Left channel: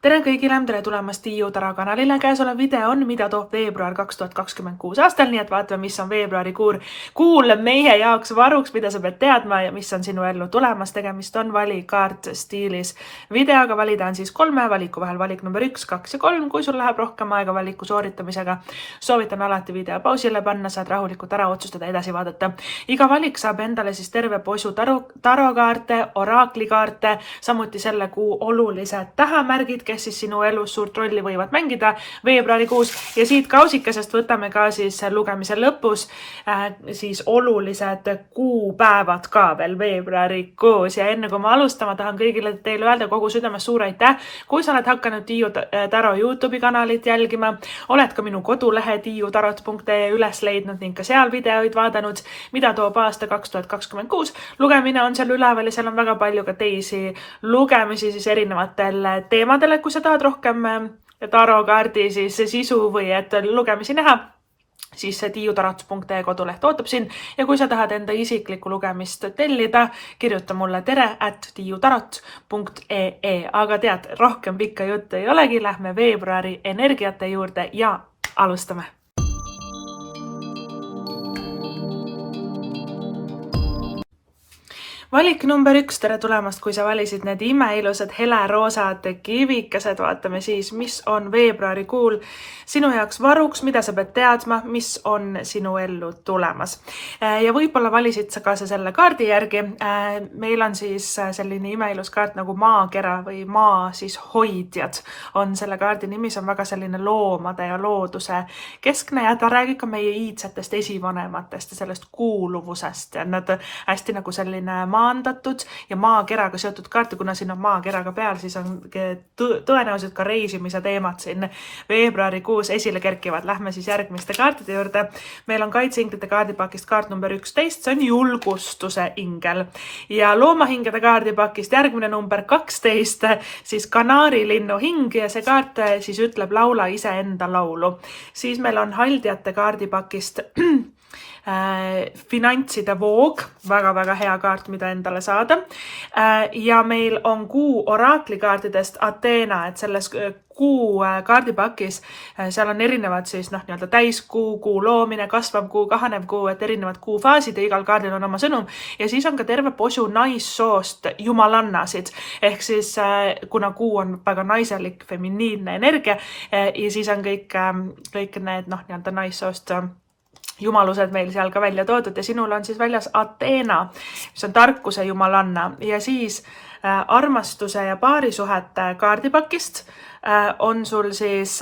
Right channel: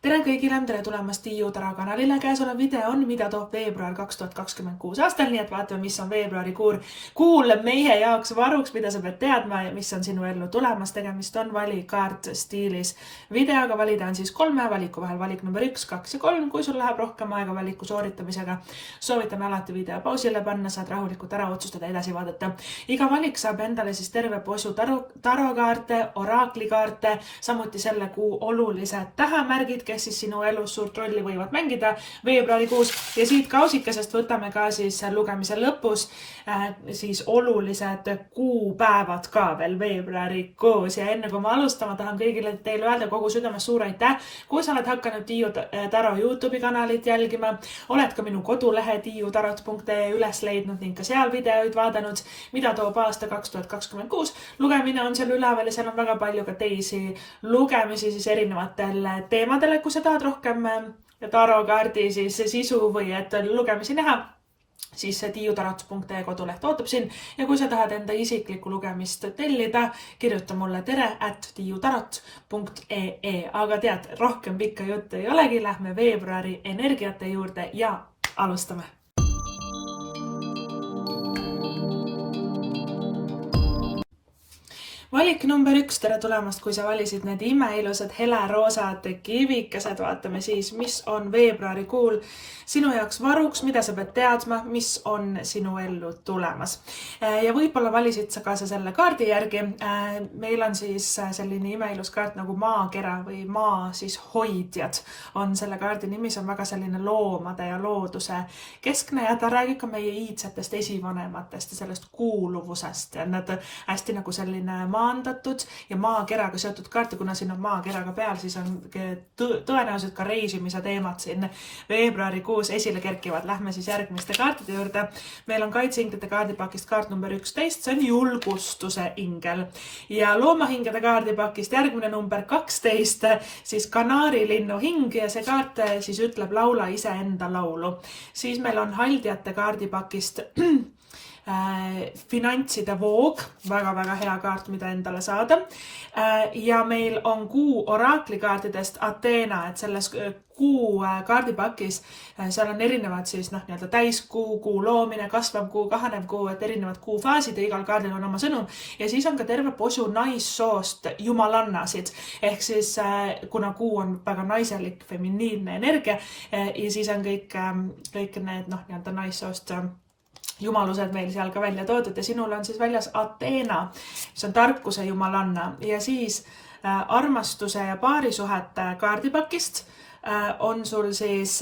Tere kõigile, tere tulemast Tiiu Taro kanalile. Käesolev video on, mida toob veebruar 2026 aastal, nii et vaatame, mis on veebruarikuul meie jaoks varuks, mida sa pead teadma ja mis on sinu ellu tulemas. Tegemist on valikaart stiilis videoga. Valida on siis 3 valiku vahel, valik number 1, 2 ja 3. Kui sul läheb rohkem aega valiku sooritamisega, soovitan alati video pausile panna, saad rahulikult ära otsustada, edasi vaadata. Iga valik saab endale siis terve posu tarokaarte, oraaklikaarte, samuti selle kuu olulised tähemärgid, kes siis sinu elus suurt rolli võivad mängida veebruarikuus. Ja siit kausikesest võtame ka siis lugemise lõpus siis olulised kuupäevad ka veel veebruarikuus. Ja enne kui ma alustama, tahan kõigile teile öelda kogu südames suur aitäh. Kui sa oled hakanud Tiiu Taro YouTube'i kanalit jälgima, oled ka minu kodulehe tiiutarot.ee üles leidnud ning ka seal videoid vaadanud, mida toob aasta 2026. Lugemine on seal üleval ja seal on väga palju ka teisi lugemisi siis erinevatel teemadele. Kui sa tahad rohkem tarokaardi siis sisu või et lugemisi näha, siis see tiiutarot.ee koduleht ootab sind. Ja kui sa tahad enda isiklikku lugemist tellida, kirjuta mulle tere@tiiutarot.ee. Aga tead, rohkem pikka juttu ei olegi, lähme veebruari energiate juurde ja alustame. Valik number 1, tere tulemast, kui sa valisid need imeilusad heleroosad kivikesed. Vaatame siis, mis on veebruarikuul sinu jaoks varuks, mida sa pead teadma, mis on sinu ellu tulemas. Ja võib-olla valisid sa ka selle kaardi järgi. Meil on siis selline imeilus kaart nagu maakera või maa siis hoidjad on selle kaardi nimi. See on väga selline loomade ja looduse keskne ja ta räägib ka meie iidsetest esivanematest ja sellest kuuluvusest. Ja nad hästi nagu selline maandatud ja maakeraga seotud kaarte, kuna siin on maakeraga peal, siis on tõenäoliselt ka reisimise teemad siin veebruarikuus esile kerkivad. Lähme siis järgmiste kaartide juurde. Meil on kaitseinglite kaardipakist kaart number 11, see on julgustuse ingel. Ja loomahingede kaardipakist järgmine number 12, siis kanaarilinnu hing ja see kaart siis ütleb laula iseenda laulu. Siis meil on haldjate kaardipakist finantside voog, väga-väga hea kaart, mida endale saada. Ja meil on kuu oraaklikaartidest Ateena, et selles kuu kaardipakis seal on erinevad siis nii-öelda täiskuu, kuu loomine, kasvav kuu, kahanev kuu, et erinevad kuufaasid ja igal kaardil on oma sõnum. Ja siis on ka terve posu naissoost jumalannasid. Ehk siis kuna kuu on väga naiselik, feminiinne energia ja siis on kõik need nii-öelda naissoost jumalused meil seal ka välja toodud ja sinul on siis väljas Ateena, mis on tarkuse jumalanna. Ja siis armastuse ja paarisuhete kaardipakist on sul siis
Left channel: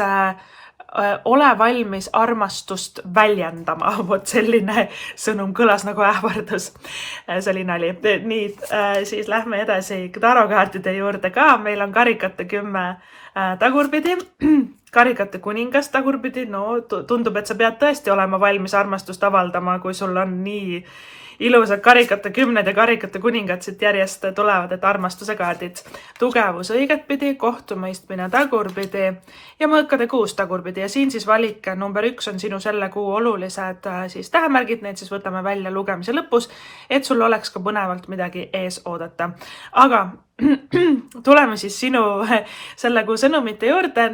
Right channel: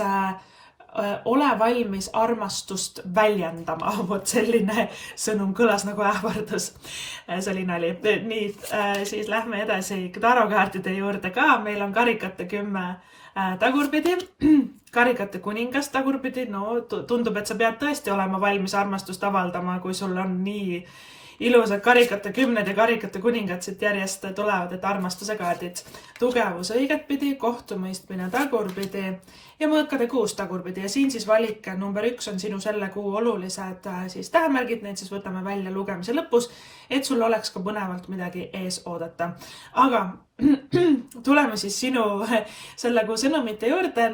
ole valmis armastust väljendama. Vot selline sõnum kõlas nagu ähvardus. See oli nali. Nii, siis lähme edasi tarokaartide juurde ka. Meil on karikate 10 tagurpidi, karikate kuningas tagurpidi. No tundub, et sa pead tõesti olema valmis armastust avaldama, kui sul on nii ilusad karikate 10 ja karikate kuningad siit järjest tulevad, et armastuse kaardid. Tugevus õigetpidi, kohtumõistmine tagurpidi ja mõõkade 6 tagurpidi. Ja siin siis valik number 1 on sinu selle kuu olulised siis tähemärgid. Need siis võtame välja lugemise lõpus, et sul oleks ka põnevalt midagi ees oodata. Aga tuleme siis sinu selle kuu sõnumite juurde.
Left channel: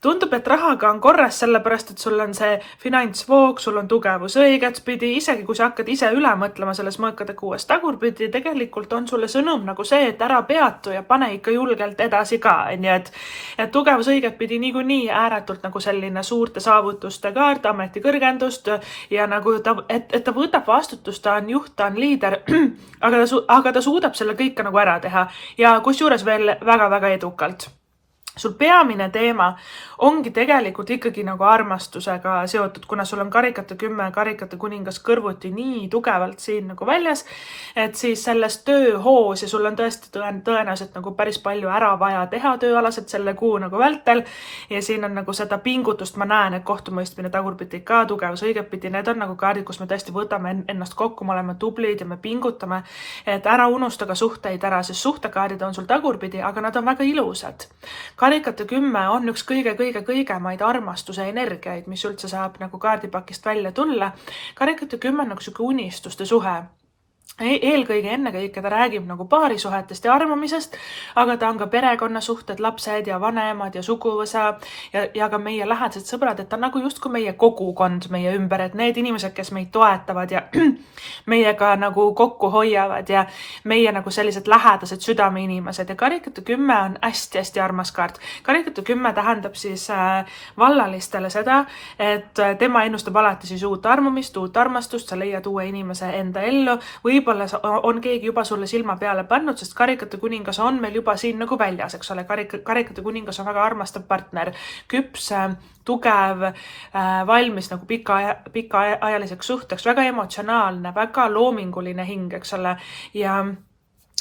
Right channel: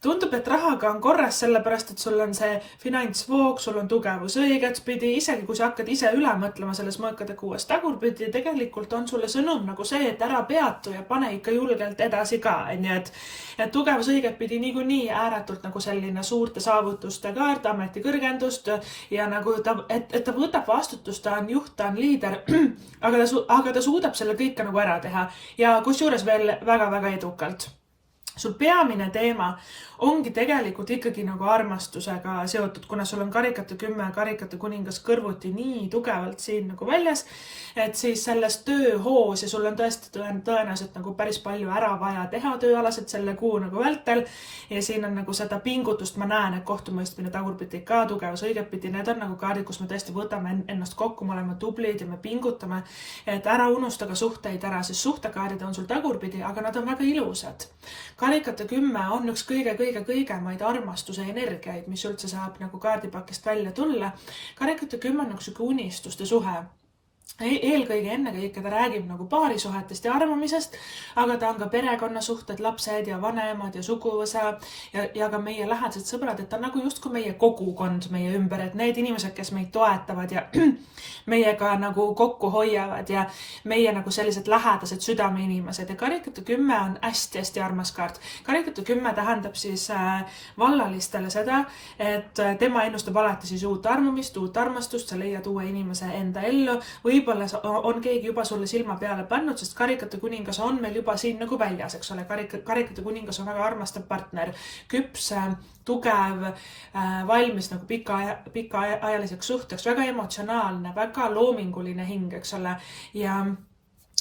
Tundub, et rahaga on korras, sellepärast, et sul on see finantsvoog, sul on tugevus õigetpidi. Isegi kui sa hakkad ise üle mõtlema selles mõõkade 6 tagurpidi, tegelikult on sulle sõnum nagu see, et ära peatu ja pane ikka julgelt edasi ka. Nii et tugevus õigetpidi niikuinii ääretult nagu selline suurte saavutuste kaart, ametikõrgendust ja nagu et ta võtab vastutust, ta on juht, ta on liider, aga ta suudab selle kõike nagu ära teha. Ja kusjuures veel väga-väga edukalt. Sul peamine teema ongi tegelikult ikkagi nagu armastusega seotud, kuna sul on karikate 10 karikate kuningas kõrvuti nii tugevalt siin nagu väljas, et siis selles tööhoos ja sul on tõesti tõenäoliselt nagu päris palju ära vaja teha tööalaselt selle kuu nagu vältel ja siin on nagu seda pingutust, ma näen, et kohtumõistmine tagurpidi ka, tugevus õigetpidi, need on nagu kaardid, kus me tõesti võtame ennast kokku, me oleme tublid ja me pingutame, et ära unusta ka suhteid ära, sest suhtekaardid on sul tagurpidi, aga nad on väga ilusad. Karikate 10 on üks kõigemaid armastuse energiaid, mis üldse saab nagu kaardipakist välja tulla. Karikate 10 on nagu siuke unistuste suhe. eelkõige ennekõike ta räägib nagu paarisuhetest ja armumisest, aga ta on ka perekonnasuhted, lapsed ja vanemad ja suguvõsa ja ka meie lähedased sõbrad, et ta on nagu justkui meie kogukond meie ümber, et need inimesed, kes meid toetavad ja meiega nagu kokku hoiavad ja meie nagu sellised lähedased südameinimesed. Ja karikate 10 on hästi-hästi armas kaart. Karikate 10 tähendab siis vallalistele seda, et tema ennustab alati siis uut armumist, uut armastust, sa leiad uue inimese enda ellu, võib-olla on keegi juba sulle silma peale pannud, sest karikate kuningas on meil juba siin nagu väljas, eks ole. Karikate kuningas on väga armastav partner, küps, tugev, valmis nagu pikaajaliseks suhteks, väga emotsionaalne, väga loominguline hing, eks ole. Ja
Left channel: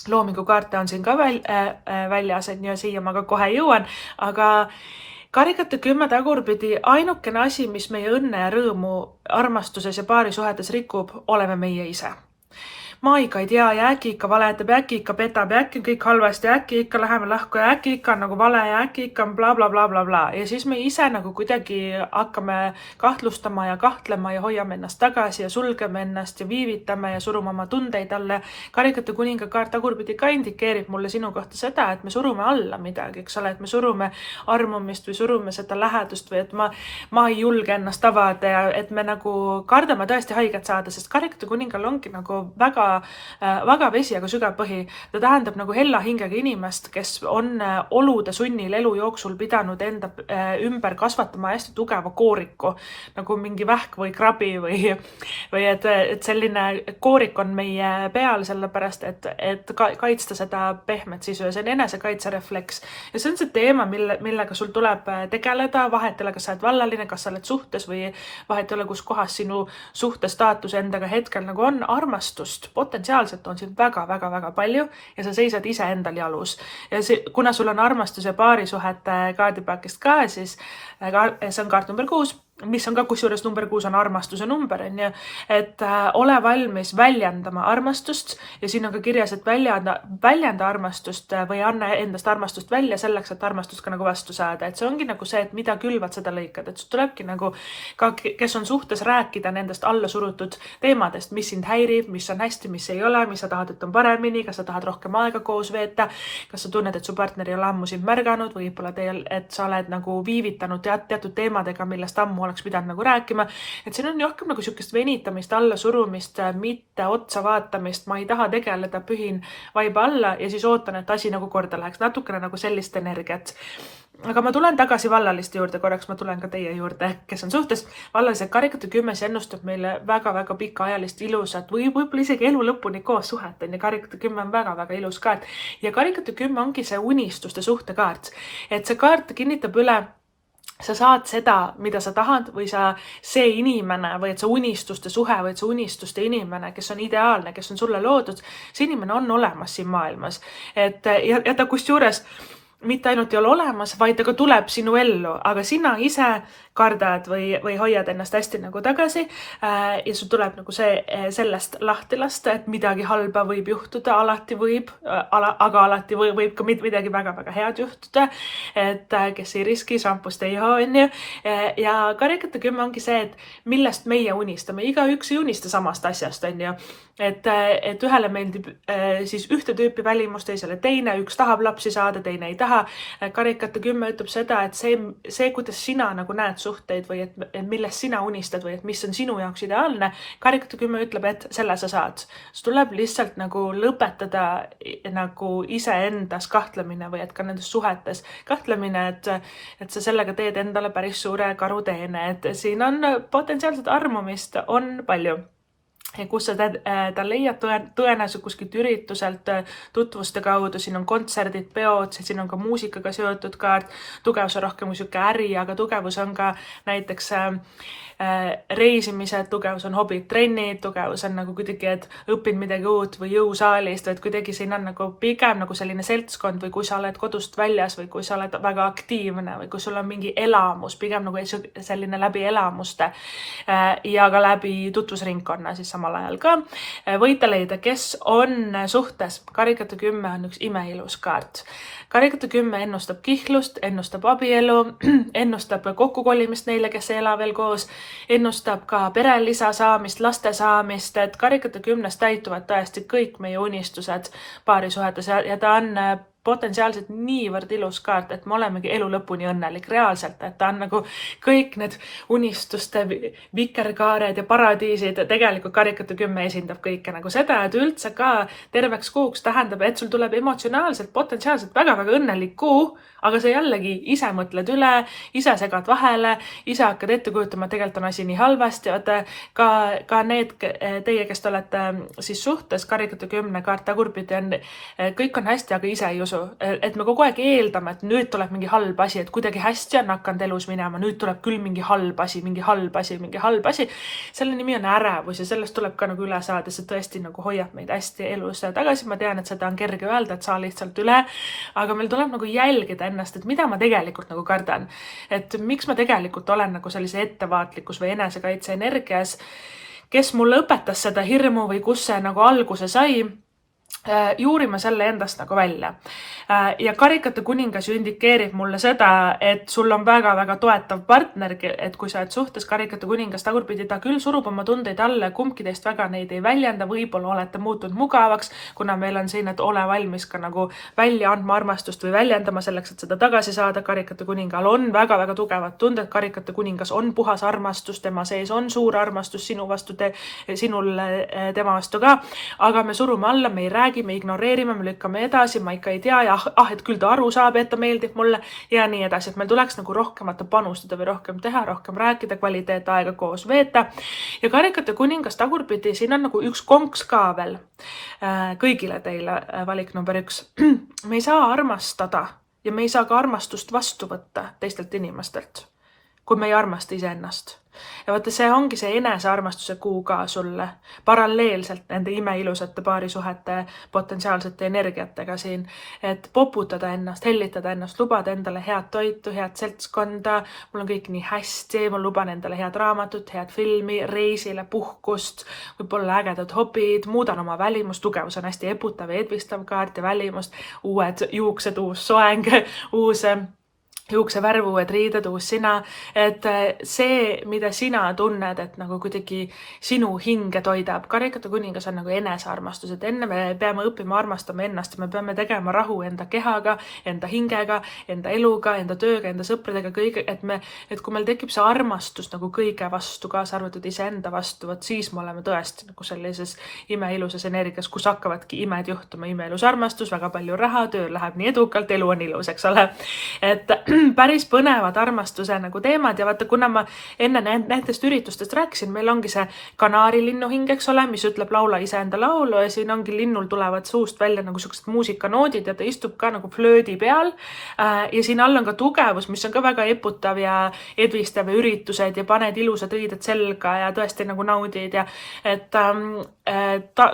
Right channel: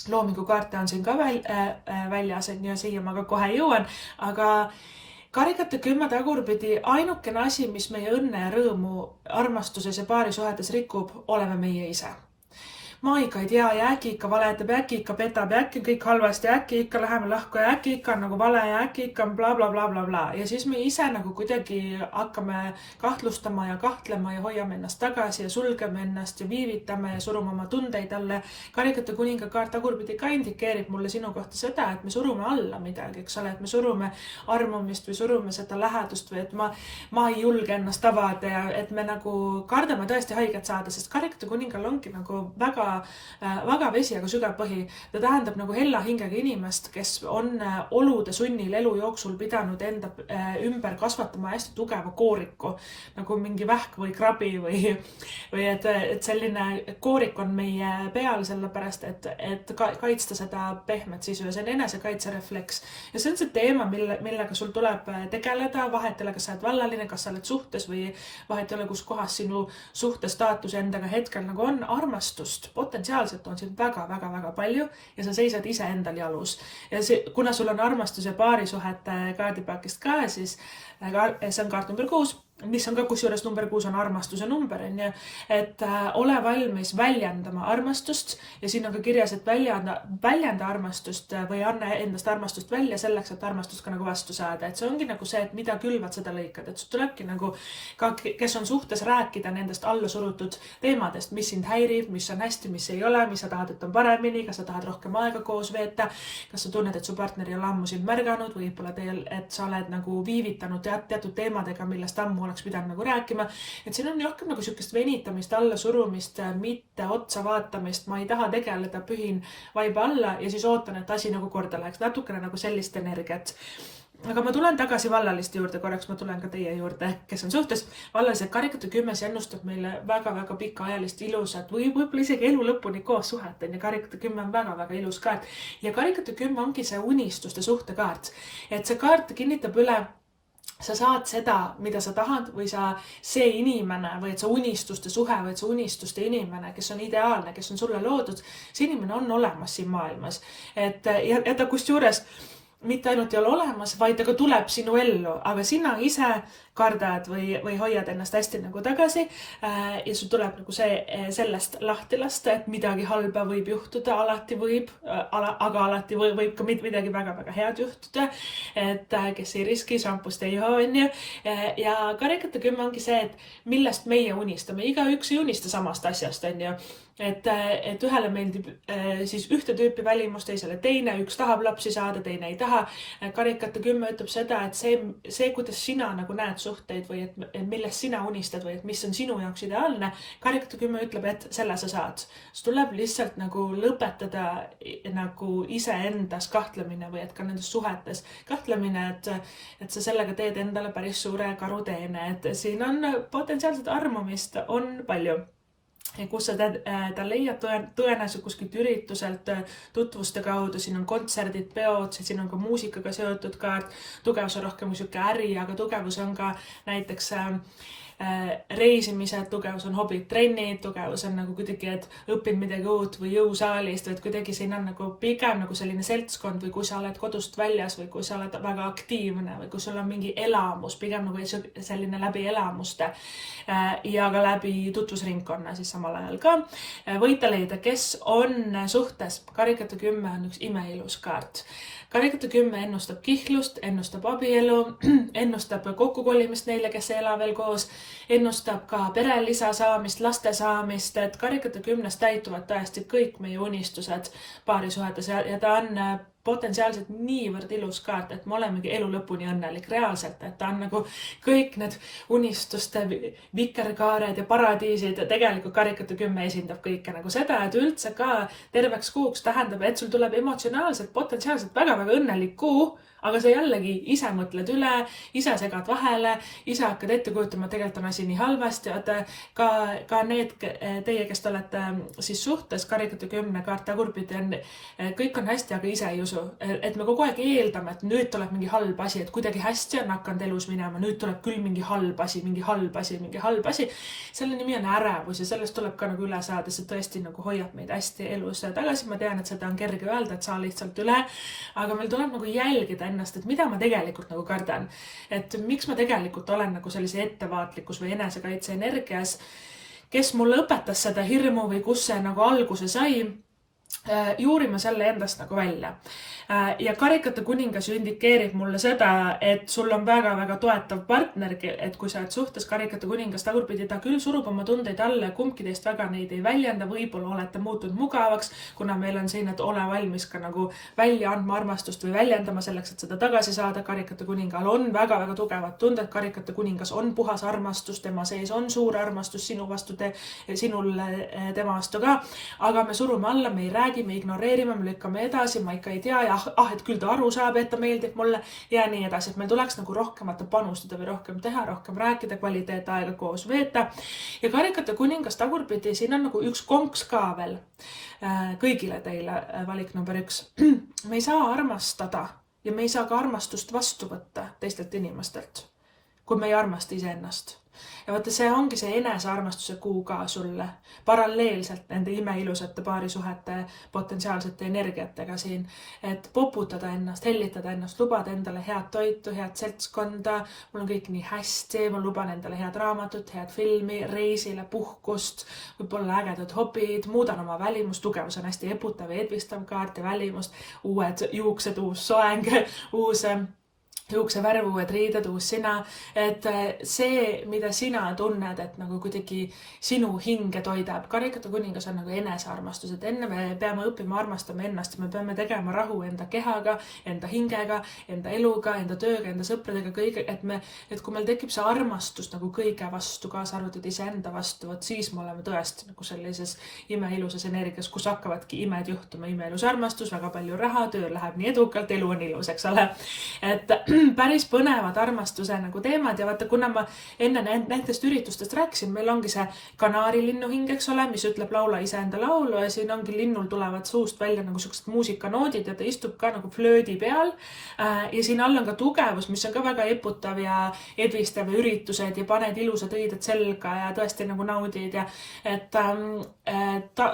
loomingukaarte on siin ka väljas, et siia ma ka kohe jõuan, aga karikate 10 tagurpidi ainukene asi, mis meie õnne ja rõõmu armastuses ja paarisuhetes rikub, oleme meie ise. Ma ikka ei tea ja äkki ikka valetab ja äkki ikka petab ja äkki kõik halvasti ja äkki ikka läheme lahku ja äkki ikka on nagu vale ja äkki ikka on bla bla bla bla bla. Ja siis me ise nagu kuidagi hakkame kahtlustama ja kahtlema ja hoiame ennast tagasi ja sulgeme ennast ja viivitame ja surume oma tundeid alla. Karikate kuninga kaart tagurpidi ka indikeerib mulle sinu kohta seda, et me surume alla midagi, eks ole, et me surume armumist või surume seda lähedust või et ma ei julge ennast avada ja et me nagu kardame tõesti haiget saada, sest karikate kuningal ongi nagu väga vaga vesi, aga sügav põhi. Ta tähendab nagu hella hingega inimest, kes on olude sunnil elu jooksul pidanud enda ümber kasvatama hästi tugeva kooriku, nagu mingi vähk või krabi või et selline koorik on meie peal sellepärast, et kaitsta seda pehmet sisu ja see on enesekaitserefleks. Ja see on see teema, millega sul tuleb tegeleda, vahet ei ole, kas sa oled vallaline, kas sa oled suhtes või vahet ei ole, kus kohas sinu suhtestaatus endaga hetkel nagu on. Armastust potentsiaalselt on siin väga-väga-väga palju ja sa seisad ise endal jalus. Ja kuna sul on armastus ja paarisuhete kaardipakist ka, siis see on kaart number 6, mis on ka kusjuures number 6 on armastuse number, et ole valmis väljendama armastust ja siin on ka kirjas, et väljenda armastust või anna endast armastust välja selleks, et armastust ka nagu vastu saada. Et see ongi nagu see, et mida külvad, seda lõikad, et tulebki nagu ka, kes on suhtes, rääkida nendest alla surutud teemadest, mis sind häirib, mis on hästi, mis ei ole, mis sa tahad, et on paremini, kas sa tahad rohkem aega koos veeta, kas sa tunned, et su partner ei ole ammu sind märganud või võib-olla et sa oled nagu viivitanud teatud teemadega, millest ammu oleks pidanud nagu rääkima. Et siin on rohkem nagu sükest venitamist, alla surumist, mitte otsa vaatamist. Ma ei taha tegeleda, pühin vaiba alla ja siis ootan, et asi nagu korda läheks. Natukene nagu sellist energiat. Aga ma tulen tagasi vallaliste juurde korraks, ma tulen ka teie juurde, kes on suhtes. Vallalised karikate 10 ennustab meile väga-väga pikaajalist ilusat või võib-olla isegi elu lõpuni koos suhet. Ja karikate 10 on väga-väga ilus kaart. Ja karikate 10 ongi see unistuste suhtekaart. Et see kaart kinnitab üle, sa saad seda, mida sa tahad või see inimene või et see unistuste suhe või et see unistuste inimene, kes on ideaalne, kes on sulle loodud, see inimene on olemas siin maailmas. Ja ta kusjuures mitte ainult ei ole olemas, vaid ta ka tuleb sinu ellu, aga sina ise kardad või hoiad ennast hästi nagu tagasi ja sul tuleb nagu sellest lahti lasta, et midagi halba võib juhtuda, alati võib, aga alati võib ka midagi väga-väga head juhtuda, et kes ei riski, šampust ei joo, onju. Ja karikate 10 ongi see, et millest meie unistame, igaüks ei unista samast asjast, onju. Et ühele meeldib siis ühte tüüpi välimust, teisele teine, üks tahab lapsi saada, teine ei taha. Karikate 10 ütleb seda, et see, kuidas sina nagu näed suhteid või et millest sina unistad või et mis on sinu jaoks ideaalne, karikate 10 ütleb, et selle sa saad. See tuleb lihtsalt nagu lõpetada nagu iseendas kahtlemine või et ka nendes suhetes kahtlemine, et sa sellega teed endale päris suure karuteene, et siin on potentsiaalselt armumist, on palju. Kus sa ta leiad tõenäoliselt kuskilt ürituselt, tutvuste kaudu, siin on kontserdid, peod, siin on ka muusikaga seotud kaart, tugevus on rohkem kui siuke äri, aga tugevus on ka näiteks reisimised, tugevus on hobid, trennid, tugevus on nagu kuidagi, et õpid midagi uut või jõusaalist, et kuidagi siin on nagu pigem nagu selline seltskond või kui sa oled kodust väljas või kui sa oled väga aktiivne või kui sul on mingi elamus, pigem nagu selline läbi elamuste ja ka läbi tutvusringkonna siis samal ajal ka. Võite leida, kes on suhtes. Karikate 10 on üks imeilus kaart. Karikate 10 ennustab kihlust, ennustab abielu, ennustab kokkukolimist neile, kes ei ela veel koos, ennustab ka perelisa saamist, laste saamist, et karikate 10 täituvad tõesti kõik meie unistused paarisuhetes ja ta on potentsiaalselt niivõrd ilus kaart, et me olemegi elu lõpuni õnnelik reaalselt, et ta on nagu kõik need unistuste vikerkaared ja paradiisid, tegelikult karikate 10 esindab kõike nagu seda, et üldse ka terveks kuuks tähendab, et sul tuleb emotsionaalselt potentsiaalselt väga-väga õnnelik kuu, aga sa jällegi ise mõtled üle, ise segad vahele, ise hakkad ette kujutama, et tegelikult on asi nii halvasti, ka need teie, kes te olete siis suhtes, karikate 10 kaart tagurpidi on, kõik on hästi, aga ise ei usu. Et me kogu aeg eeldame, et nüüd tuleb mingi halb asi, et kuidagi hästi on hakanud elus minema, nüüd tuleb küll mingi halb asi. Selle nimi on ärevus ja sellest tuleb ka nagu üle saada, see tõesti nagu hoiab meid hästi elus tagasi. Ma tean, et seda on kerge öelda, et saa lihtsalt üle, aga meil tuleb nagu jälgida ennast, et mida ma tegelikult nagu kardan. Et miks ma tegelikult olen nagu sellise ettevaatlikkus või enesekaitse energias, kes mulle õpetas seda hirmu või kus see nagu alguse sai, juurime selle endast nagu välja. Ja karikate kuningas ju indikeerib mulle seda, et sul on väga-väga toetav partner, et kui sa oled suhtes karikate kuningas tagurpidi, ta küll surub oma tundeid alla, kumbki teist väga neid ei väljenda, võib-olla olete muutunud mugavaks, kuna meil on siin, et ole valmis ka nagu välja andma armastust või väljendama selleks, et seda tagasi saada. Karikate kuningal on väga-väga tugevad tunded, karikate kuningas on puhas armastus, tema sees on suur armastus sinu vastu, sinul tema vastu ka, aga me surume alla, me ei räägi, me ignoreerime, me lükkame edasi, ma ikka ei tea ja et küll ta aru saab, et ta meeldib mulle ja nii edasi, et meil tuleks nagu rohkem panustada või rohkem teha, rohkem rääkida, kvaliteetaega koos veeta. Ja karikate kuningas tagurpidi, siin on nagu üks konks ka veel kõigile teile valik number 1. Me ei saa armastada ja me ei saa ka armastust vastu võtta teistelt inimestelt, kui me ei armasta iseennast. Ja vaata, see ongi see enesearmastuse kuu ka sulle paralleelselt nende imeilusate paarisuhete potentsiaalsete energiatega siin, et poputada ennast, hellitada ennast, lubada endale head toitu, head seltskonda, mul on kõik nii hästi, ma luban endale head raamatut, head filmi, reisile, puhkust, võib-olla ägedad hobid, muudan oma välimust, tugevus on hästi eputav ja edvistav kaart ja välimust, uued juuksed, uus soeng, uus juuksevärv, uued riided, uus sina, et see, mida sina tunned, et nagu kuidagi sinu hinge toidab. Karikate kuningas on nagu enesearmastus, et enne me peame õppima armastama ennast ja me peame tegema rahu enda kehaga, enda hingega, enda eluga, enda tööga, enda sõpradega, kõige, et kui meil tekib see armastus nagu kõige vastu, kaasa arvatud iseenda vastu, et siis me oleme tõesti nagu sellises imeilusas energias, kus hakkavadki imed juhtuma, imeilus armastus, väga palju raha, töö läheb nii edukalt, elu on ilus, eks ole. Et päris põnevad armastuse nagu teemad ja vaata, kuna ma enne nendest üritustest rääkisin, meil ongi see kanaarilinnu hing, eks ole, mis ütleb laula iseenda laulu ja siin ongi linnul tulevad suust välja nagu sellised muusikanoodid ja ta istub ka nagu flöödi peal ja siin all on ka tugevus, mis on ka väga eputav ja edvistav ja üritused ja paned ilusad riided selga ja tõesti nagu naudid ja et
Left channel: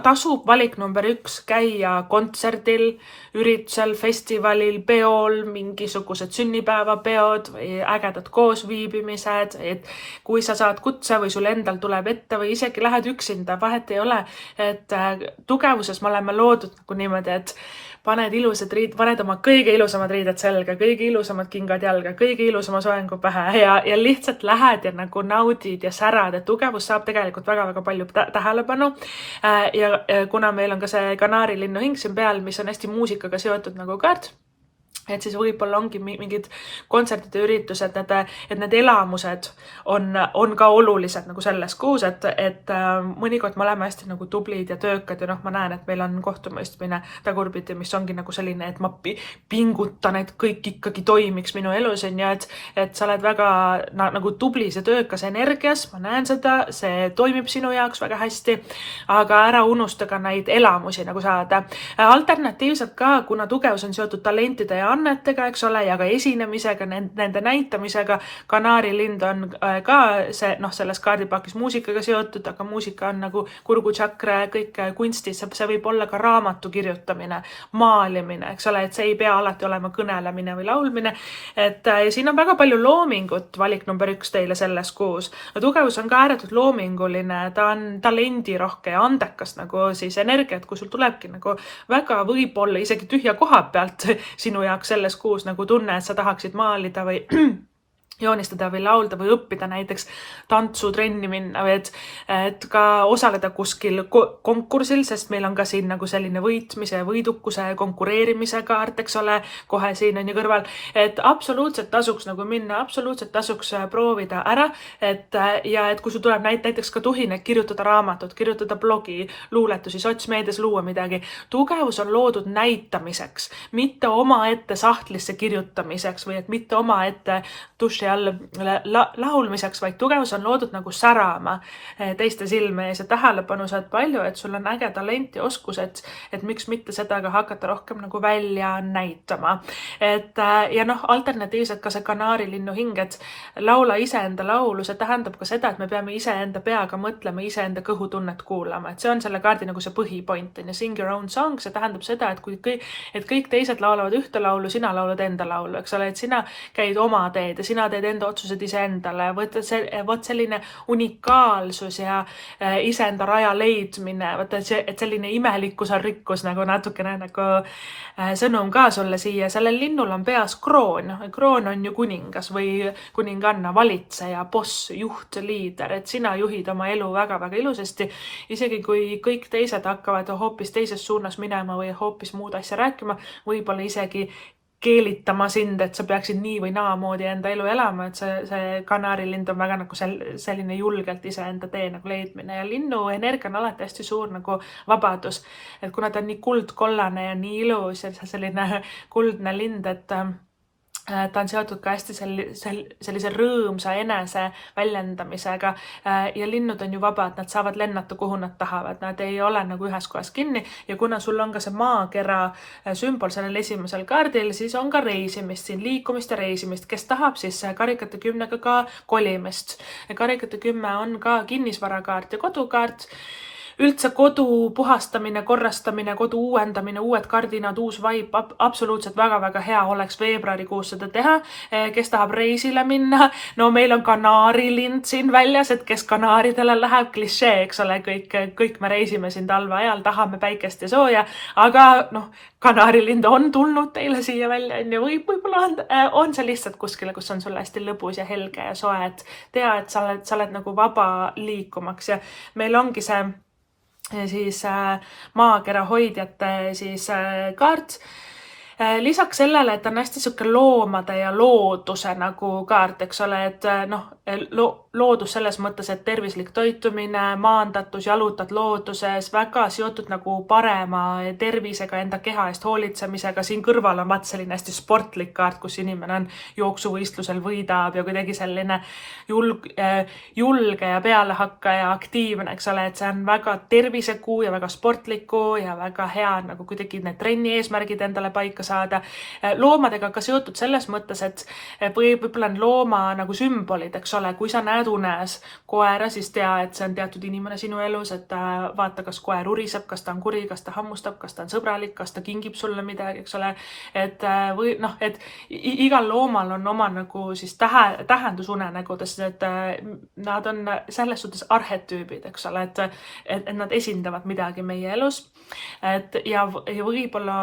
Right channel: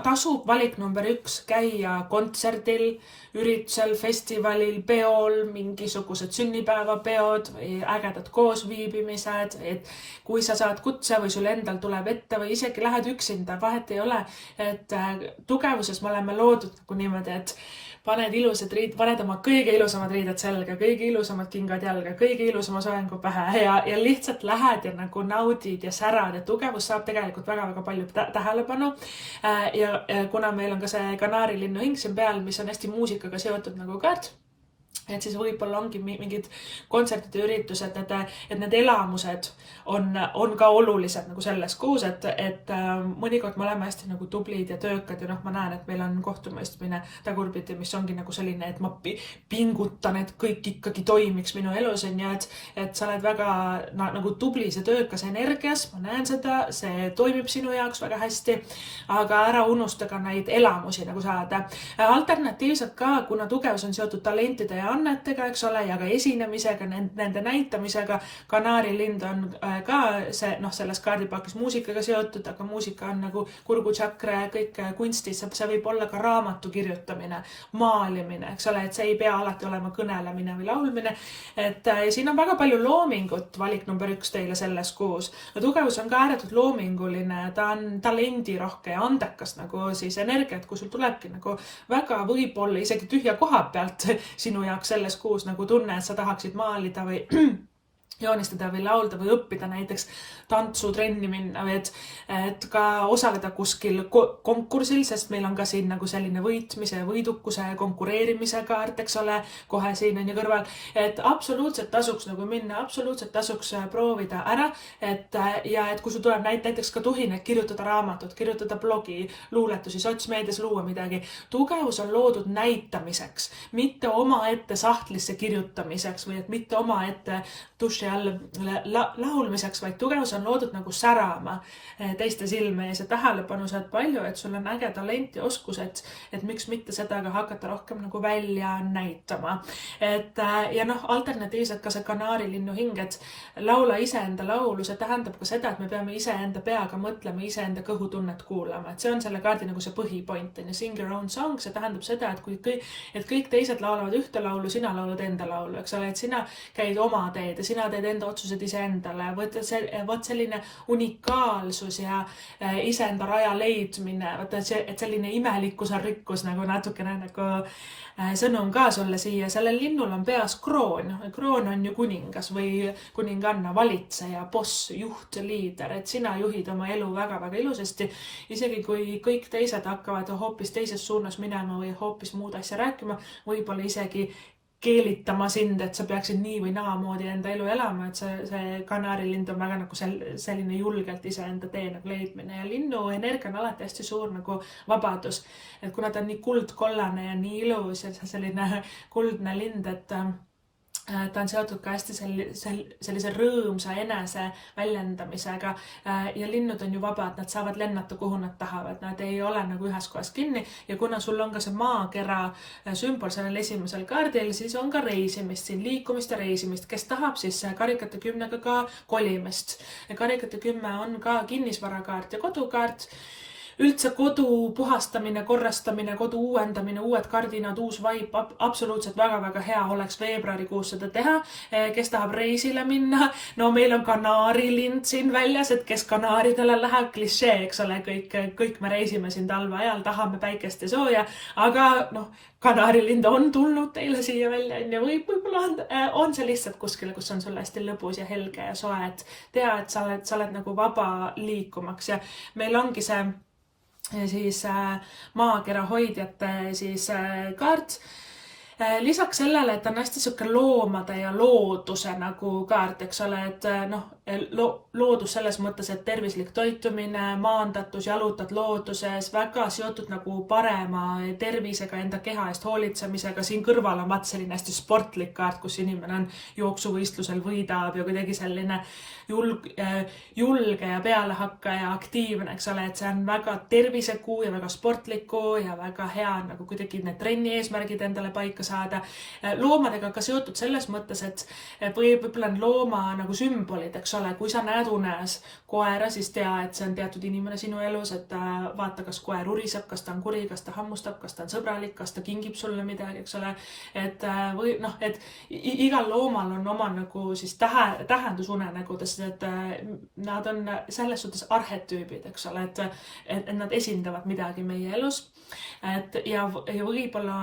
tasub valik number 1 käia kontserdil, üritusel, festivalil, peol, mingisugused sünnipäevapeod või ägedad koosviibimised, et kui sa saad kutse või sul endal tuleb ette või isegi lähed üksinda, vahet ei ole, et tugevuses me oleme loodud nagu niimoodi, et paned ilusad riid, paned oma kõige ilusamad riided selga, kõige ilusamad kingad jalga, kõige ilusama soengu pähe ja lihtsalt lähed ja nagu naudid ja särad, et tugevus saab tegelikult väga-väga palju tähelepanu. Ja kuna meil on ka see kanaarilinnu hing siin peal, mis on hästi muusikaga seotud nagu kaart, et siis võib-olla ongi mingid kontserdide üritused, et need elamused on ka olulised nagu selles kuus, et mõnikord me oleme hästi nagu tublid ja töökad ja ma näen, et meil on kohtumõistmine tagurpidi, mis ongi nagu selline, et ma pingutan, et kõik ikkagi toimiks minu elus ja et sa oled väga nagu tublis ja töökas energias, ma näen seda, see toimib sinu jaoks väga hästi, aga ära unusta ka neid elamusi nagu saada. Alternatiivselt ka, kuna tugevus on seotud talentide ja annetega, eks ole, ja ka esinemisega, nende näitamisega. Kanaarilind on ka see, selles kaardipakis muusikaga seotud, aga muusika on nagu kurguchakra ja kõik kunstis, see võib olla ka raamatu kirjutamine, maalimine, eks ole, et see ei pea alati olema kõnelemine või laulmine. Et siin on väga palju loomingut, valik number 1 teile selles kuus. Tugevus on ka ääretult loominguline, ta on talendirohke ja andekas nagu siis energiat, kui sul tulebki nagu väga võib-olla isegi tühja koha pealt sinu jaoks selles kuus nagu tunne, et sa tahaksid maalida või joonistada või laulda või õppida näiteks tantsutrenni minna või et ka osaleda kuskil konkursil, sest meil on ka siin nagu selline võitmise ja võidukuse ja konkureerimise kaart, eks ole, kohe siin on ju kõrval, et absoluutselt tasuks nagu minna, absoluutselt tasuks proovida ära, et kui sul tuleb näiteks ka tuhin, et kirjutada raamatut, kirjutada blogi, luuletusi, sotsmeedias luua midagi. Tugevus on loodud näitamiseks, mitte omaette sahtlisse kirjutamiseks või et mitte omaette duši all laulmiseks, vaid tugevus on loodud nagu särama teiste silme ees ja tähelepanu saad palju, et sul on äge talent ja oskused, et miks mitte seda ka hakata rohkem nagu välja näitama. Ja alternatiivselt ka see kanaarilinnu hing, et laula iseenda laulu, see tähendab ka seda, et me peame iseenda peaga mõtlema, iseenda kõhutunnet kuulama, et see on selle kaardi nagu see põhipoint on ja sing your own song, see tähendab seda, et kõik teised laulavad ühte laulu, sina laulad enda laulu, eks ole, et sina käid oma teed ja sina teed enda otsused iseendale, vot selline unikaalsus ja iseenda raja leidmine, et selline imelikkus on rikkus nagu natukene nagu sõnum ka sulle siia. Sellel linnul on peas kroon. Kroon on ju kuningas või kuninganna, valitseja, boss, juht, liider, et sina juhid oma elu väga-väga ilusasti. Isegi kui kõik teised hakkavad hoopis teises suunas minema või hoopis muud asja rääkima, võib-olla isegi keelitama sind, et sa peaksid nii või naamoodi enda elu elama, et see kanaarilind on väga nagu selline julgelt iseenda tee nagu leidmine ja linnu energia on alati hästi suur nagu vabadus, et kuna ta on nii kuldkollane ja nii ilus ja selline kuldne lind, et ta on seotud ka hästi sellise rõõmsa enese väljendamisega ja linnud on ju vabad, nad saavad lennata, kuhu nad tahavad, nad ei ole nagu ühes kohas kinni ja kuna sul on ka see maakera sümbol sellel esimesel kaardil, siis on ka reisimist siin, liikumist ja reisimist, kes tahab siis karikate 10-ga ka kolimist. Karikate 10 on ka kinnisvarakaart ja kodukaart. Üldse kodu puhastamine, korrastamine, kodu uuendamine, uued kardinad, uus vaip, absoluutselt väga-väga hea oleks veebruarikuus seda teha. Kes tahab reisile minna? No meil on kanaarilind siin väljas, et kes kanaaridele läheb, klišee, eks ole, kõik me reisime siin talve ajal, tahame päikest ja sooja, aga kanaarilind on tulnud teile siia välja, võib-olla on see lihtsalt kuskile, kus on sulle hästi lõbus ja helge ja soe, et tea, et sa oled nagu vaba liikumaks ja meil ongi see siis maakera hoidjate siis kaart. Lisaks sellele, et on hästi siuke loomade ja looduse nagu kaart, eks ole, et loodus selles mõttes, et tervislik toitumine, maandatus, jalutad looduses, väga seotud nagu parema tervisega, enda keha eest hoolitsemisega. Siin kõrval on selline hästi sportlik kaart, kus inimene on jooksuvõistlusel võidab ja kuidagi selline julge ja pealehakkaja aktiivne, eks ole, et see on väga tervisekuu ja väga sportliku ja väga hea nagu kuidagi need trenni eesmärgid endale paika saada. Loomadega ka seotud selles mõttes, et võib-olla on looma nagu sümbolid, eks ole, kui sa näed unes koera, siis tea, et see on teatud inimene sinu elus, et vaata, kas koer uriseb, kas ta on kuri, kas ta hammustab, kas ta on sõbralik, kas ta kingib sulle midagi, eks ole, et igal loomal on oma nagu siis tähendus unenägudes, et nad on selles suhtes arhetüübid, eks ole, et nad esindavad midagi meie elus, ja võib-olla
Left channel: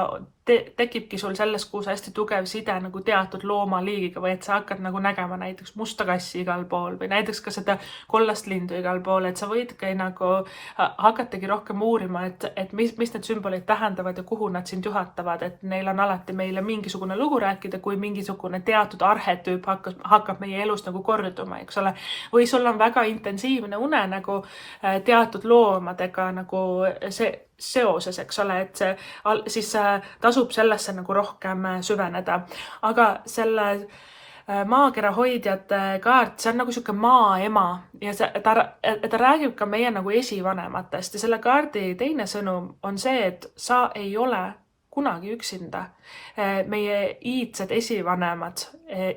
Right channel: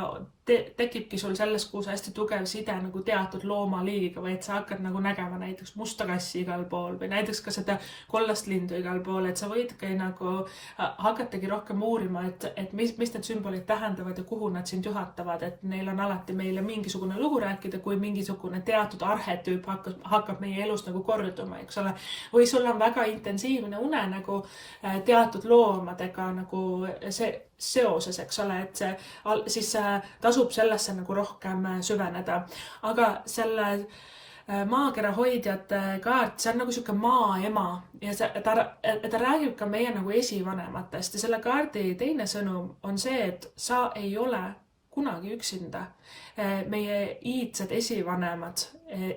tekibki sul selles kuus hästi tugev side nagu teatud loomaliigiga või et sa hakkad nagu nägema näiteks musta kassi igal pool või näiteks ka seda kollast lindu igal pool, et sa võidki nagu hakatagi rohkem uurima, et mis need sümbolid tähendavad ja kuhu nad sind juhatavad, et neil on alati meile mingisugune lugu rääkida, kui mingisugune teatud arhetüüp hakkab meie elus nagu korduma, eks ole. Või sul on väga intensiivne unenägu teatud loomadega nagu see seoses, eks ole, et siis tasub sellesse nagu rohkem süveneda. Aga selle maakera hoidjate kaart, see on nagu siuke maaema ja ta räägib ka meie nagu esivanematest ja selle kaardi teine sõnum on see, et sa ei ole kunagi üksinda. Meie iidsed esivanemad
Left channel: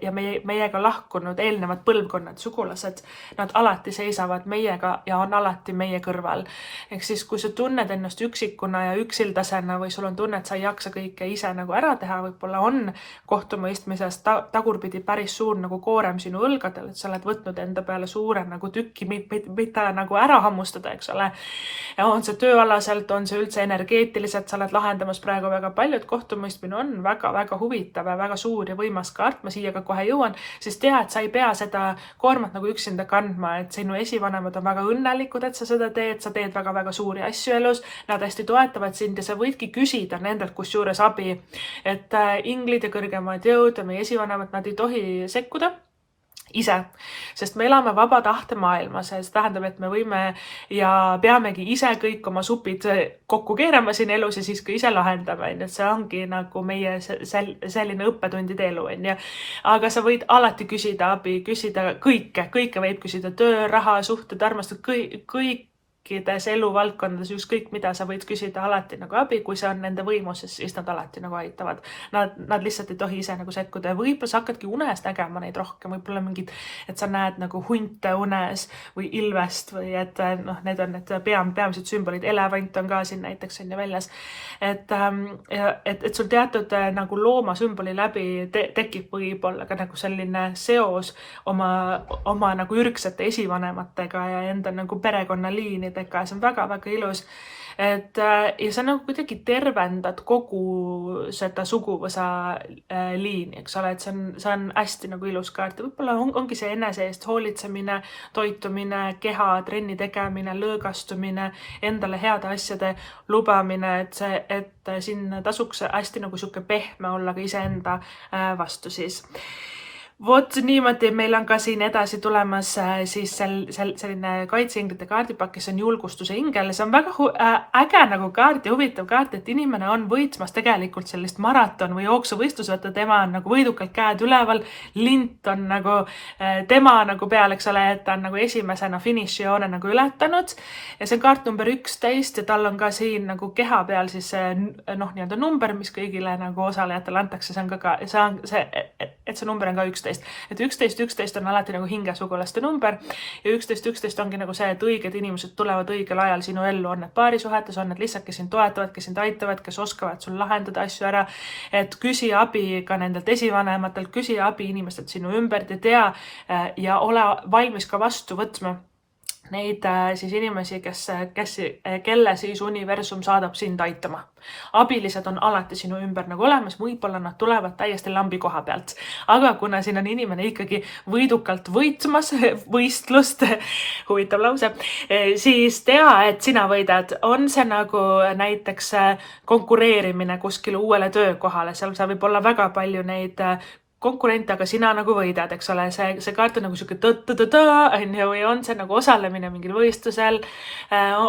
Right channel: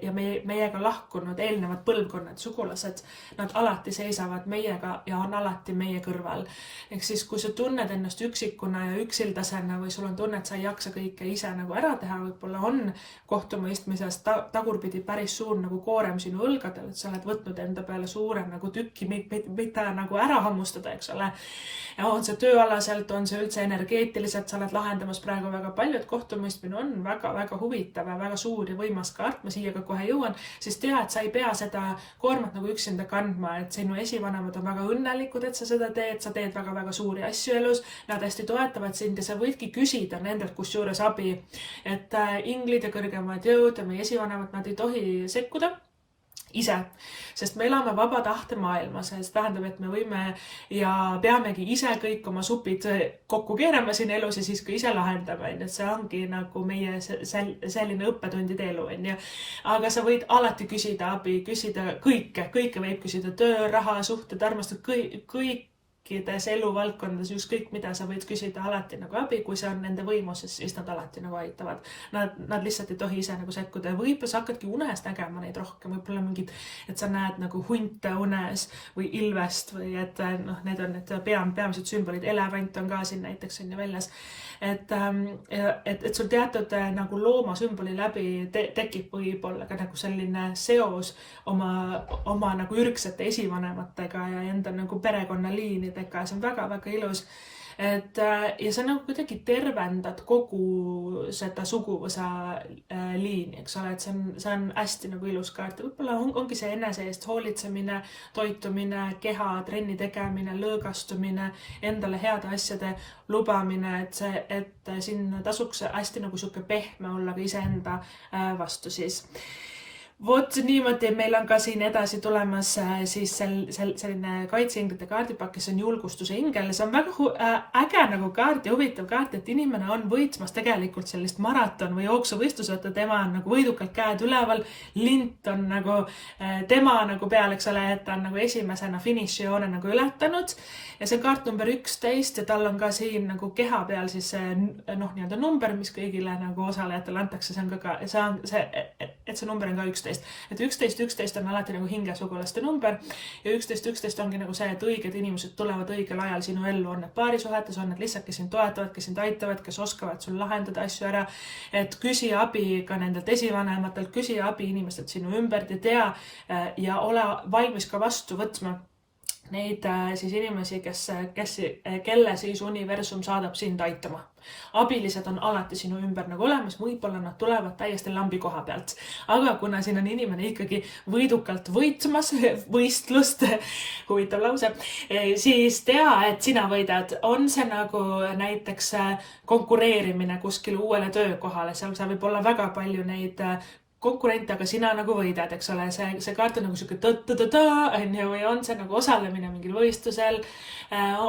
ja meiega lahkunud eelnevad põlvkonnad, sugulased, nad alati seisavad meiega ja on alati meie kõrval. Ehk siis, kui sa tunned ennast üksikuna ja üksildasena või sul on tunne, et sa ei jaksa kõike ise nagu ära teha, võib-olla on kohtumõistmisest tagurpidi päris suur nagu koorem sinu õlgadel, et sa oled võtnud enda peale suure nagu tükki, mitte nagu ära hammustada, eks ole. Ja on see tööalaselt, on see üldse energeetiliselt, sa oled lahendamas praegu väga väga palju, et kohtumõistmine on väga-väga huvitav ja väga suur ja võimas kaart, ma siia ka kohe jõuan, siis tea, et sa ei pea seda koormat nagu üksinda kandma, et sinu esivanemad on väga õnnelikud, et sa seda teed, sa teed väga-väga suuri asju elus, nad hästi toetavad sind ja sa võidki küsida nendelt kusjuures abi, et inglid ja kõrgemad jõud ja meie esivanemad, nad ei tohi sekkuda ise, sest me elame vaba tahte maailmas ja see tähendab, et me võime ja peamegi ise kõik oma supid kokku keerama siin elus ja siis ka ise lahendame, et see ongi nagu meie selline õppetundide elu, on ju. Aga sa võid alati küsida abi, küsida kõike võib küsida, töö, raha, suhted, armastus, kõikides eluvaldkondades, ükskõik mida sa võid küsida alati nagu abi, kui see on nende võimuses, siis nad alati nagu aitavad. Nad lihtsalt ei tohi ise nagu sekkuda ja võib-olla sa hakkadki unes nägema neid rohkem, võib-olla mingid, et sa näed nagu hunte unes või ilvest või et noh, need on need peamised sümbolid, elevant on ka siin näiteks on ju väljas, et sul teatud nagu loomasümboli läbi tekib võib-olla ka nagu selline seos oma nagu ürgsete esivanematega ja enda nagu perekonnaliinidega, see on väga-väga ilus. Ja sa nagu kuidagi tervendad kogu seda suguvõsa liini, eks ole, et see on hästi nagu ilus kaart ja võib-olla ongi see enese eest hoolitsemine, toitumine, keha, trenni tegemine, lõõgastumine, endale heade asjade lubamine, et siin tasuks hästi nagu sihuke pehme olla ka iseenda vastu siis. Vot niimoodi, meil on ka siin edasi tulemas siis selline kaitseinglite kaardipakk, kes on julgustuse ingel. See on väga äge nagu kaart ja huvitav kaart, et inimene on võitsmas tegelikult sellist maraton või jooksuvõistlus, võtta tema on nagu võidukalt käed üleval, lint on nagu tema nagu peal, eks ole, et ta on nagu esimesena finišijoone nagu ületanud ja see on kaart number 11 ja tal on ka siin nagu keha peal siis noh, nii-öelda number, mis kõigile nagu osalejatele antakse, see on ka see number on ka 11. Et 11 on alati nagu hingesugulaste number ja 11 ongi nagu see, et õiged inimesed tulevad õigel ajal sinu ellu, on need paarisuhetes, on need lihtsalt, kes sind toetavad, kes sind aitavad, kes oskavad sul lahendada asju ära, et küsi abi ka nendelt esivanematelt, küsi abi inimestelt sinu ümbert ja tea ja ole valmis ka vastu võtma neid siis inimesi, kelle siis universum saadab sind aitama. Abilised on alati sinu ümber nagu olemas, võib-olla nad tulevad täiesti lambi koha pealt. Aga kuna siin on inimene ikkagi võidukalt võitmas võistlust, huvitav lause, siis tea, et sina võidad. On see nagu näiteks konkureerimine kuskile uuele töökohale, seal sa võib olla väga palju neid konkurente, aga sina nagu võidad, eks ole, see kaart on nagu siuke või on see nagu osalemine mingil võistlusel,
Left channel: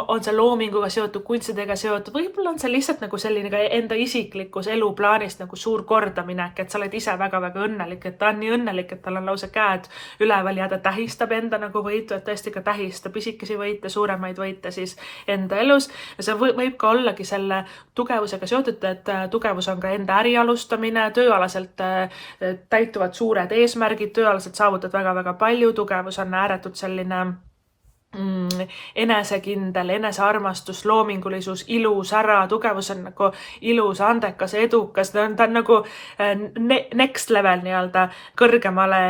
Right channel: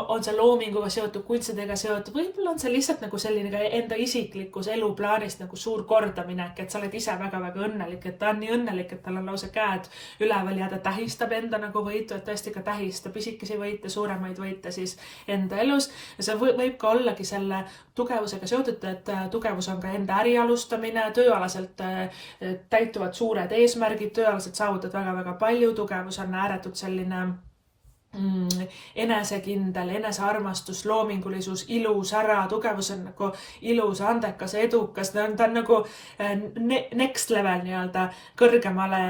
on see loominguga seotud, kunstidega seotud, võib-olla on see lihtsalt nagu selline ka enda isiklikus eluplaanist nagu suur kordaminek, et sa oled ise väga-väga õnnelik, et ta on nii õnnelik, et tal on lausa käed üleval ja ta tähistab enda nagu võitu, et tõesti ka tähistab isikesi võite, suuremaid võite siis enda elus ja see võib ka ollagi selle tugevusega seotud, et tugevus on ka enda äri alustamine, tööalaselt täituvad suured eesmärgid, tööalaselt saavutad väga-väga palju, tugevus on ääretult selline enesekindel, enesearmastus, loomingulisus, ilus ära, tugevus on nagu ilus, andekas, edukas, ta on nagu next level nii-öelda kõrgemale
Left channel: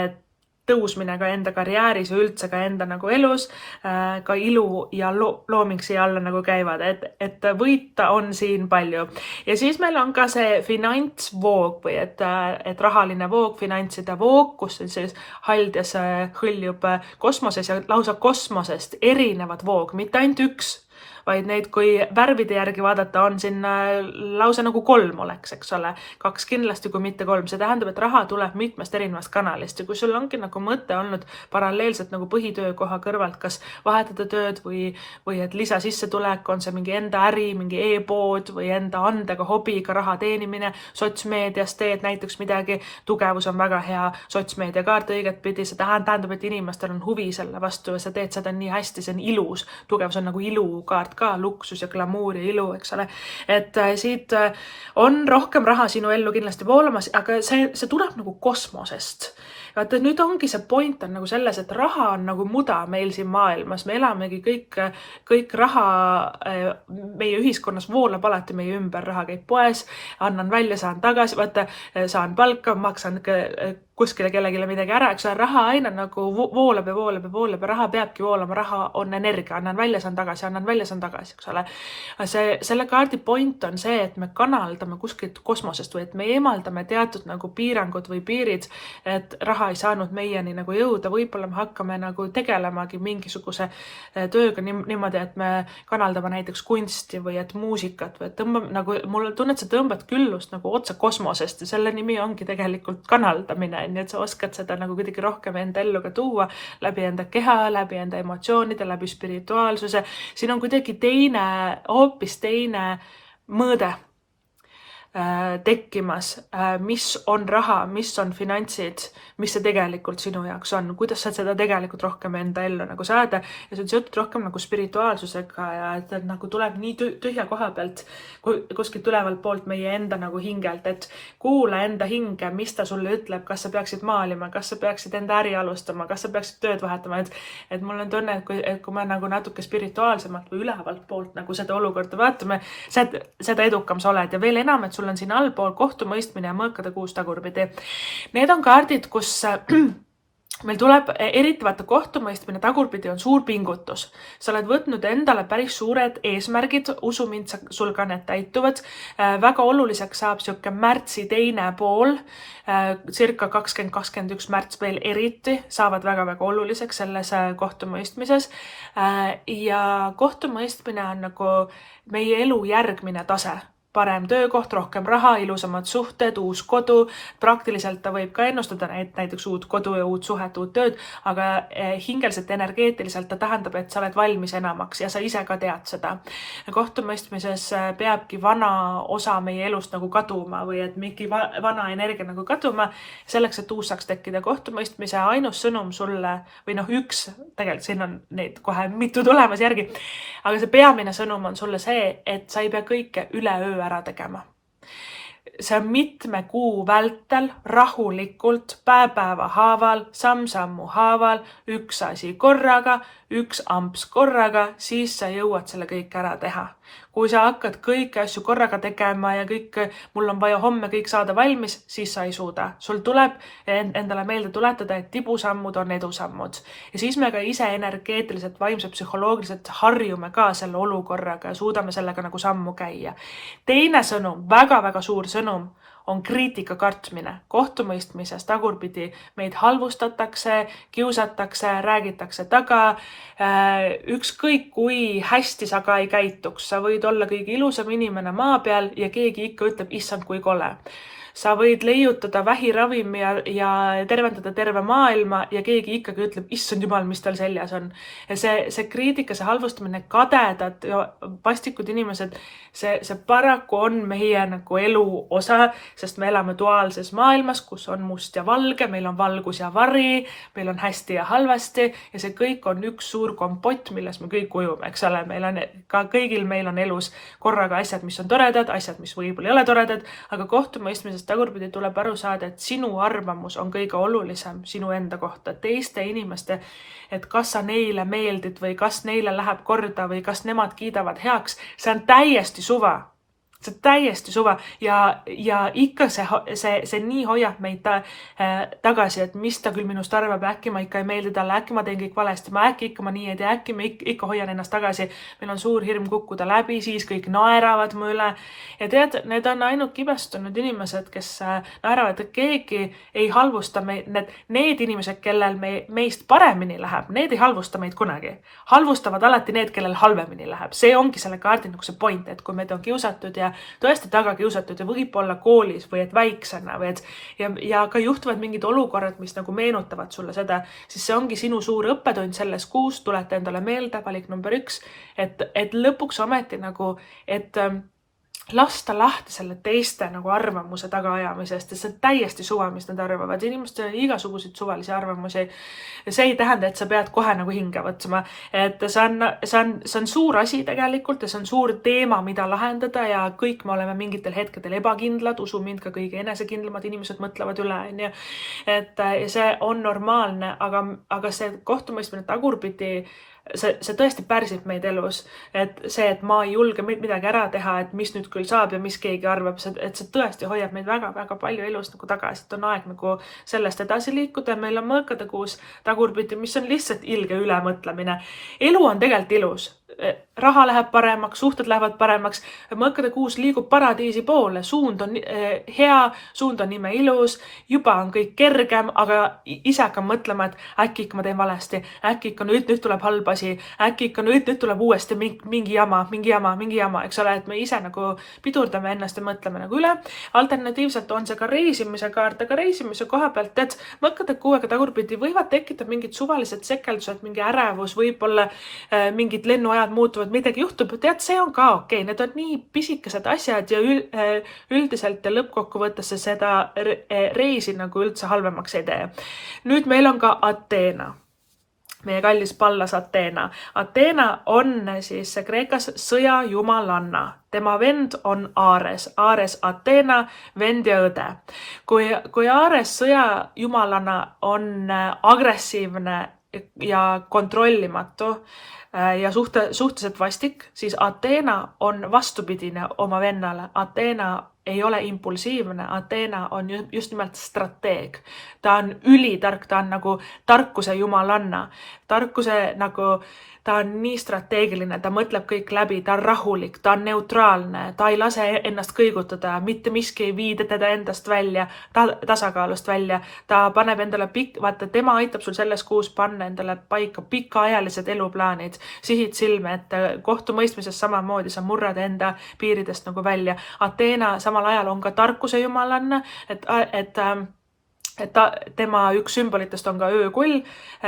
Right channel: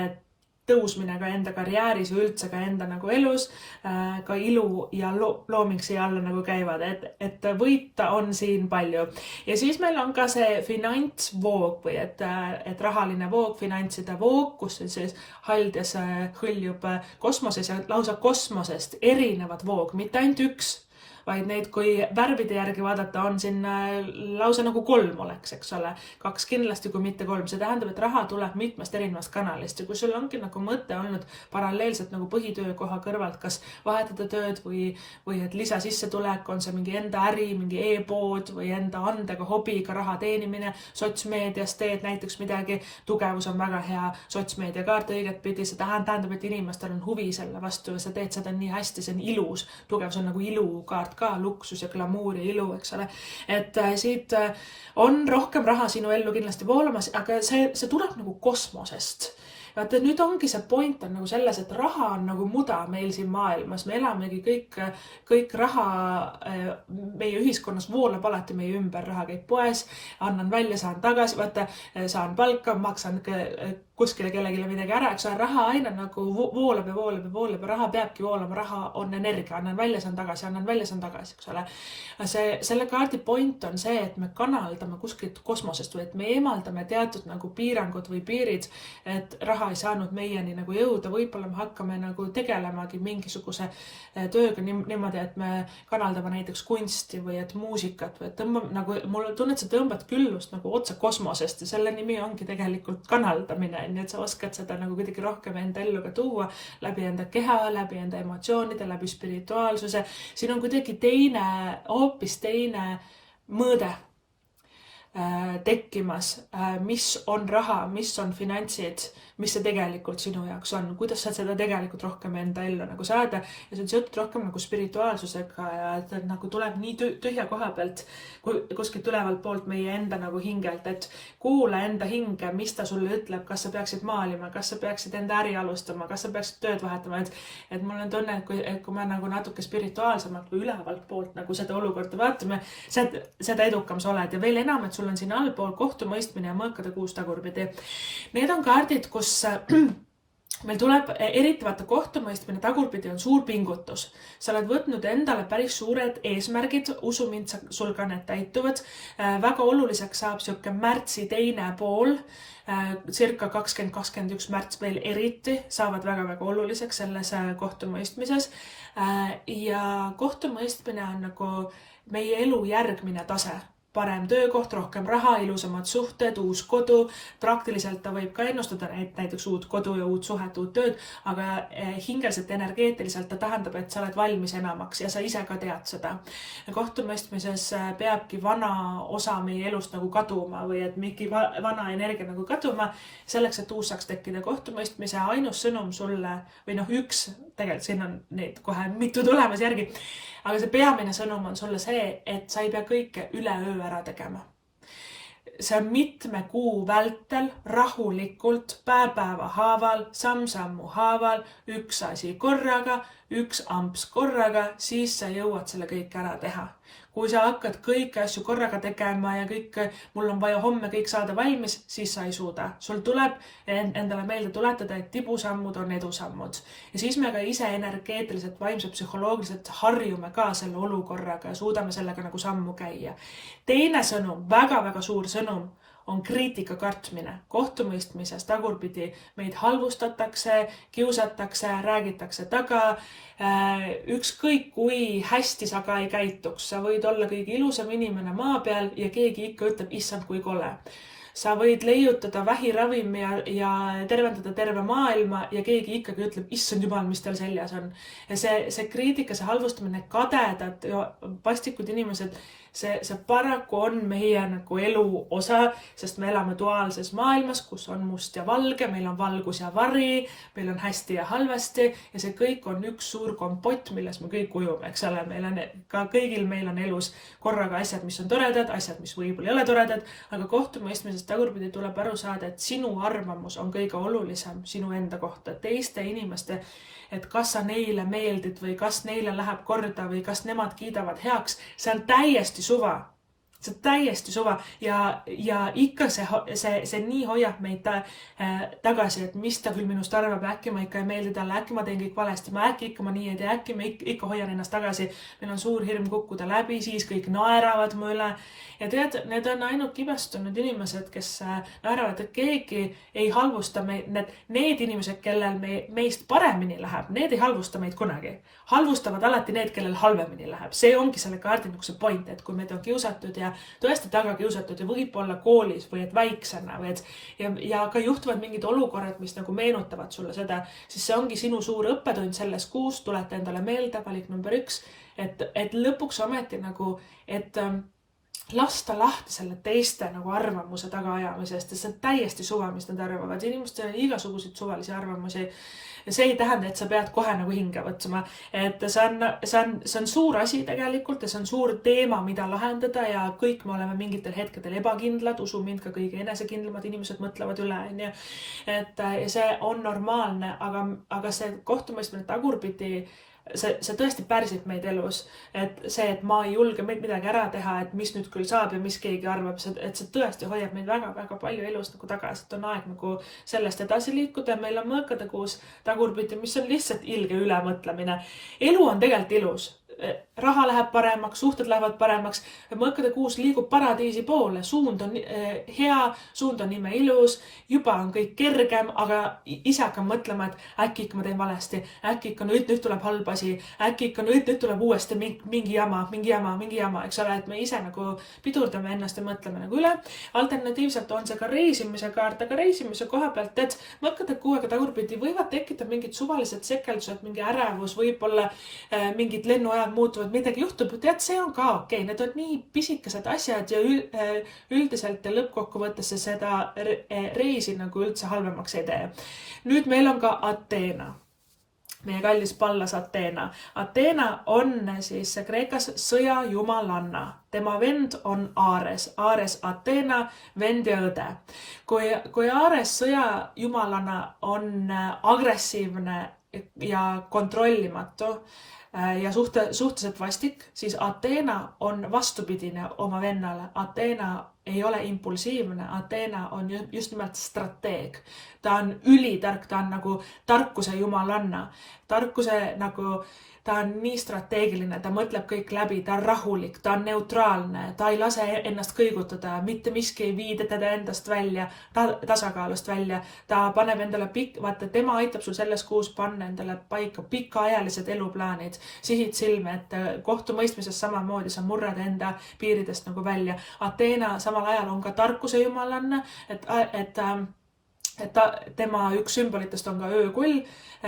tõusmine ka enda karjääris või üldse ka enda nagu elus, ka ilu ja looming siia alla nagu käivad, et võita on siin palju. Ja siis meil on ka see finantsvoog või et rahaline voog, finantside voog, kus siis haldes hõljub kosmoses ja lausa kosmosest erinevad voog, mitte ainult üks, vaid neid, kui värvide järgi vaadata, on siin lausa nagu 3 oleks, eks ole. 2 kindlasti, kui mitte 3. See tähendab, et raha tuleb mitmest erinevast kanalist ja kui sul ongi nagu mõte olnud paralleelselt nagu põhitöökoha kõrvalt, kas vahetada tööd või et lisasissetulek, on see mingi enda äri, mingi e-pood või enda andega, hobiga raha teenimine, sotsmeedias teed näiteks midagi, tugevus on väga hea sotsmeediakaart õiget pidi, see tähendab, et inimestel on huvi selle vastu ja sa teed seda nii hästi, see on ilus, tugevus on nagu ilukaart ka, luksus ja glamuur ja ilu, eks ole. Et siit on rohkem raha sinu ellu kindlasti voolamas, aga see tuleb nagu kosmosest. Vaata, nüüd ongi see point on nagu selles, et raha on nagu muda meil siin maailmas. Me elamegi kõik raha meie ühiskonnas voolab alati meie ümber. Raha käib poes, annan välja, saan tagasi, vaata, saan palka, maksan kuskile kellegile midagi ära, eks ole, raha aina nagu voolab ja voolab ja voolab ja raha peabki voolama, raha on energia, annan välja, saan tagasi, annan välja, saan tagasi, eks ole. Selle kaardi point on see, et me kanaldame kuskilt kosmosest või et me eemaldame teatud nagu piirangud või piirid, et raha ei saanud meieni nagu jõuda, võib-olla me hakkame nagu tegelemagi mingisuguse tööga niimoodi, et me kanaldame näiteks kunsti või et muusikat või et tõmbame nagu, mulle tunned, sa tõmbad küllust nagu otsa kosmosest ja selle nimi ongi tegelikult kanaldamine, nii et sa oskad seda nagu kuidagi rohkem enda ellu ka tuua läbi enda keha, läbi enda emotsioonide, läbi spirituaalsuse. Siin on kuidagi hoopis teine mõõde tekkimas, mis on raha, mis on finantsid, mis see tegelikult sinu jaoks on, kuidas sa seda tegelikult rohkem enda ellu nagu saada ja see on seotud rohkem nagu spirituaalsusega ja et nagu tuleb nii tühja koha pealt kuskilt ülevalt poolt meie enda nagu hingelt, et kuula enda hinge, mis ta sulle ütleb, kas sa peaksid maalima, kas sa peaksid enda äri alustama, kas sa peaksid tööd vahetama, et mul on tunne, et kui me nagu natuke spirituaalsemalt või ülevalt poolt nagu seda olukorda vaatame, seda edukam sa oled ja veel enam, et sul on siin allpool kohtumõistmine ja mõõkade kuus tagurpidi. Need on kaardid, kus meil tuleb eriti vaata kohtumõistmine tagurpidi on suur pingutus. Sa oled võtnud endale päris suured eesmärgid, usu mind, sul ka need täituvad. Väga oluliseks saab siuke märtsi teine pool, circa 2021 märts veel eriti, saavad väga-väga oluliseks selles kohtumõistmises. Ja kohtumõistmine on nagu meie elu järgmine tase. Parem töökoht, rohkem raha, ilusamad suhted, uus kodu. Praktiliselt ta võib ka ennustada näiteks uut kodu ja uut suhet, uut tööd, aga hingeliselt, energeetiliselt ta tähendab, et sa oled valmis enamaks ja sa ise ka tead seda. Kohtumõistmises peabki vana osa meie elust nagu kaduma või et mingi vana energia nagu kaduma, selleks, et uus saaks tekkida. Kohtumõistmise ainus sõnum sulle, või üks, tegelikult siin on neid kohe mitu tulemas järgi, aga see peamine sõnum on sulle see, et sa ei pea kõike üleöö ära tegema. See on mitme kuu vältel rahulikult, päeva haaval, samm-sammu haaval, üks asi korraga, üks amps korraga, siis sa jõuad selle kõik ära teha. Kui sa hakkad kõiki asju korraga tegema ja mul on vaja homme kõik saada valmis, siis sa ei suuda. Sul tuleb endale meelde tuletada, et tibusammud on edusammud. Ja siis me ka ise energeetiliselt, vaimselt, psühholoogiliselt harjume ka selle olukorraga ja suudame sellega nagu sammu käia. Teine sõnum, väga-väga suur sõnum, on kriitika kartmine. Kohtumõistmises tagurpidi meid halvustatakse, kiusatakse, räägitakse taga. Ükskõik kui hästi sa ka ei käituks, sa võid olla kõige ilusam inimene maa peal ja keegi ikka ütleb, issand kui kole. Sa võid leiutada vähiravimi ja tervendada terve maailma ja keegi ikkagi ütleb, issand jumal, mis tal seljas on. Ja see kriitika, see halvustamine, kadedad ja vastikud inimesed, see paraku on meie nagu elu osa, sest me elame duaalses maailmas, kus on must ja valge, meil on valgus ja vari, meil on hästi ja halvasti ja see kõik on üks suur kompott, milles me kõik ujume, eks ole. Kõigil meil on elus korraga asjad, mis on toredad, asjad, mis võib-olla ei ole toredad, aga kohtumõistmisest tagurpidi tuleb aru saada, et sinu arvamus on kõige olulisem sinu enda kohta, teiste inimeste, et kas sa neile meeldid või kas neile läheb korda või kas nemad kiidavad heaks, see on täiesti suva. See on täiesti suva ja ikka see nii hoiab meid tagasi, et mis ta küll minust arvab, äkki ma ikka ei meeldi talle, äkki ma teen kõik valesti, äkki ma nii ei tee, äkki ma ikka hoian ennast tagasi. Meil on suur hirm kukkuda läbi, siis kõik naeravad mu üle. Ja tead, need on ainult kibestunud inimesed, kes naeravad, et keegi ei halvusta meid. Need inimesed, kellel meist paremini läheb, need ei halvusta meid kunagi. Halvustavad alati need, kellel halvemini läheb. See ongi selle kaardi nagu see point, et kui meid on kiusatud ja tõesti taga kiusatud ja võib olla koolis või et väiksena või ja ka juhtuvad mingid olukorrad, mis nagu meenutavad sulle seda, siis see ongi sinu suur õppetund selles kuus, tulete endale meelde, valik number 1, et lõpuks ometi nagu, et lasta lahti selle teiste nagu arvamuse tagaajamisest ja see on täiesti suva, mis nad arvavad. Inimestel on igasuguseid suvalisi arvamusi ja see ei tähenda, et sa pead kohe nagu hinge võtma. Et see on suur asi tegelikult ja see on suur teema, mida lahendada ja kõik me oleme mingitel hetkedel ebakindlad, usu mind, ka kõige enesekindlamad inimesed mõtlevad üle. Et see on normaalne, aga see kohtumõistmine tagurpidi see tõesti pärsib meid elus, et see, et ma ei julge midagi ära teha, et mis nüüd küll saab ja mis keegi arvab, et see tõesti hoiab meid väga-väga palju elus nagu tagasi, et on aeg nagu sellest edasi liikuda. Meil on mõõkade kuus tagurpidi, mis on lihtsalt ilge ülemõtlemine. Elu on tegelikult ilus. Raha läheb paremaks, suhted lähevad paremaks, mõõkade kuus liigub paradiisi poole, suund on hea, suund on ime ilus, juba on kõik kergem, aga ise hakkan mõtlema, et äkki ikka ma teen valesti, äkki ikka nüüd tuleb halb asi, äkki ikka nüüd tuleb uuesti mingi jama, eks ole, et me ise nagu pidurdame ennast ja mõtleme nagu üle. Alternatiivselt on see ka reisimise kaart, aga reisimise koha pealt, et mõõkade kuuega tagurpidi võivad tekkida mingid suvalised sekeldused, mingi ärevus, võib-olla mingid lennuajad muutuvad, midagi juhtub, tead, see on ka okei. Need on nii pisikesed asjad ja üldiselt ja lõppkokkuvõttes seda reisi nagu üldse halvemaks ei tee. Nüüd meil on ka Ateena. Meie kallis pallas Ateena. Ateena on siis Kreekas sõjajumalanna. Tema vend on Ares. Ares Ateena, vend ja õde. Kui Ares sõjajumalana on agressiivne ja kontrollimatu ja suhteliselt vastik, siis Ateena on vastupidine oma vennale. Ateena ei ole impulsiivne, Ateena on just nimelt strateeg. Ta on ülitark, ta on nagu tarkuse jumalanna. Tarkuse nagu, ta on nii strateegiline, ta mõtleb kõik läbi, ta on rahulik, ta on neutraalne, ta ei lase ennast kõigutada, mitte miski ei viida teda endast välja, tasakaalust välja. Ta paneb endale vaata, tema aitab sul selles kuus panna endale paika pikaajalised eluplaanid, sihid silme, et kohtumõistmises samamoodi sa murrad enda piiridest nagu välja. Ateena samal ajal on ka tarkuse jumalanna, et tema üks sümbolitest on ka öökull,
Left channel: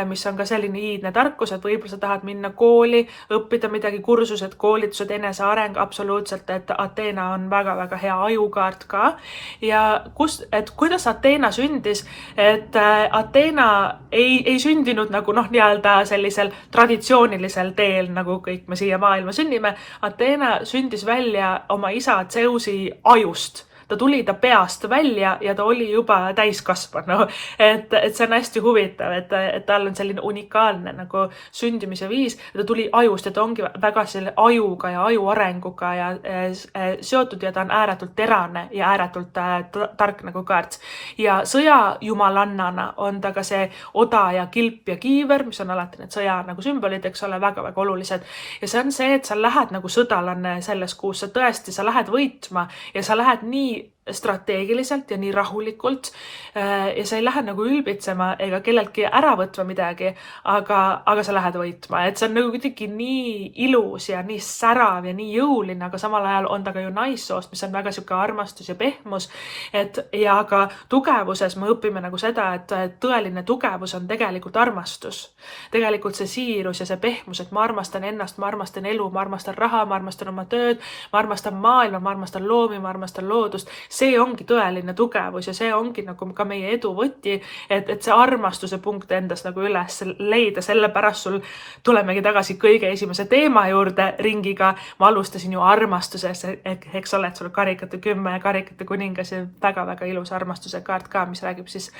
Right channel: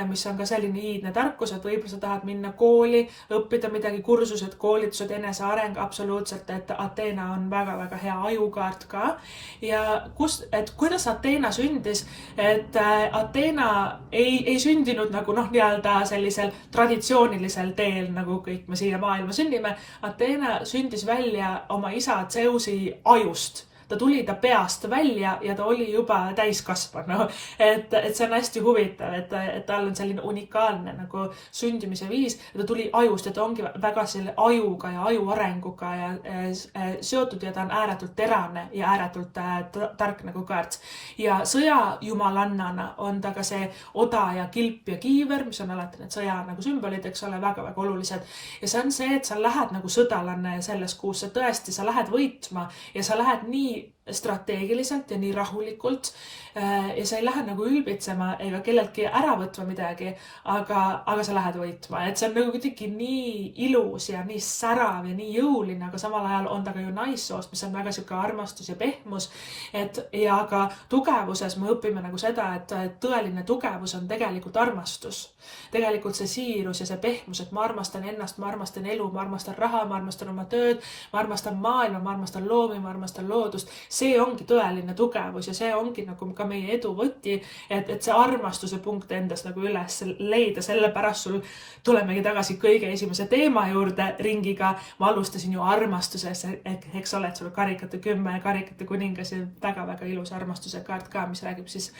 mis on ka selline iidne tarkus, et võib-olla sa tahad minna kooli, õppida midagi, kursused, koolitused, eneseareng, absoluutselt, et Ateena on väga-väga hea ajukaart ka. Ja kuidas Ateena sündis, et Ateena ei sündinud nagu nii-öelda sellisel traditsioonilisel teel, nagu kõik me siia maailma sünnime. Ateena sündis välja oma isa Zeusi ajust. Ta tuli ta peast välja ja ta oli juba täiskasvanu. Et see on hästi huvitav, et tal on selline unikaalne nagu sündimise viis. Ta tuli ajust ja ta ongi väga selle ajuga ja aju arenguga ja seotud ja ta on ääretult terane ja ääretult tark nagu kaart. Ja sõjajumaalannana on ta ka see oda ja kilp ja kiiver, mis on alati need sõja nagu sümbolid, eks ole, väga-väga olulised. Ja see on see, et sa lähed nagu sõdalanne selles kuus, sa lähed võitma ja sa lähed nii strateegiliselt ja nii rahulikult ja sa ei lähe nagu ülbitsema ega kelleltki ära võtma midagi, aga sa lähed võitma. Et see on nagu kuidagi nii ilus ja nii särav ja nii jõuline, aga samal ajal on ta ka ju naissoost, mis on väga siuke armastus ja pehmus. Ja ka tugevuses me õpime nagu seda, et tõeline tugevus on tegelikult armastus. Tegelikult see siirus ja see pehmus, et ma armastan ennast, ma armastan elu, ma armastan raha, ma armastan oma tööd, ma armastan maailma, ma armastan loomi, ma armastan loodust. See ongi tõeline tugevus ja see ongi nagu ka meie edu võti, et see armastuse punkt endas nagu üles leida. Sellepärast sul tulemegi tagasi kõige esimese teema juurde ringiga. Ma alustasin ju armastuses, eks ole, et sul karikate 10 ja karikate kuningas ja väga-väga ilus armastuse kaart ka, mis räägib siis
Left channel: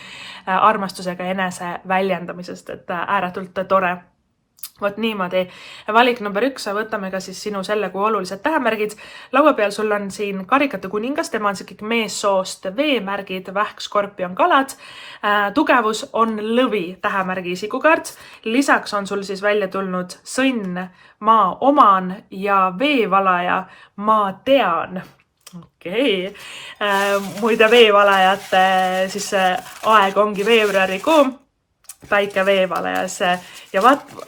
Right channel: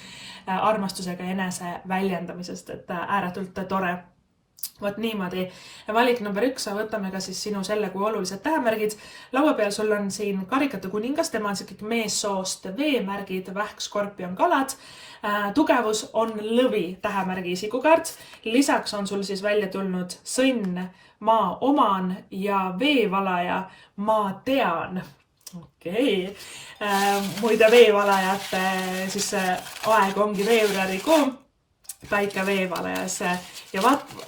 armastusega enese väljendamisest, et ääretult tore. Vot niimoodi. Valik number 1, võtame ka siis sinu selle kuu olulised tähemärgid. Laua peal sul on siin karikate kuningas, tema on kõik meessoost veemärgid, vähk, skorpion, kalad. Tugevus on lõvi tähemärgi isikukaart. Lisaks on sul siis välja tulnud sõnn, maa oman ja veevalaja, maa tean. Okei. Muide veevalajate siis aeg ongi veebruarikuu. Päike veevalajas ja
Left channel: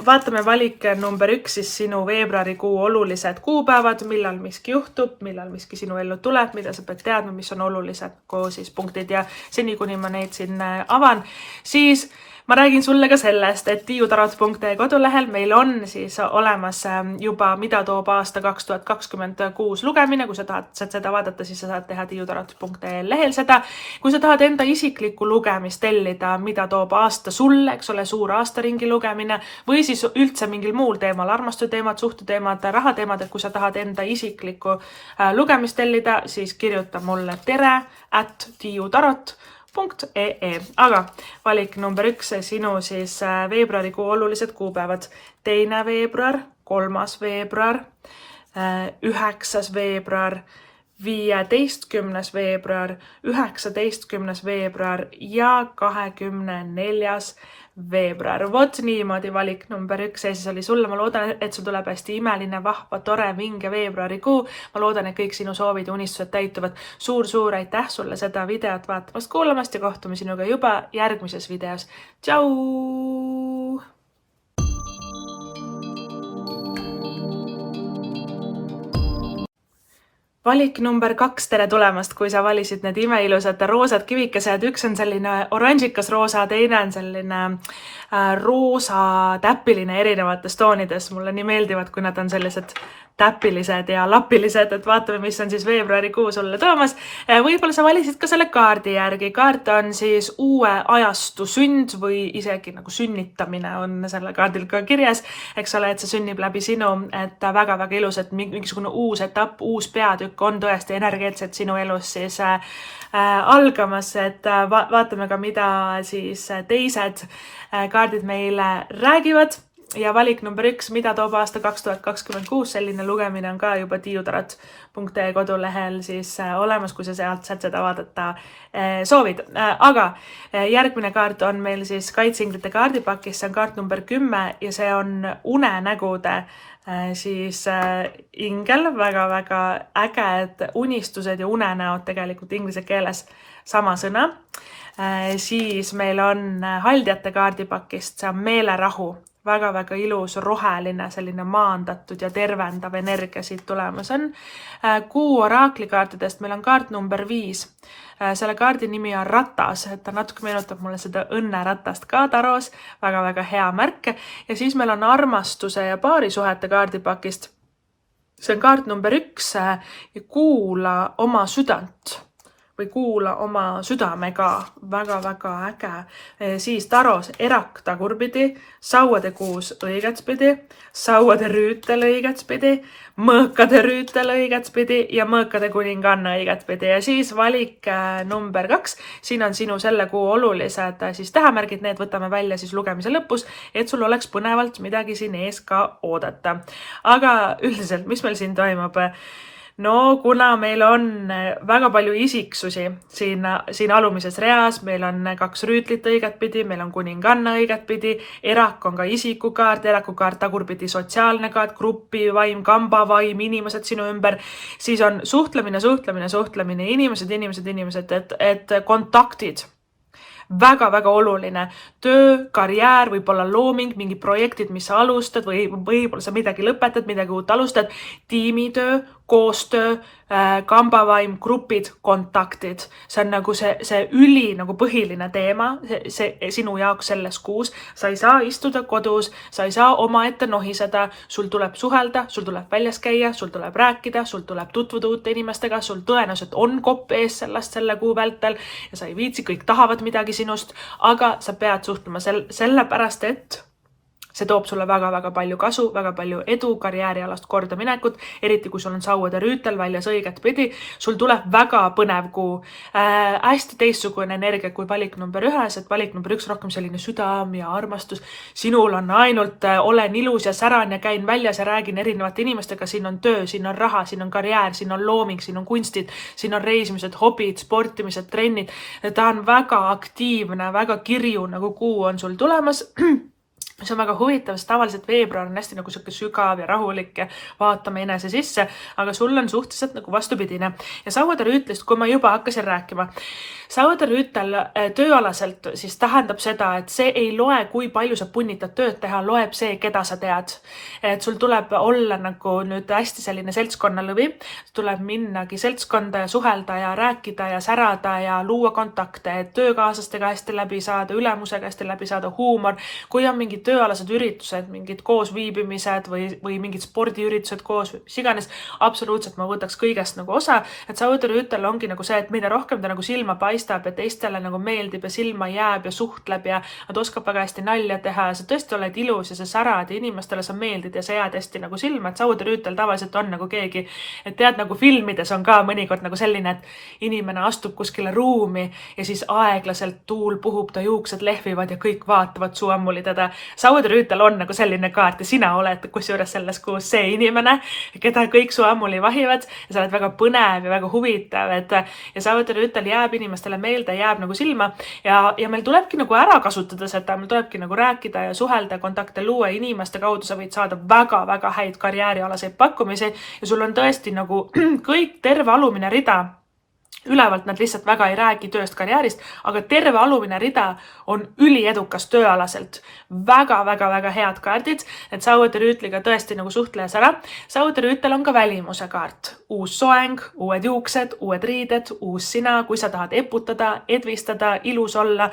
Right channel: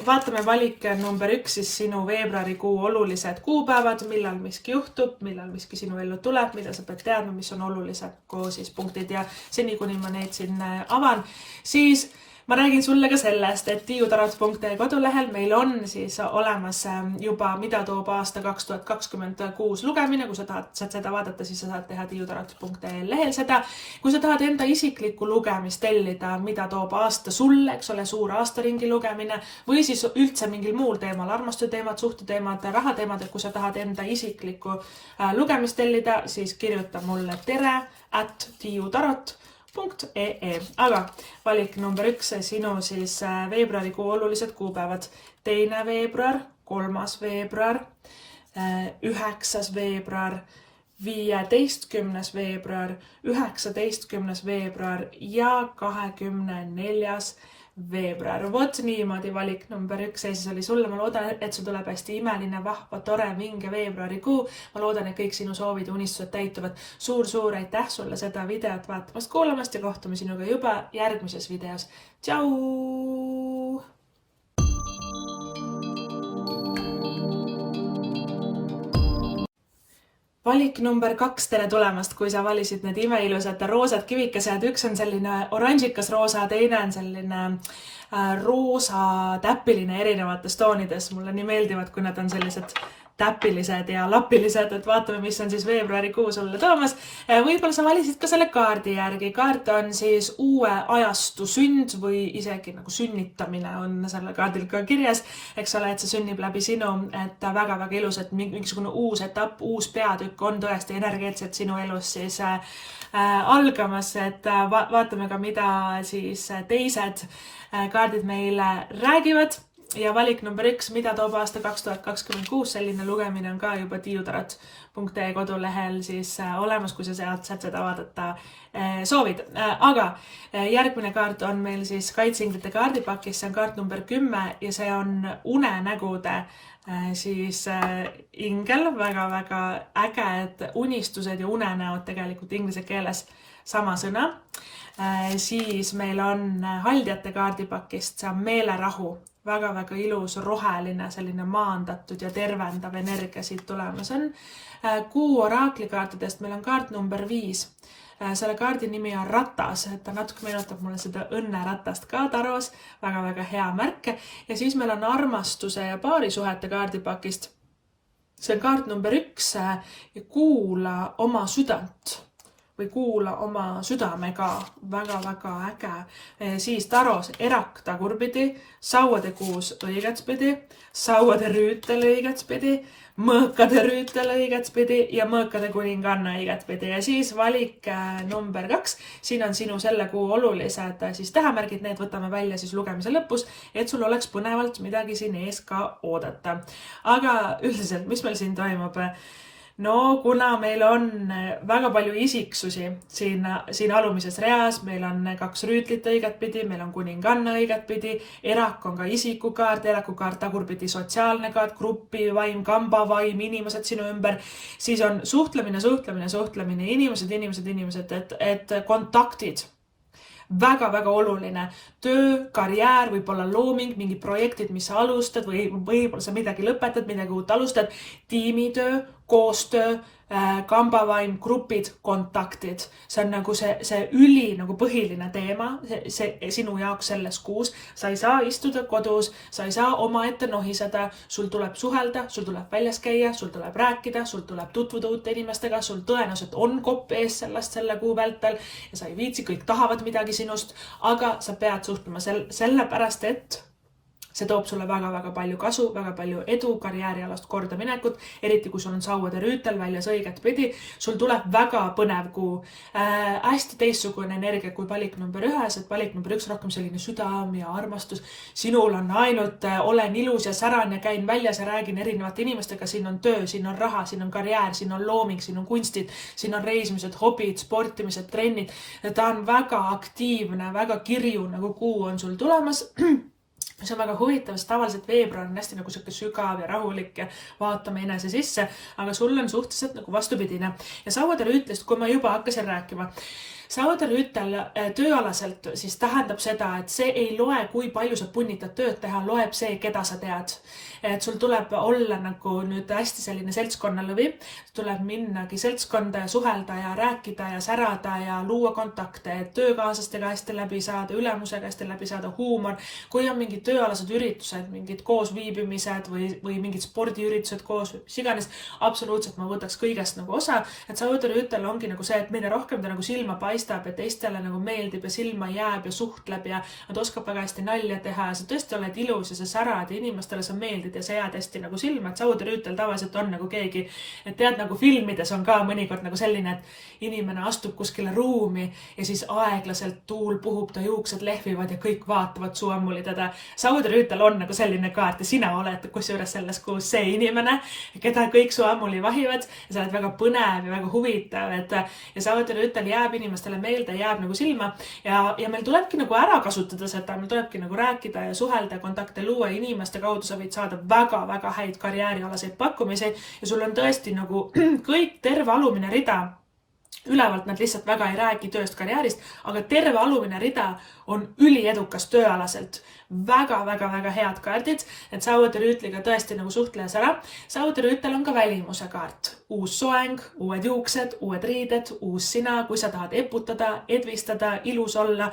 vaatame valik number 1 siis sinu veebruarikuu olulised kuupäevad, millal miski juhtub, millal miski sinu ellu tuleb, mida sa pead teadma, mis on olulised siis punktid ja seni kuni ma neid siin avan, siis ma räägin sulle ka sellest, et tiiutarot.ee kodulehel meil on siis olemas juba mida toob aasta 2026 lugemine. Kui sa tahad seda vaadata, siis sa saad teha tiiutarot.ee lehel seda. Kui sa tahad enda isiklikku lugemist tellida, mida toob aasta sulle, eks ole, suur aastaringi lugemine või siis üldse mingil muul teemal, armastusteemad, suhteteemad, rahateemad, et kui sa tahad enda isiklikku lugemist tellida, siis kirjuta mulle tere@tiiutarot.ee Aga valik number 1, sinu siis veebruarikuu olulised kuupäevad. 2. veebruar, 3. veebruar, 9. veebruar, 15. veebruar, 19. veebruar ja 24. veebruar. Vot niimoodi valik number 1 ja siis oli sulle. Ma loodan, et sul tuleb hästi imeline, vahva, tore, vinge veebruarikuu. Ma loodan, et kõik sinu soovid ja unistused täituvad. Suur aitäh sulle seda videot vaatamast, kuulamast ja kohtume sinuga juba järgmises videos. Tšau! Valik number 2, tere tulemast, kui sa valisid need imeilusad roosad kivikesed. Üks on selline oranžikas roosa, teine on selline roosa täpiline erinevates toonides. Mulle nii meeldivad, kui nad on sellised täpilised ja lapilised, et vaatame, mis on siis veebruarikuu sulle toomas. Võib-olla sa valisid ka selle kaardi järgi. Kaart on siis uue ajastu sünd või isegi nagu sünnitamine on selle kaardil ka kirjas. Eks ole, et see sünnib läbi sinu, et väga ilus, et mingisugune uus etapp, uus peatükk on tõesti energeetselt sinu elus siis algamas, et vaatame ka, mida siis teised kaardid meile räägivad. Ja valik number 1, mida toob aasta 2026, selline lugemine on ka juba tiiutarot.ee kodulehel siis olemas, kui sa sealt saad seda vaadata soovid. Aga järgmine kaart on meil siis kaitseinglite kaardipakis, see on kaart number 10 ja see on unenägude siis ingel, väga äge, et unistused ja unenäod tegelikult inglise keeles sama sõna. Siis meil on haldjate kaardipakist, see on meelerahu. Väga ilus, roheline, selline maandatud ja tervendav energia siit tulemas on. Kuu oraklikaartidest meil on kaart number 5. Selle kaardi nimi on ratas, et ta natuke meenutab mulle seda õnneratast ka taros. Väga hea märk. Ja siis meil on armastuse ja paarisuhete kaardipakist. See on kaart number 1 ja kuula oma südant. Või kuula oma südamega, väga äge. Siis taros erak tagurpidi, sauade kuus õigetspidi, sauade rüütel õigetspidi, mõõkade rüütel õigetspidi ja mõõkade kuninganna õigetspidi. Ja siis valik number 2, siin on sinu selle kuu olulised siis tähemärgid, need võtame välja siis lugemise lõpus, et sul oleks põnevalt midagi siin ees ka oodata. Aga üldiselt, mis meil siin toimub? No kuna meil on väga palju isiksusi siin alumises reas, meil on 2 rüütlit õigetpidi, meil on kuninganna õigetpidi, erak on ka isikukaart, erakukaart tagurpidi sotsiaalne kaart, grupivaim, kambavaim, inimesed sinu ümber, siis on suhtlemine, inimesed, et kontaktid. Väga oluline. Töö, karjäär, võib-olla looming, mingi projektid, mis sa alustad või võib-olla sa midagi lõpetad, midagi uut alustad, tiimitöö, koostöö, kambavaim, grupid, kontaktid. See on nagu see üli nagu põhiline teema see sinu jaoks selles kuus. Sa ei saa istuda kodus, sa ei saa omaette nohiseda, sul tuleb suhelda, sul tuleb väljas käia, sul tuleb rääkida, sul tuleb tutvuda uute inimestega, sul tõenäoliselt on kopp ees selle kuu vältel ja sa ei viitsi, kõik tahavad midagi sinust, aga sa pead suhtlema sellepärast, et see toob sulle väga palju kasu, väga palju edu, karjäärialast kordaminekut, eriti kui sul on sauade rüütel väljas õiget pidi. Sul tuleb väga põnev kuu. Hästi teistsugune energia kui valik number 1, et valik number 1 rohkem selline südam ja armastus. Sinul on ainult olen ilus ja säran ja käin väljas ja räägin erinevate inimestega. Siin on töö, siin on raha, siin on karjäär, siin on looming, siin on kunstid, siin on reisimised, hobid, sportimised, trennid. Ta on väga aktiivne, väga kirju nagu kuu on sul tulemas. See on väga huvitav, sest tavaliselt veebruar on hästi nagu sügav ja rahulik ja vaatame enese sisse, aga sul on suhteliselt nagu vastupidine. Ja sauade rüütlist, kui ma juba hakkasin rääkima, sauade rüütel tööalaselt siis tähendab seda, et see ei loe, kui palju sa punnitad tööd teha, loeb see, keda sa tead. Et sul tuleb olla nagu nüüd hästi selline seltskonnalõvi, tuleb minnagi seltskonda ja suhelda ja rääkida ja särada ja luua kontakte, et töökaaslastega hästi läbi saada, ülemusega hästi läbi saada, huumor. Kui on mingid tööalased üritused, mingid koosviibimised või mingid spordiüritused koos, mis iganes, absoluutselt ma võtaks kõigest nagu osa, et sauade rüütel ongi nagu see, et mida rohkem ta nagu silma paistab, paistab ja teistele nagu meeldib ja silma jääb ja suhtleb ja nad oskab väga hästi nalja teha ja sa tõesti oled ilus ja sa särad ja inimestele sa meeldid ja sa jääd hästi nagu silma, et Saude Rüütel tavaliselt on nagu keegi, et tead, nagu filmides on ka mõnikord nagu selline, et inimene astub kuskile ruumi ja siis aeglaselt tuul puhub, ta juuksed lehvivad ja kõik vaatavad su ammuli teda. Saude Rüütel on nagu selline kaart ja sina oled kusjuures selles kuus see inimene, keda kõik su ammuli vahivad ja sa oled väga põnev ja väga huvitav, ja Saude Rüütel jääb inimestele meelde, jääb nagu silma ja meil tulebki nagu ära kasutada seda, meil tulebki nagu rääkida ja suhelda, kontakte luua, inimeste kaudu sa võid saada väga-väga häid karjäärialaseid pakkumisi ja sul on tõesti nagu kõik terve alumine rida. Ülevalt nad lihtsalt väga ei räägi tööst karjäärist, aga terve alumine rida on üliedukas tööalaselt. Väga-väga-väga head kaardid, et Saude Rüütliga tõesti nagu suhtlejas ära. Saude Rüütel on ka välimuse kaart. Uus soeng, uued juuksed, uued riided, uus sina, kui sa tahad eputada, edvistada, ilus olla.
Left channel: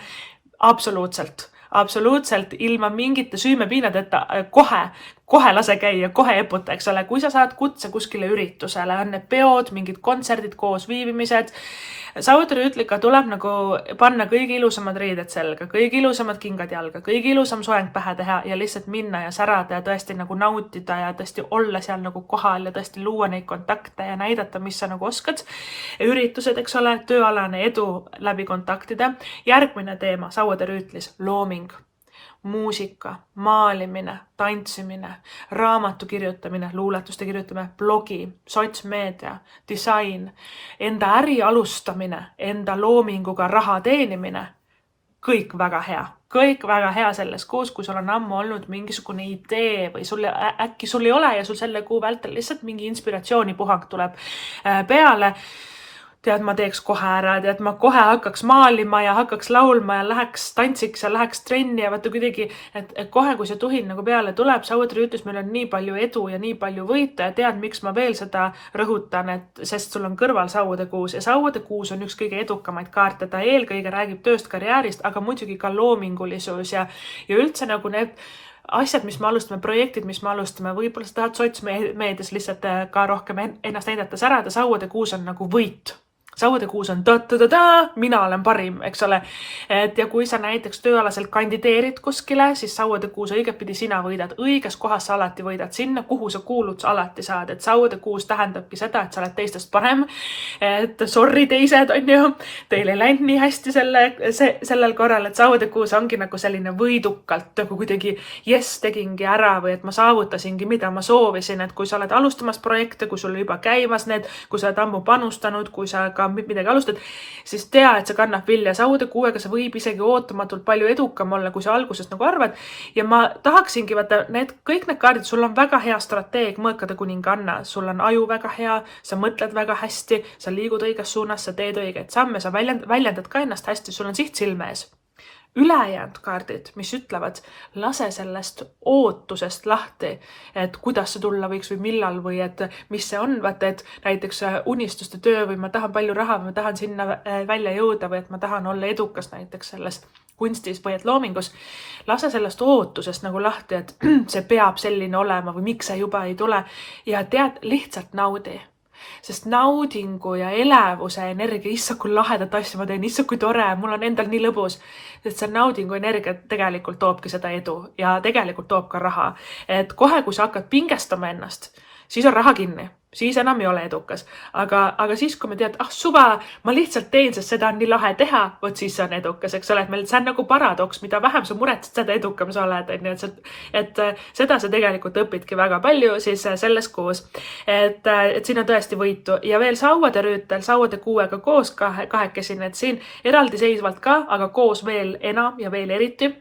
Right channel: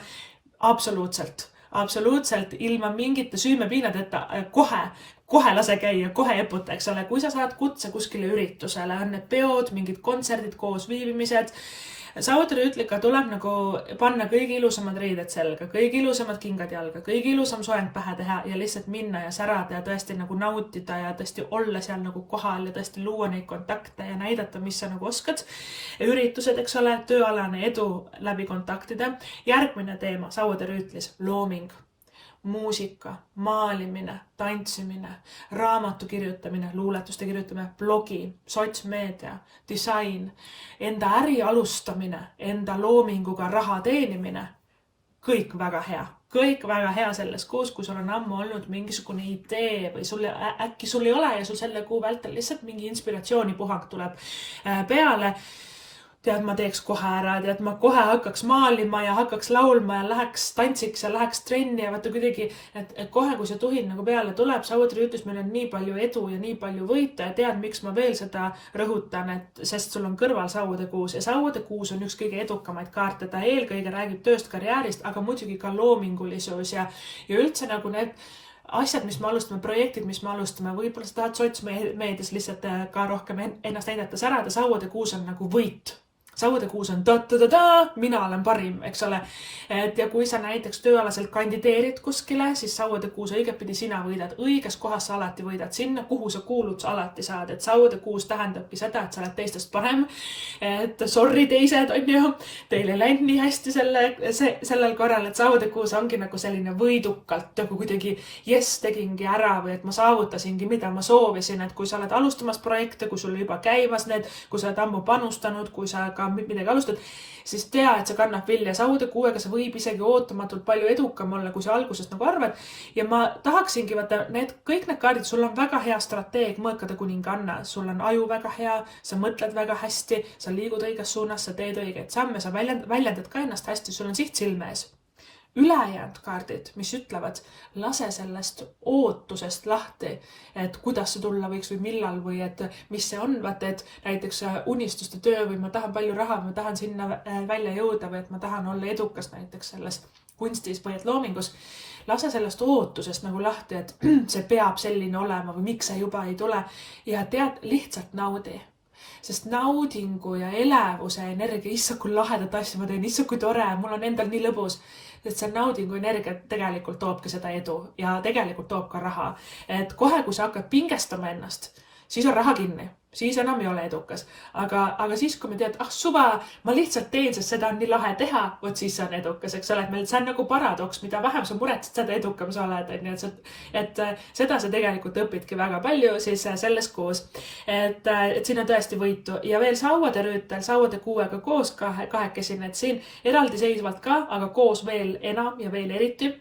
Absoluutselt ilma mingite süümepiinadeta kohe lase käia, kohe eputa, eks ole. Kui sa saad kutse kuskile üritusele, on need peod, mingid kontserdid, koos viibimised. Saude Rüütliga tuleb nagu panna kõige ilusamad riided selga, kõige ilusamad kingad jalga, kõige ilusam soeng pähe teha ja lihtsalt minna ja särada ja tõesti nagu nautida ja tõesti olla seal nagu kohal ja tõesti luua neid kontakte ja näidata, mis sa nagu oskad. Üritused, eks ole, tööalane edu läbi kontaktide. Järgmine teema Saude Rüütlis, looming. Muusika, maalimine, tantsimine, raamatu kirjutamine, luuletuste kirjutamine, blogi, sotsmeedia, disain, enda äri alustamine, enda loominguga raha teenimine. Kõik väga hea. Kõik väga hea selles kuus, kui sul on ammu olnud mingisugune idee või äkki sul ei ole ja sul selle kuu vältel lihtsalt mingi inspiratsioonipuhang tuleb peale. Tead, ma teeks kohe ära, tead, ma kohe hakkaks maalima ja hakkaks laulma ja läheks tantsiks ja läheks trenni ja vaata kuidagi, et kohe, kui see tuhin nagu peale tuleb, Saude Rüütlis meil on nii palju edu ja nii palju võita ja tead, miks ma veel seda rõhutan, sest sul on kõrval Saude kuus ja Saude kuus on üks kõige edukamaid kaarte, ta eelkõige räägib tööst karjäärist, aga muidugi ka loomingulisus ja üldse nagu need asjad, mis me alustame, projektid, mis me alustame, võib-olla sa tahad sotsmeedias lihtsalt ka rohkem ennast näidata särada, Saude kuus on nagu võit. Saude kuus on mina olen parim, eks ole. Ja kui sa näiteks tööalaselt kandideerid kuskile, siis Saude kuus õigetpidi sina võidad. Õiges kohas sa alati võidad. Sinna, kuhu sa kuulud, sa alati saad. Et Saude kuus tähendabki seda, et sa oled teistest parem. Et sorry teised, on ju. Teil ei läinud nii hästi sellel korral, et Saude kuus ongi nagu selline võidukalt, nagu kuidagi tegingi ära või et ma saavutasingi, mida ma soovisin. Et kui sa oled alustamas projekte, kui sul juba käimas need, kui sa oled ammu panustanud, kui sa ka midagi alustad, siis tea, et see kannab vilja. Saude kuuega sa võib isegi ootamatult palju edukam olla, kui sa algusest nagu arvad. Ja ma tahaksingi, vaata, kõik need kaardid, sul on väga hea strateeg mõõkade kuninganna. Sul on aju väga hea, sa mõtled väga hästi, sa liigud õiges suunas, sa teed õigeid samme, sa väljendad ka ennast hästi, sul on siht silme ees. Ülejäänud kaardid, mis ütlevad, lase sellest ootusest lahti, et kuidas see tulla võiks või millal või et mis see on, vaata, et näiteks unistuste töö või ma tahan palju raha või ma tahan sinna välja jõuda või et ma tahan olla edukas näiteks selles kunstis või et loomingus. Lase sellest ootusest nagu lahti, et see peab selline olema või miks see juba ei tule ja tead, lihtsalt naudi. Sest naudingu ja elevuse energia, issa kui lahedat asja ma teen, issa kui tore, mul on endal nii lõbus, sest see naudingu energia tegelikult toobki seda edu ja tegelikult toob ka raha. Et kohe, kui sa hakkad pingestama ennast, siis on raha kinni, siis enam ei ole edukas. Aga siis, kui me tead, suva, ma lihtsalt teen, sest seda on nii lahe teha, võt siis on edukas, eks ole, et meil see on nagu paradoks, mida vähem sa muretsed, seda edukam sa oled, et seda sa tegelikult õpidki väga palju siis selles kuus, et siin on tõesti võitu ja veel Saude Rüütel, Saude kuuega koos kahekesi, et siin eraldiseisvalt ka, aga koos veel enam ja veel eriti.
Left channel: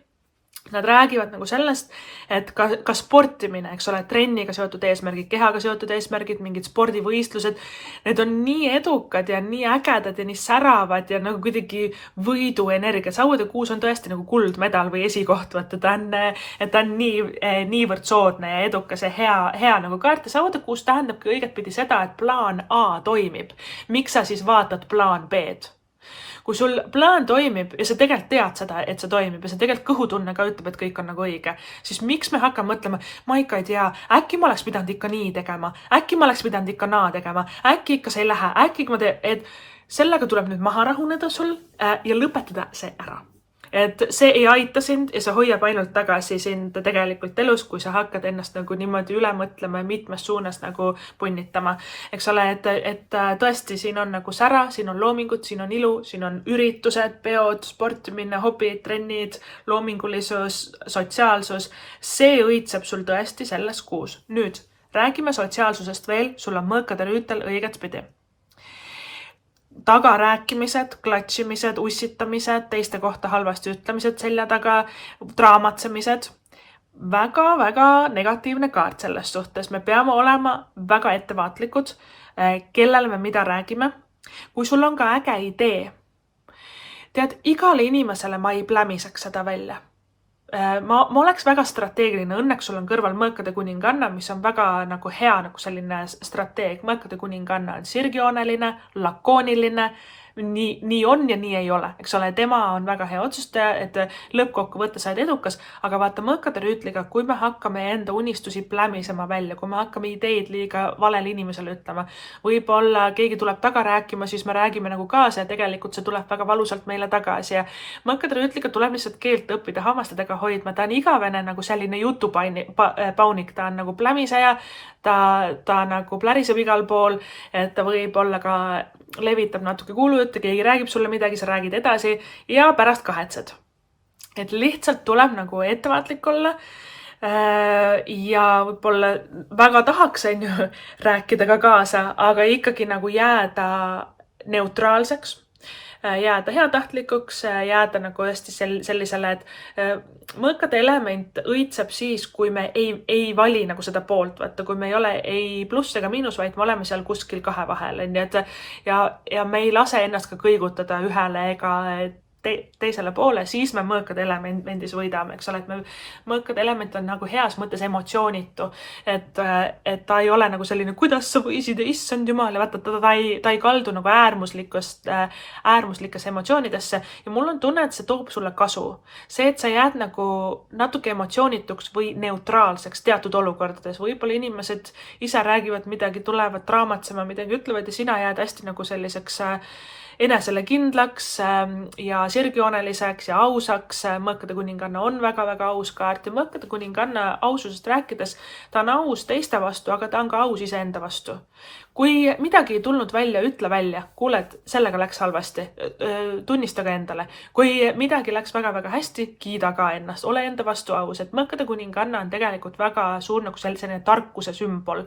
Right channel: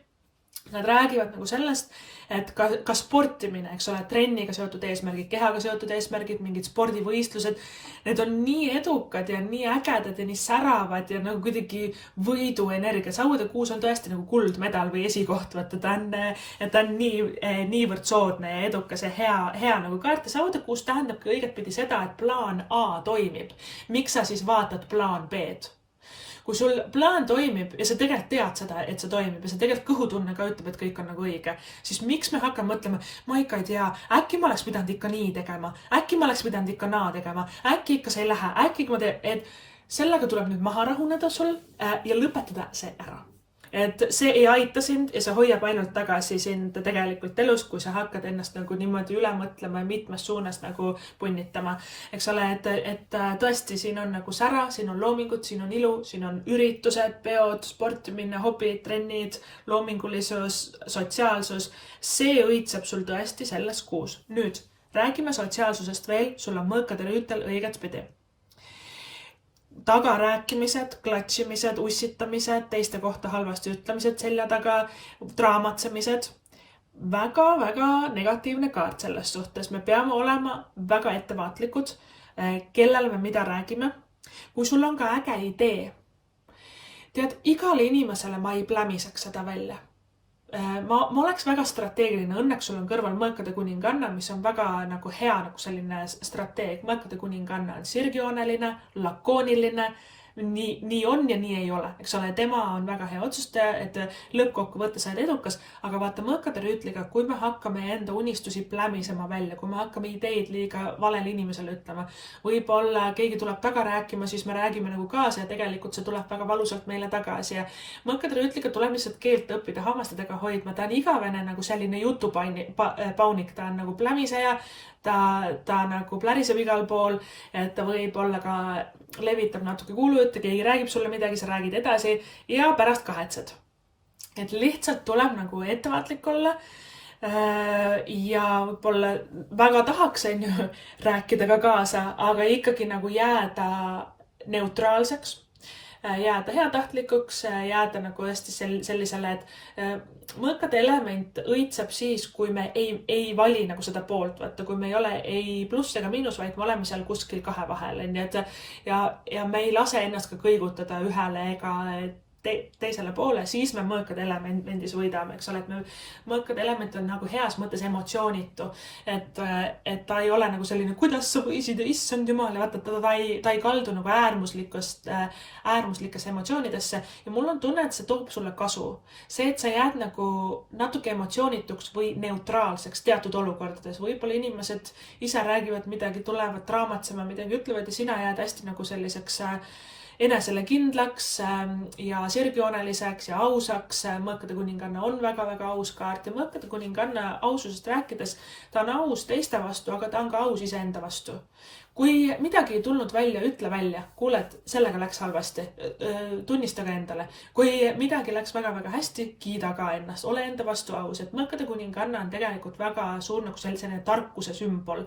Nad räägivad nagu sellest, et ka sportimine, eks ole, trenniga seotud eesmärgid, kehaga seotud eesmärgid, mingid spordivõistlused, need on nii edukad ja nii ägedad ja nii säravad ja nagu kuidagi võiduenergia. Saude kuus on tõesti nagu kuldmedal või esikoht, ta on niivõrd soodne ja edukas ja hea nagu kaart. Saude kuus tähendabki õigetpidi seda, et plaan A toimib. Miks sa siis vaatad plaan B-d? Kui sul plaan toimib ja sa tegelikult tead seda, et see toimib ja sa tegelikult kõhutunne ka ütleb, et kõik on nagu õige, siis miks me hakkame mõtlema, ma ikka ei tea, äkki ma oleks pidanud ikka nii tegema, äkki ma oleks pidanud ikka naa tegema, äkki ikka see ei lähe, äkki ma teen, et sellega tuleb nüüd maha rahuneda sul ja lõpetada see ära. Et see ei aita sind ja see hoiab ainult tagasi sind tegelikult elus, kui sa hakkad ennast nagu niimoodi üle mõtlema ja mitmes suunas nagu punnitama. Eks ole, et tõesti siin on nagu sära, siin on loomingud, siin on ilu, siin on üritused, peod, sportimine, hobid, trennid, loomingulisus, sotsiaalsus. See õitseb sul tõesti selles kuus. Nüüd räägime sotsiaalsusest veel, sul on mõõkade rüütel õiget pidi. Tagarääkimised, klatšimised, ussitamised, teiste kohta halvasti ütlemised selja taga, draamatsemised. Väga negatiivne kaart selles suhtes. Me peame olema väga ettevaatlikud, kellele me mida räägime. Kui sul on ka äge idee, tead, igale inimesele ma ei plämiseks seda välja. Ma oleks väga strateegiline, õnneks sul on kõrval mõõkade kuninganna, mis on väga nagu hea nagu selline strateeg. Mõõkade kuninganna on sirgjooneline, lakooniline, nii on ja nii ei ole. Eks ole, tema on väga hea otsustaja, et lõppkokkuvõtte said edukas, aga vaata mõõkade rüütliga, kui me hakkame enda unistusi plämisema välja, kui me hakkame ideid liiga valele inimesele ütlema, võib-olla keegi tuleb taga rääkima, siis me räägime nagu kaasa ja tegelikult see tuleb väga valusalt meile tagasi ja mõõkade rüütliga tuleb lihtsalt keelt õppida hammastedega hoidma. Ta on igavene nagu selline jutupaunik, ta on nagu plämiseja, ta nagu pläriseb igal pool, et ta võib olla ka levitab natuke kuulujutte, keegi räägib sulle midagi, sa räägid edasi ja pärast kahetsed. Et lihtsalt tuleb nagu ettevaatlik olla ja võib-olla väga tahaks rääkida ka kaasa, aga ikkagi nagu jääda neutraalseks, jääda heatahtlikuks, jääda nagu hästi sellisele, et mõõkade element õitseb siis, kui me ei vali nagu seda poolt, vaata, kui me ei ole ei pluss ega miinus, vaid me oleme seal kuskil kahe vahel. Ja me ei lase ennast ka kõigutada ühele ega teisele poole, siis me mõõkade elemendis võidame, eks ole, et mõõkade element on nagu heas mõttes emotsioonitu, et ta ei ole nagu selline, kuidas sa võisid ja issand jumal ja vaata, ta ei kaldu nagu äärmuslikesse emotsioonidesse ja mul on tunne, et see toob sulle kasu. See, et sa jääd nagu natuke emotsioonituks või neutraalseks teatud olukordades, võib-olla inimesed ise räägivad midagi, tulevad draamatsema, midagi ütlevad ja sina jääd hästi nagu selliseks enesele kindlaks ja sirgjooneliseks ja ausaks. Mõõkade kuninganna on väga aus kaart ja mõõkade kuninganna aususest rääkides, ta on aus teiste vastu, aga ta on ka aus iseenda vastu. Kui midagi ei tulnud välja, ütle välja, kuule, et sellega läks halvasti, tunnista ka endale. Kui midagi läks väga hästi, kiida ka ennast, ole enda vastu aus, et mõõkade kuninganna on tegelikult väga suur nagu selline tarkuse sümbol.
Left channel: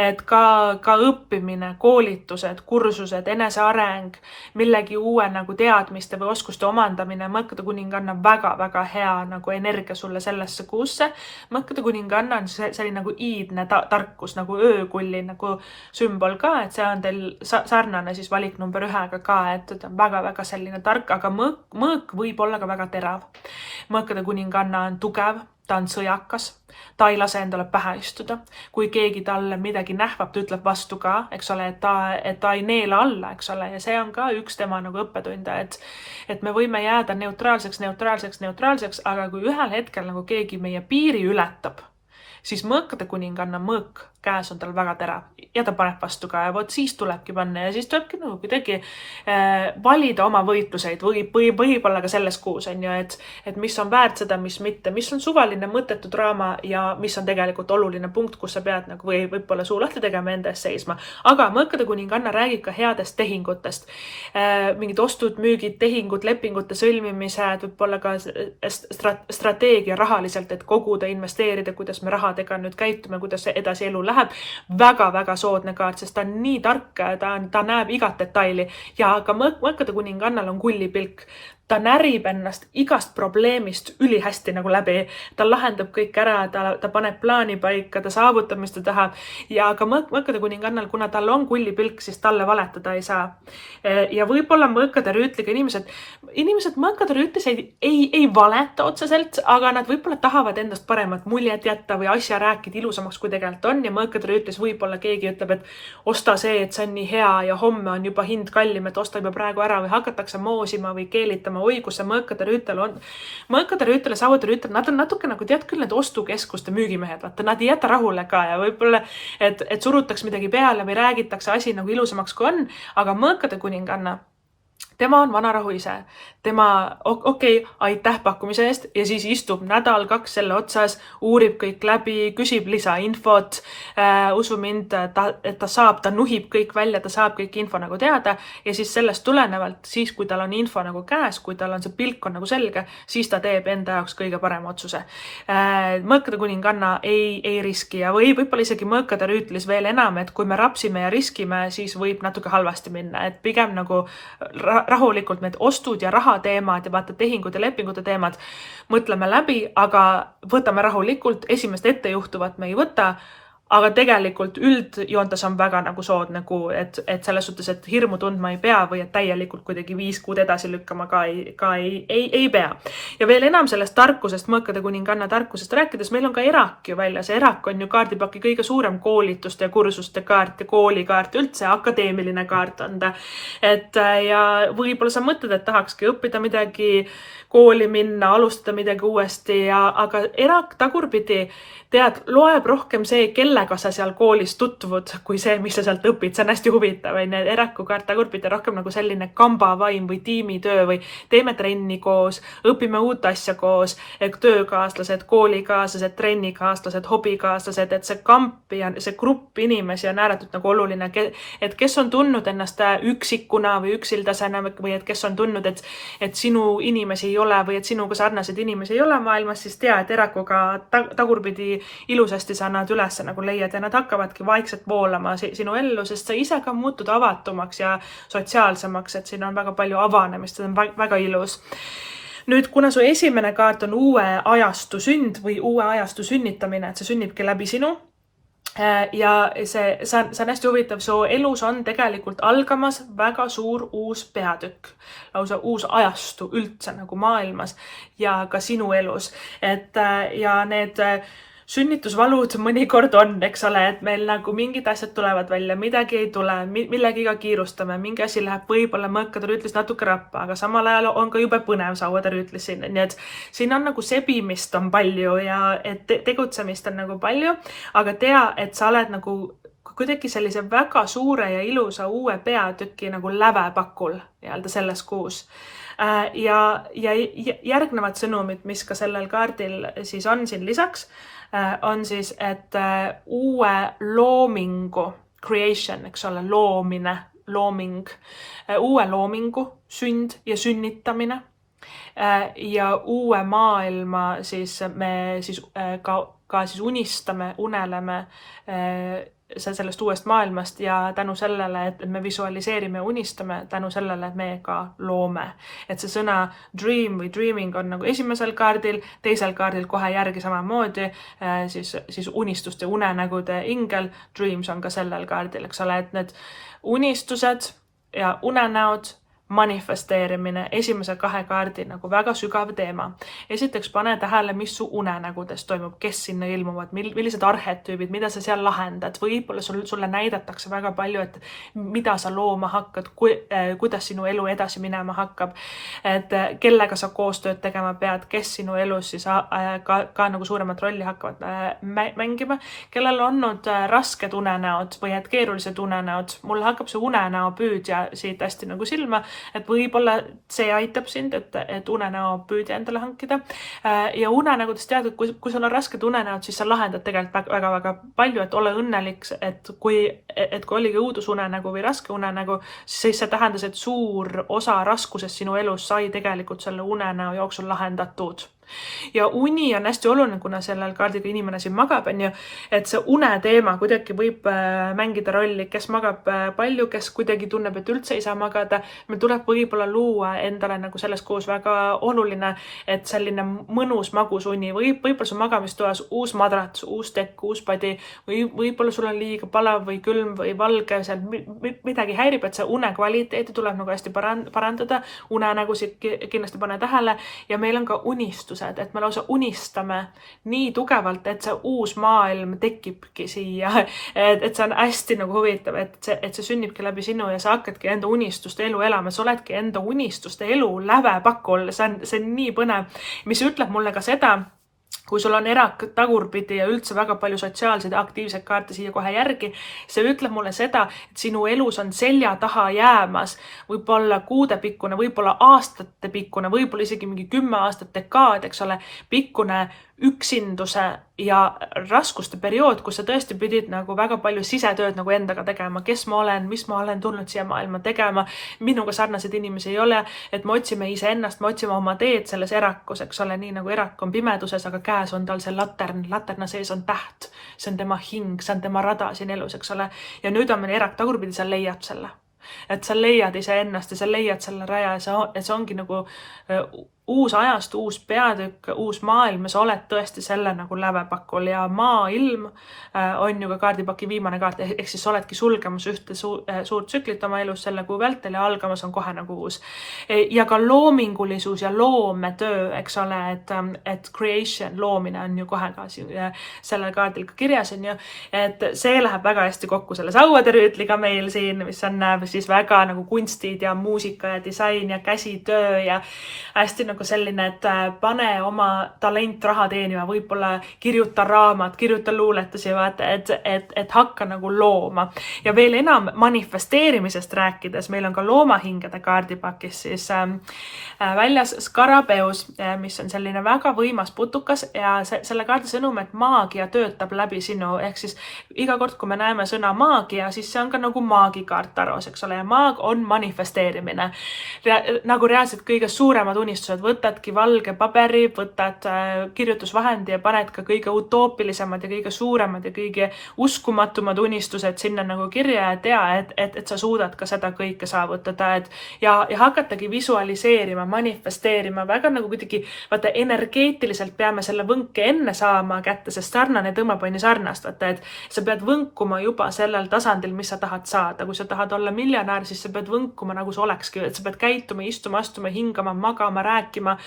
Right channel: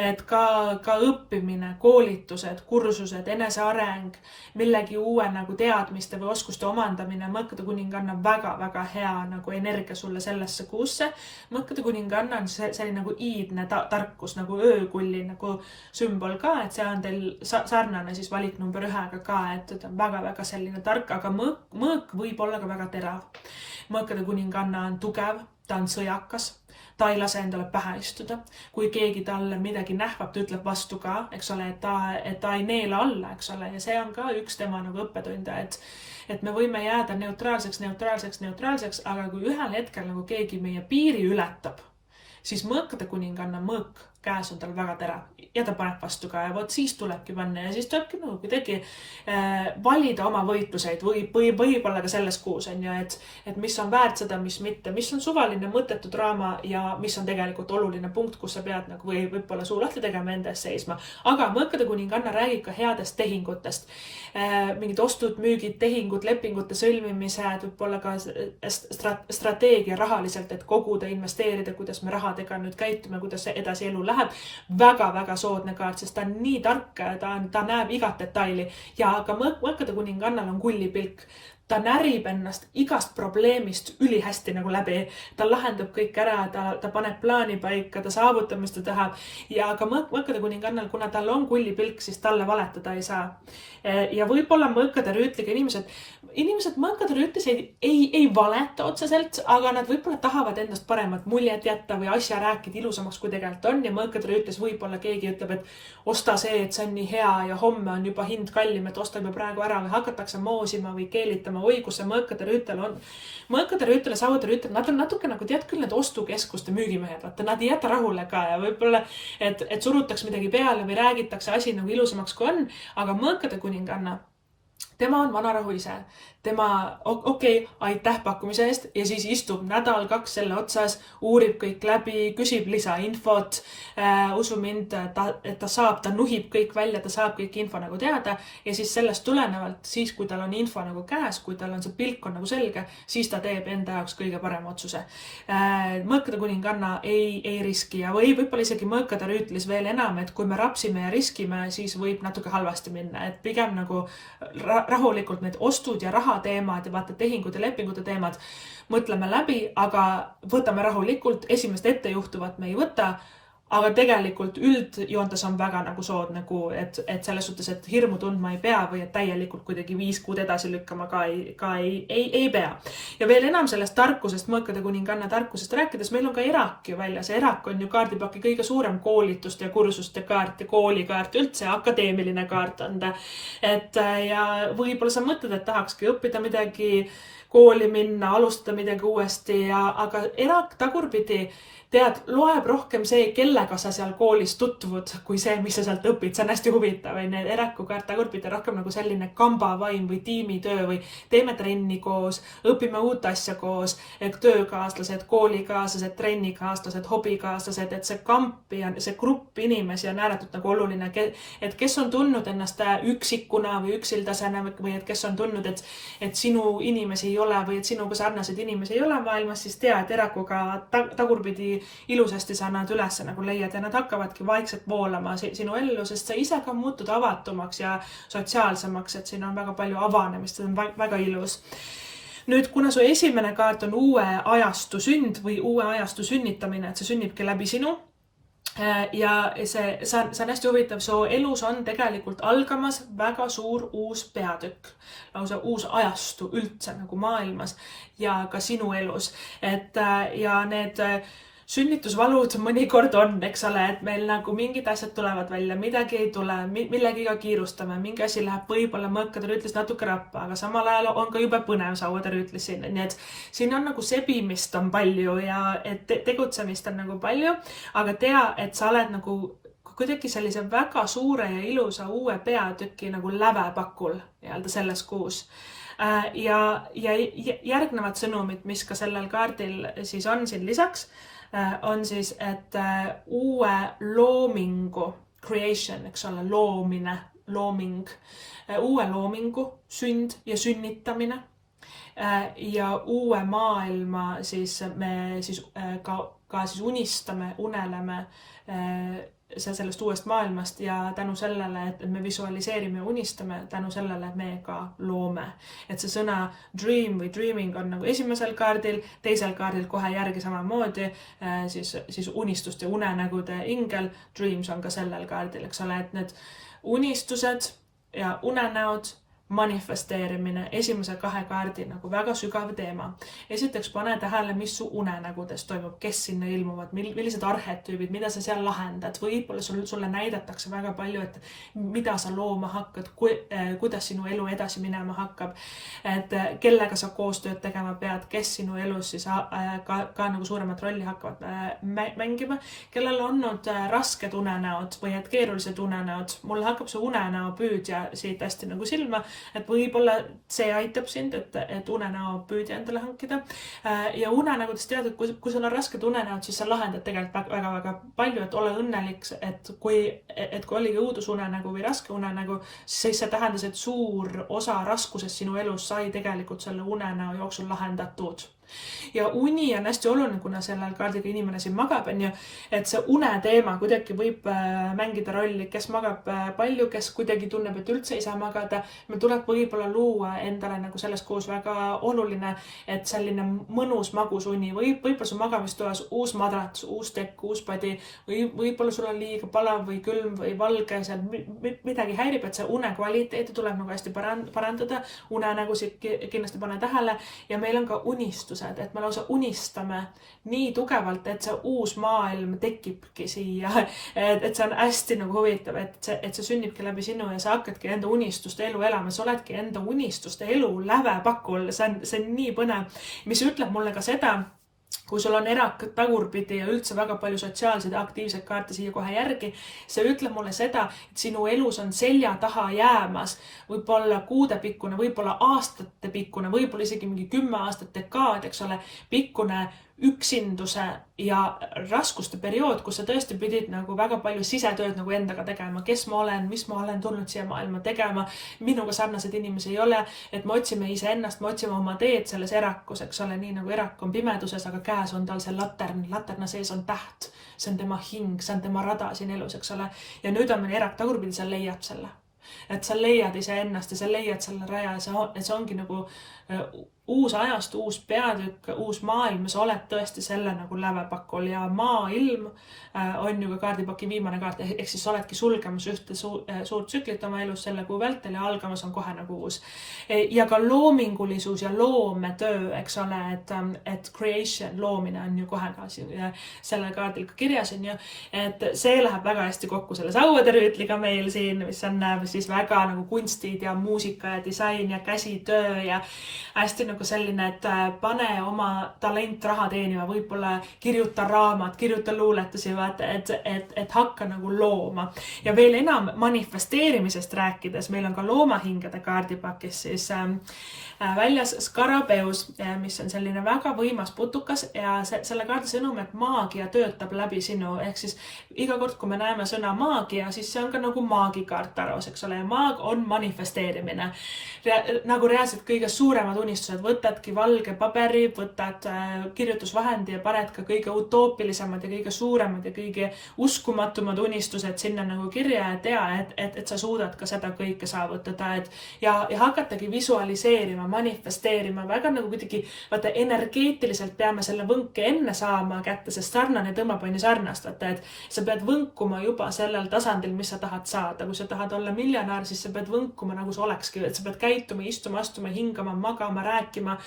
Et ka õppimine, koolitused, kursused, eneseareng, millegi uue nagu teadmiste või oskuste omandamine, mõõkade kuninganna on väga hea nagu energia sulle sellesse kuusse. Mõõkade kuninganna on selline nagu iidne tarkus, nagu öökulli nagu sümbol ka, et see on teil sarnane siis valik number 1 ka, et ta on väga selline tark, aga mõõk võib olla ka väga terav. Mõõkade kuninganna on tugev, ta on sõjakas, ta ei lase endale pähe istuda. Kui keegi talle midagi nähvab, ta ütleb vastu ka, eks ole, et ta ei neela alla, eks ole, ja see on ka üks tema nagu õppetunde, et me võime jääda neutraalseks, aga kui ühel hetkel nagu keegi meie piiri ületab, siis mõõkade kuninganna mõõk käes on tal väga terav ja ta paneb vastu ka ja vot siis tulebki panna ja siis tulebki nagu kuidagi valida oma võitluseid võib-olla ka selles kuus, et mis on väärt seda, mis mitte, mis on suvaline mõttetu draama ja mis on tegelikult oluline punkt, kus sa pead nagu võib-olla suu lahti tegema enda eest seisma. Aga mõõkade kuninganna räägib ka headest tehingutest, mingid ostud, müügid, tehingud, lepingute sõlmimised, võib-olla ka strateegia rahaliselt, et koguda, investeerida, kuidas me rahadega nüüd käitume, kuidas edasi elu läheb. Väga soodne kaart, sest ta on nii tark, ta näeb igat detaili ja ka mõõkade kuningannal on kullipilk. Ta närib ennast igast probleemist ülihästi nagu läbi. Ta lahendab kõik ära, ta paneb plaani paika, ta saavutab, mis ta tahab. Ja ka mõõkade kuningannal, kuna tal on kullipilk, siis talle valetada ei saa. Ja võib-olla mõõkade rüütliga inimesed mõõkade rüütlis ei valeta otseselt, aga nad võib-olla tahavad endast paremat muljet jätta või asja rääkida ilusamaks, kui tegelikult on. Ja mõõkade rüütlis võib-olla keegi ütleb, et osta see, et see on nii hea ja homme on juba hind kallim, et osta juba praegu ära või hakatakse moosima või keelitama mõtlema, oi, kus see mõõkade rüütel on. Mõõkade rüütel ja sauade rüütel, nad on natuke nagu tead küll need ostukeskuste müügimehed, vaata, nad ei jäta rahule ka ja võib-olla, et surutaks midagi peale või räägitakse asi nagu ilusamaks kui on, aga mõõkade kuninganna, tema on vanarahu ise. Tema, okei, aitäh pakkumise eest ja siis istub nädal-kaks selle otsas, uurib kõik läbi, küsib lisainfot, usu mind, et ta nuhib kõik välja, ta saab kõik info nagu teada ja siis sellest tulenevalt, siis kui tal on info nagu käes, kui tal on see pilk on nagu selge, siis ta teeb enda jaoks kõige parema otsuse. Mõõkade kuninganna ei riski ja võib-olla isegi mõõkade rüütlis veel enam, et kui me rapsime ja riskime, siis võib natuke halvasti minna, et pigem nagu rahulikult need ostud ja raha teemad ja vaata tehingud ja lepingute teemad mõtleme läbi, aga võtame rahulikult, esimest ettejuhtuvat me ei võta, aga tegelikult üldjoontes on väga nagu soodne kuu, et selles suhtes, et hirmu tundma ei pea või et täielikult kuidagi 5 kuud edasi lükkama ka ei pea. Ja veel enam sellest tarkusest, mõõkade kuninganna tarkusest rääkides, meil on ka erak ju väljas. Erak on ju kaardipaki kõige suurem koolituste ja kursuste kaart ja koolikaart, üldse akadeemiline kaart on ta. Ja võib-olla sa mõtled, et tahakski õppida midagi, kooli minna, alustada midagi uuesti, aga erak tagurpidi tead, loeb rohkem see, kellega sa seal koolis tutvud, kui see, mis sa sealt õpid. See on hästi huvitav. Need eraku kaart tagurpidi rohkem nagu selline kambavaim või tiimitöö või teeme trenni koos, õpime uut asja koos, töökaaslased, koolikaaslased, trennikaaslased, hobikaaslased, et see kamp ja see grupp inimesi on ääretult nagu oluline, et kes on tundnud ennast üksikuna või üksildasena või et kes on tundnud, et sinu inimesi ei ole või et sinuga sarnased inimesi ei ole maailmas, siis tea, et erakuga tagurpidi ilusasti sa nad üles nagu leiad ja nad hakkavadki vaikselt voolama sinu ellu, sest sa ise ka muutud avatumaks ja sotsiaalsemaks, et siin on väga palju avanemist, see on väga ilus. Nüüd, kuna su esimene kaart on uue ajastu sünd või uue ajastu sünnitamine, et see sünnibki läbi sinu, ja see on hästi huvitav, su elus on tegelikult algamas väga suur uus peatükk, lausa uus ajastu üldse nagu maailmas ja ka sinu elus, ja need sünnitusvalud mõnikord on, eks ole, et meil nagu mingid asjad tulevad välja, midagi ei tule, millegiga kiirustame, mingi asi läheb võib-olla mõõkade rüütlis natuke rappa, aga samal ajal on ka jube põnev sauade rüütlis siin, nii et siin on nagu sebimist on palju ja et tegutsemist on nagu palju, aga tea, et sa oled nagu kuidagi sellise väga suure ja ilusa uue peatüki nagu lävepakul selles kuus. Ja järgnevad sõnumid, mis ka sellel kaardil siis on siin lisaks, on siis, et uue loomingu, creation, eks ole, looming, uue loomingu sünd ja sünnitamine ja uue maailma siis me siis ka siis unistame, uneleme sellest uuest maailmast ja tänu sellele, et me visualiseerime ja unistame, tänu sellele me ka loome. Et see sõna dream või dreaming on nagu esimesel kaardil, teisel kaardil kohe järgi samamoodi, siis unistuste unenägude ingel, dreams on ka sellel kaardil, eks ole, et need unistused ja unenäod, manifesteerimine, esimese 2 kaardi nagu väga sügav teema. Esiteks pane tähele, mis su unenägudes toimub, kes sinna ilmuvad, millised arhetüübid, mida sa seal lahendad. Võib-olla sulle näidatakse väga palju, et mida sa looma hakkad, kuidas sinu elu edasi minema hakkab, et kellega sa koostööd tegema pead, kes sinu elus siis ka nagu suuremat rolli hakkavad mängima, kellel on olnud rasked unenäod või et keerulised unenäod. Mulle hakkab see unenäo püüdja siit hästi nagu silma, et võib-olla see aitab sind, et unenäo püüdja endale hankida. Ja unenägudest tead, et kui sul on rasked unenäod, siis sa lahendad tegelikult väga-väga palju, et ole õnnelik, et kui oligi õudusunenägu või raske unenägu, siis see tähendas, et suur osa raskusest sinu elus sai tegelikult selle unenäo jooksul lahendatud. Ja uni on hästi oluline, kuna sellel kaardiga inimene siin magab, et see uneteema kuidagi võib mängida rolli, kes magab palju, kes kuidagi tunneb, et üldse ei saa magada. Meil tuleb võib-olla luua endale nagu selles kuus väga oluline, et selline mõnus magus uni võib-olla su magamistoas uus madrats, uus tekk, uus padi või võib-olla sul on liiga palav või külm või valge, seal midagi häirib, et see une kvaliteeti tuleb nagu hästi parandada. Unenägusid kindlasti pane tähele ja meil on ka unistus unistused, et me lausa unistame nii tugevalt, et see uus maailm tekibki siia. Et see on hästi nagu huvitav, et see sünnibki läbi sinu ja sa hakkadki enda unistuste elu elama. Sa oledki enda unistuste elu lävepakul. See on nii põnev, mis ütleb mulle ka seda, kui sul on erak tagurpidi ja üldse väga palju sotsiaalseid ja aktiivseid kaarte siia kohe järgi, see ütleb mulle seda, et sinu elus on selja taha jäämas võib-olla kuudepikkune, võib-olla aastatepikkune, võib-olla isegi mingi 10 aastat dekaad, eks ole, pikkune üksinduse ja raskuste periood, kus sa tõesti pidid nagu väga palju sisetööd nagu endaga tegema, kes ma olen, mis ma olen tulnud siia maailma tegema, minuga sarnaseid inimesi ei ole, et me otsime iseennast, me otsime oma teed selles erakus, eks ole, nii nagu erak on pimeduses, aga käes on tal see laterna sees on täht, see on tema hing, see on tema rada siin elus, eks ole, ja nüüd on meil erak tagurpidi, sa leiad selle. Et sa leiad iseennast ja sa leiad selle raja ja see ongi nagu uus ajast, uus peatükk, uus maailm ja sa oled tõesti selle nagu lävepakul ja maailm on ju ka kaardipaki viimane kaart, ehk siis sa oledki sulgemas ühte suurt tsüklit oma elus selle kuu vältel ja algamas on kohe nagu uus. Ja ka loomingulisus ja loometöö, eks ole, et creation, loomine on ju kohe ka selle kaardil ka kirjas on ju, et see läheb väga hästi kokku selle sauaderüütliga meil siin, mis on siis väga nagu kunstid ja muusika ja disain ja käsitöö ja hästi nagu selline, et pane oma talent raha teenima, võib-olla kirjuta raamat, kirjuta luuletusi, et hakka nagu looma. Ja veel enam manifesteerimisest rääkides, meil on ka loomahingede kaardipakis siis väljas Skarabeus, mis on selline väga võimas putukas ja selle kaardi sõnum, et maagia töötab läbi sinu, ehk siis iga kord, kui me näeme sõna maagia, siis see on ka nagu maagikaart taros, eks ole, ja maag on manifesteerimine. Nagu reaalselt kõige suuremad unistused, võtadki valge paberi, võtad kirjutusvahendi ja paned ka kõige utoopilisemad ja kõige suuremad ja kõige uskumatumad unistused sinna nagu kirja ja tea, et sa suudad ka seda kõike saavutada, ja hakatagi visualiseerima, manifesteerima, väga nagu kuidagi, vaata, energeetiliselt peame selle võnke enne saama kätte, sest sarnane tõmbab on ju sarnast, vaata, et sa pead võnkuma juba sellel tasandil, mis sa tahad saada. Kui sa tahad olla miljonär, siis sa pead võnkuma nagu sa olekski, et sa pead käituma, istuma, astuma, hingama, magama, rääkima,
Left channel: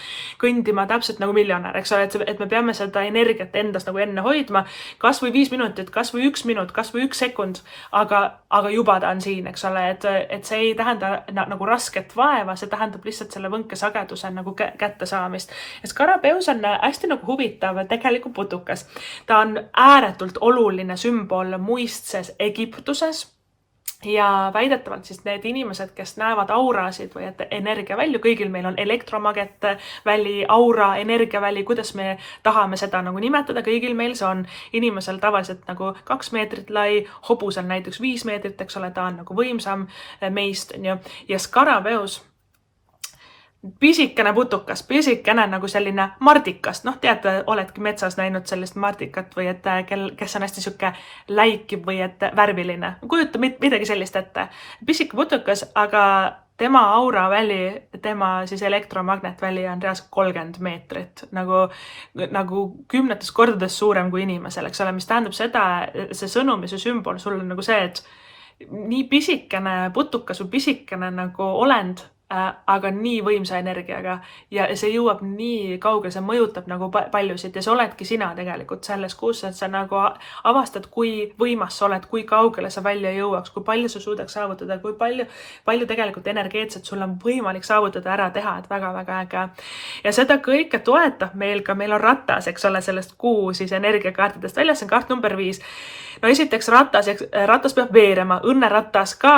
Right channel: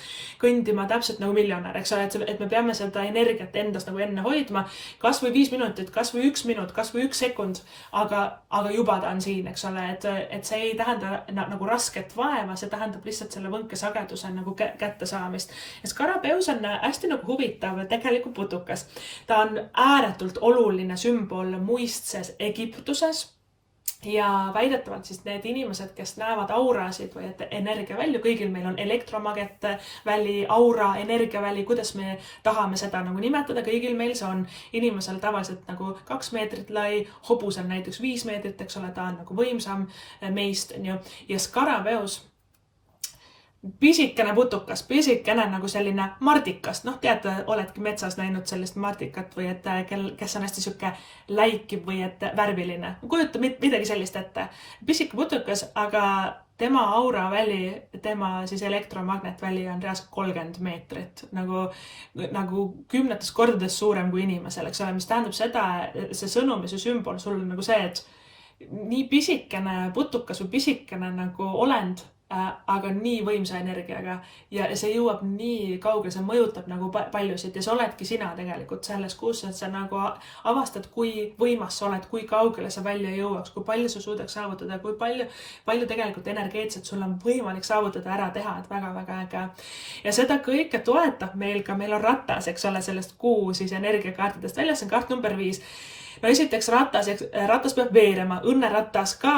kõndima täpselt nagu miljonär, eks ole, et me peame seda energiat endas nagu enne hoidma, kas või 5 minutit, kas või 1 minut, kas või 1 sekund, aga juba ta on siin, eks ole, et see ei tähenda nagu rasket vaeva, see tähendab lihtsalt selle võnke sageduse nagu kätte saamist. Ja Skarabeus on hästi nagu huvitav tegelikult putukas. Ta on ääretult oluline sümbol muistses Egiptuses. Ja väidetavalt siis need inimesed, kes näevad aurasid või et energiavälju, kõigil meil on elektromagneväli, aura, energiaväli, kuidas me tahame seda nagu nimetada, kõigil meil see on inimesel tavaliselt nagu 2 meetrit lai, hobus on näiteks 5 meetrit, eks ole, ta on nagu võimsam meist, ja Skarabeus, pisikene putukas, pisikene nagu selline mardikas, noh, teate, oledki metsas näinud sellist mardikat või et kes on hästi siuke läikiv või et värviline. Kujuta midagi sellist ette. Pisike putukas, aga tema auraväli, tema siis elektromagnetväli on reaalselt 30 meetrit, nagu 10 kordades suurem kui inimesel, eks ole, mis tähendab seda, see sõnum ja see sümbol sul on nagu see, et nii pisikene putukas või pisikene nagu olend, aga nii võimsa energiaga ja see jõuab nii kaugele, see mõjutab nagu paljusid ja see oledki sina tegelikult selles kuus, et sa nagu avastad, kui võimas sa oled, kui kaugele sa välja jõuaks, kui palju sa suudaks saavutada, kui palju tegelikult energeetselt sul on võimalik saavutada, ära teha, et väga-väga äge. Ja seda kõike toetab meil on ratas, eks ole, sellest kuu siis energiakaartidest väljas, see on kaart number 5. No esiteks ratas peab veerema, õnneratas ka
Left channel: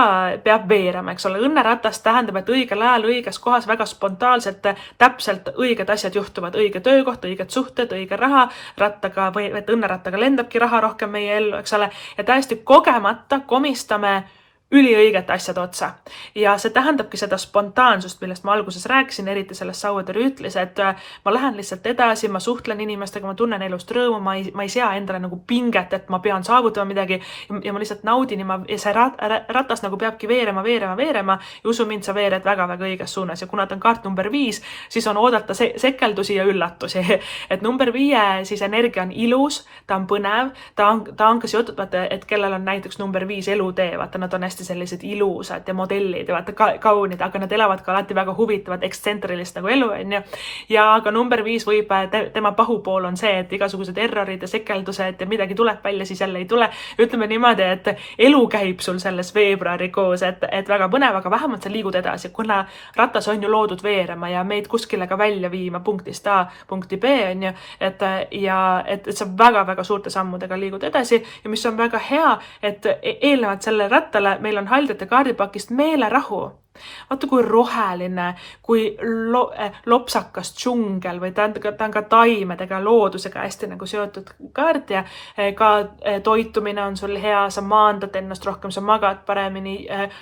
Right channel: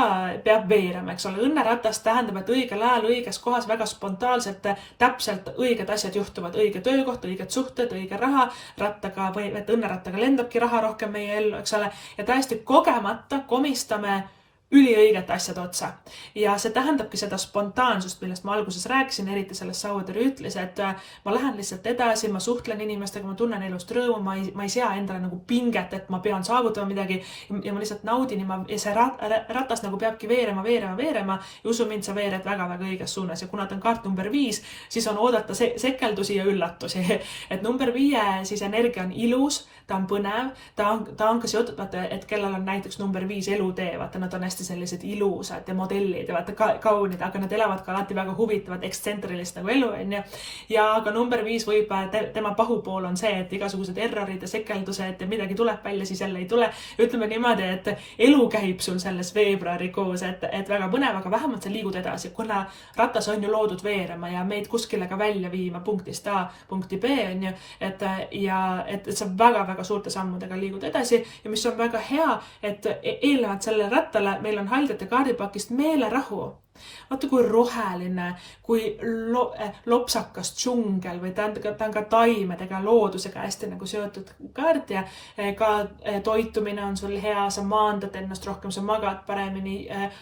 peab veerema, eks ole. Õnneratas tähendab, et õigel ajal, õiges kohas väga spontaanselt, täpselt õiged asjad juhtuvad, õige töökoht, õiged suhted, õige raha, rattaga või et õnnerattaga lendabki raha rohkem meie ellu, eks ole. Ja täiesti kogemata komistame üliõigete asjad otsa. Ja see tähendabki seda spontaansust, millest ma alguses rääkisin, eriti sellest sauaderüütlis, et ma lähen lihtsalt edasi, ma suhtlen inimestega, ma tunnen elust rõõmu, ma ei sea endale nagu pinget, et ma pean saavutama midagi ja ma lihtsalt naudin ja see ratas nagu peabki veerema ja usu mind, sa veered väga-väga õiges suunas ja kuna ta on kaart number 5, siis on oodata sekeldusi ja üllatusi. Et number 5 siis energia on ilus, ta on põnev, ta on ka seotud, vaata, et kellel on näiteks number 5 elutee, vaata, nad on hästi hästi sellised ilusad ja modellid ja vaata kaunid, aga nad elavad ka alati väga huvitavat ekstsentrilist nagu elu, onju. Ja aga number 5 võib, tema pahupool on see, et igasugused errorid ja sekeldused ja midagi tuleb välja, siis jälle ei tule. Ütleme niimoodi, et elu käib sul selles veebruarikuus, et väga põnev, aga vähemalt sa liigud edasi, kuna ratas on ju loodud veerema ja meid kuskile ka välja viima punktist A punkti B, onju. Et sa väga-väga suurte sammudega liigud edasi ja mis on väga hea, et eelnevalt selle rattale meil on haldjate kaardipakist meelerahu. Vaata kui roheline, kui lopsakas džungel või ta on ka taimedega, loodusega hästi nagu seotud kaart ja ka toitumine on sul hea, sa maandad ennast rohkem, sa magad paremini,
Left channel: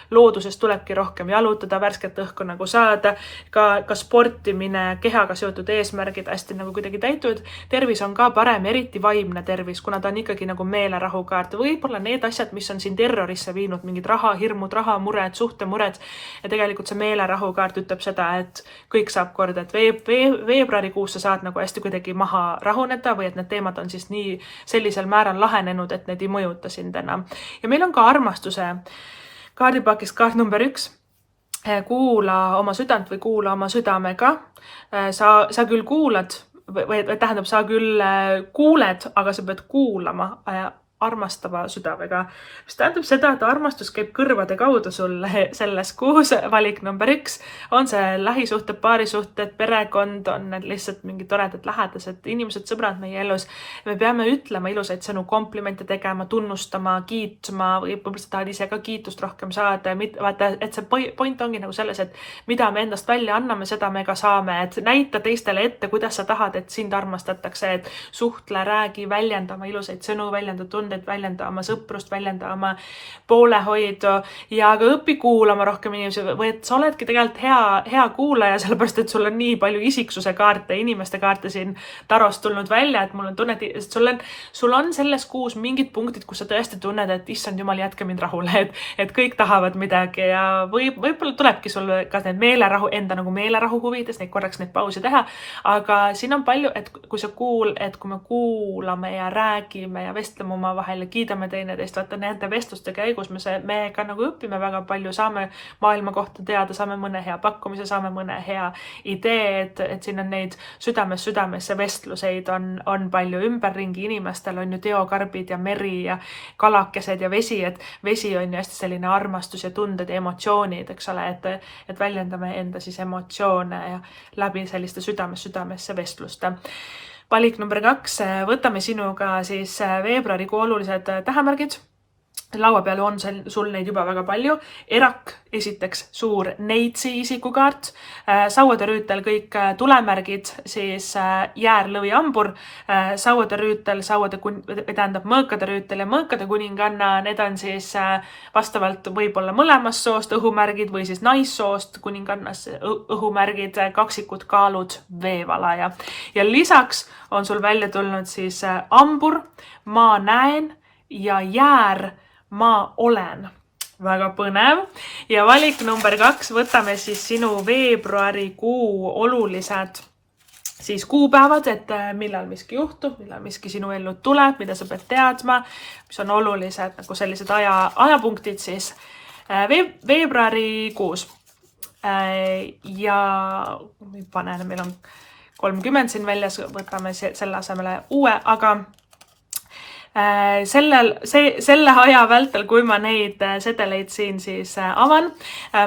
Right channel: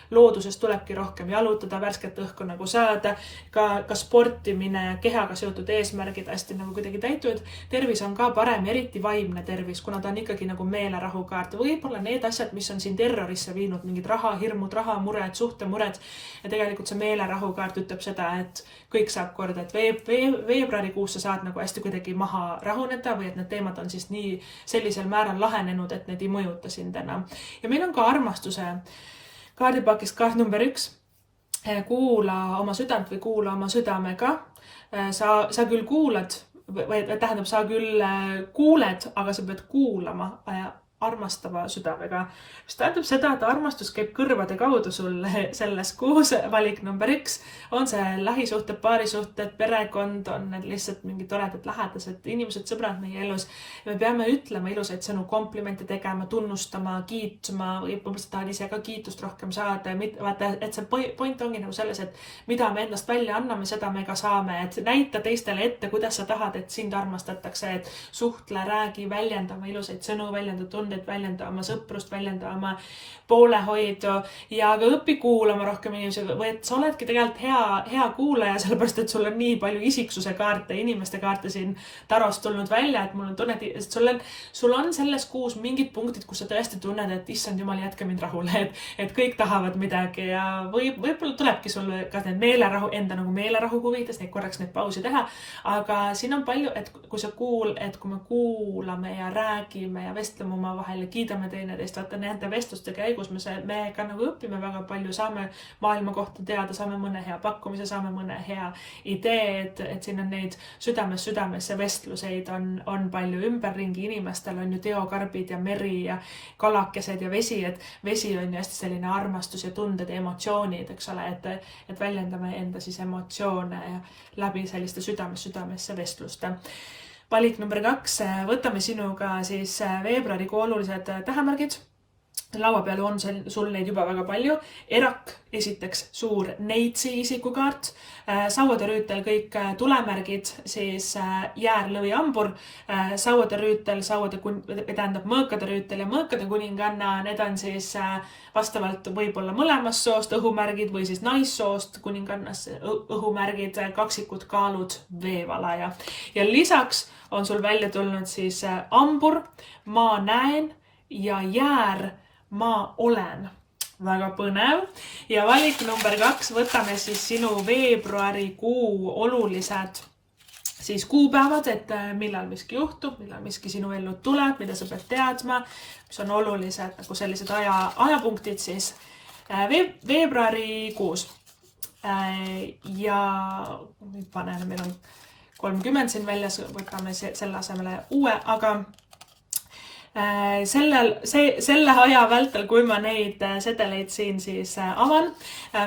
loodusest tulebki rohkem jalutada, värsket õhku nagu saada, ka sportimine, kehaga seotud eesmärgid hästi nagu kuidagi täituvad. Tervis on ka parem, eriti vaimne tervis, kuna ta on ikkagi nagu meelerahu kaart. Võib-olla need asjad, mis on siin terrorisse viinud, mingid rahahirmud, rahamured, suhtemured. Ja tegelikult see meelerahu kaart ütleb seda, et kõik saab korda, et veebruarikuus sa saad nagu hästi kuidagi maha rahuneda või et need teemad on siis nii sellisel määral lahenenud, et need ei mõjuta sind enam. Ja meil on ka armastuse kaardipakist kaart number 1. Kuula oma südant või kuula oma südamega. Sa küll kuulad, või tähendab, sa küll kuuled, aga sa pead kuulama armastava südamega. Mis tähendab seda, et armastus käib kõrvade kaudu sulle selles kuus. Valik number 1 on see lähisuhted, paarisuhted, perekond, on need lihtsalt mingid toredad lähedased inimesed, sõbrad meie elus. Me peame ütlema ilusaid sõnu, komplimente tegema, tunnustama, kiitma või võib-olla sa tahad ise ka kiitust rohkem saada. Vaata, et see point ongi nagu selles, et mida me endast välja anname, seda me ka saame. Et näita teistele ette, kuidas sa tahad, et sind armastatakse, et suhtle, räägi, väljendama ilusaid sõnu, väljenda väljenda oma sõprust, väljenda oma poolehoidu ja ka õpi kuulama rohkem inimesi või et sa oledki tegelikult hea kuulaja, sellepärast et sul on nii palju isiksuse kaarte, inimeste kaarte siin tarost tulnud välja, et mul on tunne, et sul on selles kuus mingid punktid, kus sa tõesti tunned, et issand jumal, jätke mind rahule, et kõik tahavad midagi ja võib-olla tulebki sul ka need meelerahu, enda nagu meelerahu huvides, korraks neid pausi teha, aga siin on palju, et kui me kuulame ja räägime ja vestleme oma vahel ja kiidame teineteist, vaata nende vestluste käigus me ka nagu õpime väga palju, saame maailma kohta teada, saame mõne hea pakkumise, saame mõne hea idee, et siin on neid südamesse vestluseid on palju ümberringi, inimestel on ju teokarbid ja meri ja kalakesed ja vesi, et vesi on ju hästi selline armastus ja tunded ja emotsioonid, eks ole, et väljendame enda siis emotsioone ja läbi selliste südamesse vestluste. Valik number 2, võtame sinuga siis veebruarikuu olulised tähemärgid. Laua peal on sul neid juba väga palju. Erak, esiteks suur neitsi isikukaart. Sauade rüütel kõik tulemärgid, siis jäär, lõvi, ambur. Sauade rüütel, mõõkade rüütel ja mõõkade kuninganna. Need on siis vastavalt võib-olla mõlemast soost õhumärgid või siis naissoost kuningannas õhumärgid, kaksikud, kaalud, veevala ja lisaks on sul välja tulnud siis ambur, ma näen ja jäär, ma olen. Väga põnev. Ja valik number 2, võtame siis sinu veebruarikuu olulised siis kuupäevad, et millal miski juhtub, millal miski sinu ellu tuleb, mida sa pead teadma, mis on olulised nagu sellised ajapunktid siis veebruarikuus. Ja panen, meil on 30 siin väljas, võtame selle asemele uue, aga selle aja vältel, kui ma neid sedeleid siin siis avan,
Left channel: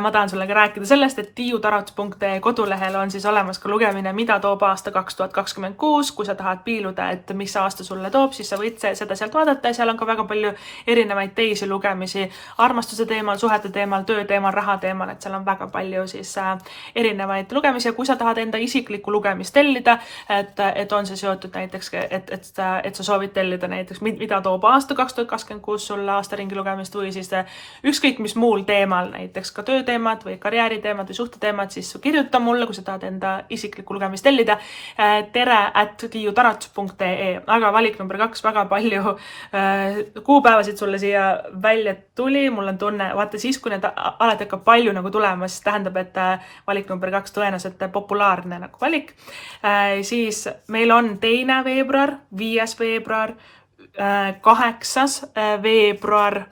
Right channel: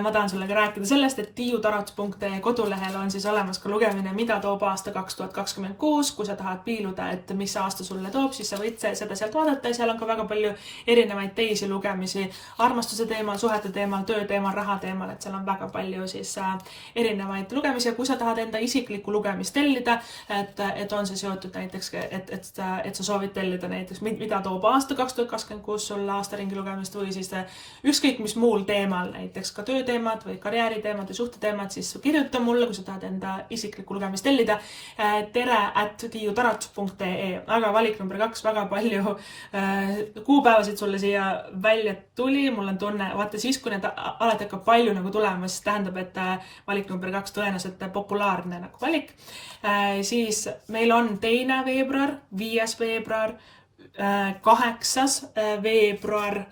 ma tahan sulle ka rääkida sellest, et tiiutarats.ee kodulehel on siis olemas ka lugemine, mida toob aasta 2026. Kui sa tahad piiluda, et mis aasta sulle toob, siis sa võid seda sealt vaadata ja seal on ka väga palju erinevaid teisi lugemisi armastuse teemal, suhete teemal, töö teemal, raha teemal, et seal on väga palju siis erinevaid lugemisi ja kui sa tahad enda isiklikku lugemist tellida, et on see seotud näiteks, et sa soovid tellida näiteks mida toob aasta 2026 sulle aastaringi lugemist või siis ükskõik mis muul teemal, näiteks ka tööteemad või karjääriteemad või suhteteemad, siis kirjuta mulle, kui sa tahad enda isiklikku lugemist tellida. tere@tiiutarats.ee. Aga valik number 2, väga palju kuupäevasid sulle siia välja tuli. Mul on tunne, vaata siis, kui need alati hakkab palju nagu tulema, siis tähendab, et valik number 2 tõenäoliselt populaarne nagu valik. Siis meil on 2. veebruar, 5. veebruar, 8. veebruar,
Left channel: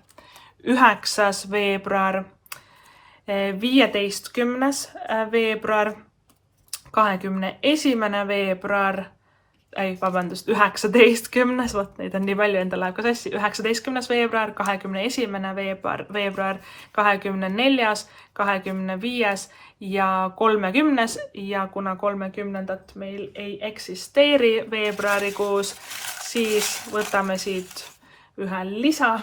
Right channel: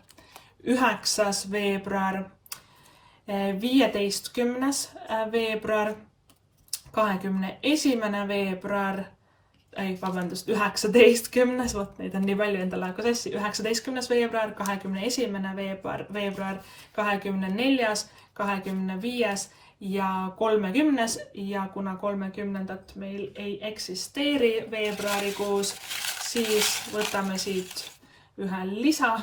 9. veebruar, 15. veebruar, 21. veebruar, 19. vot neid on nii palju endale aega sassi, 19. veebruar, 21. veebruar, 24., 25. ja 30. ja kuna 30. meil ei eksisteeri veebruarikuus, siis võtame siit ühe lisa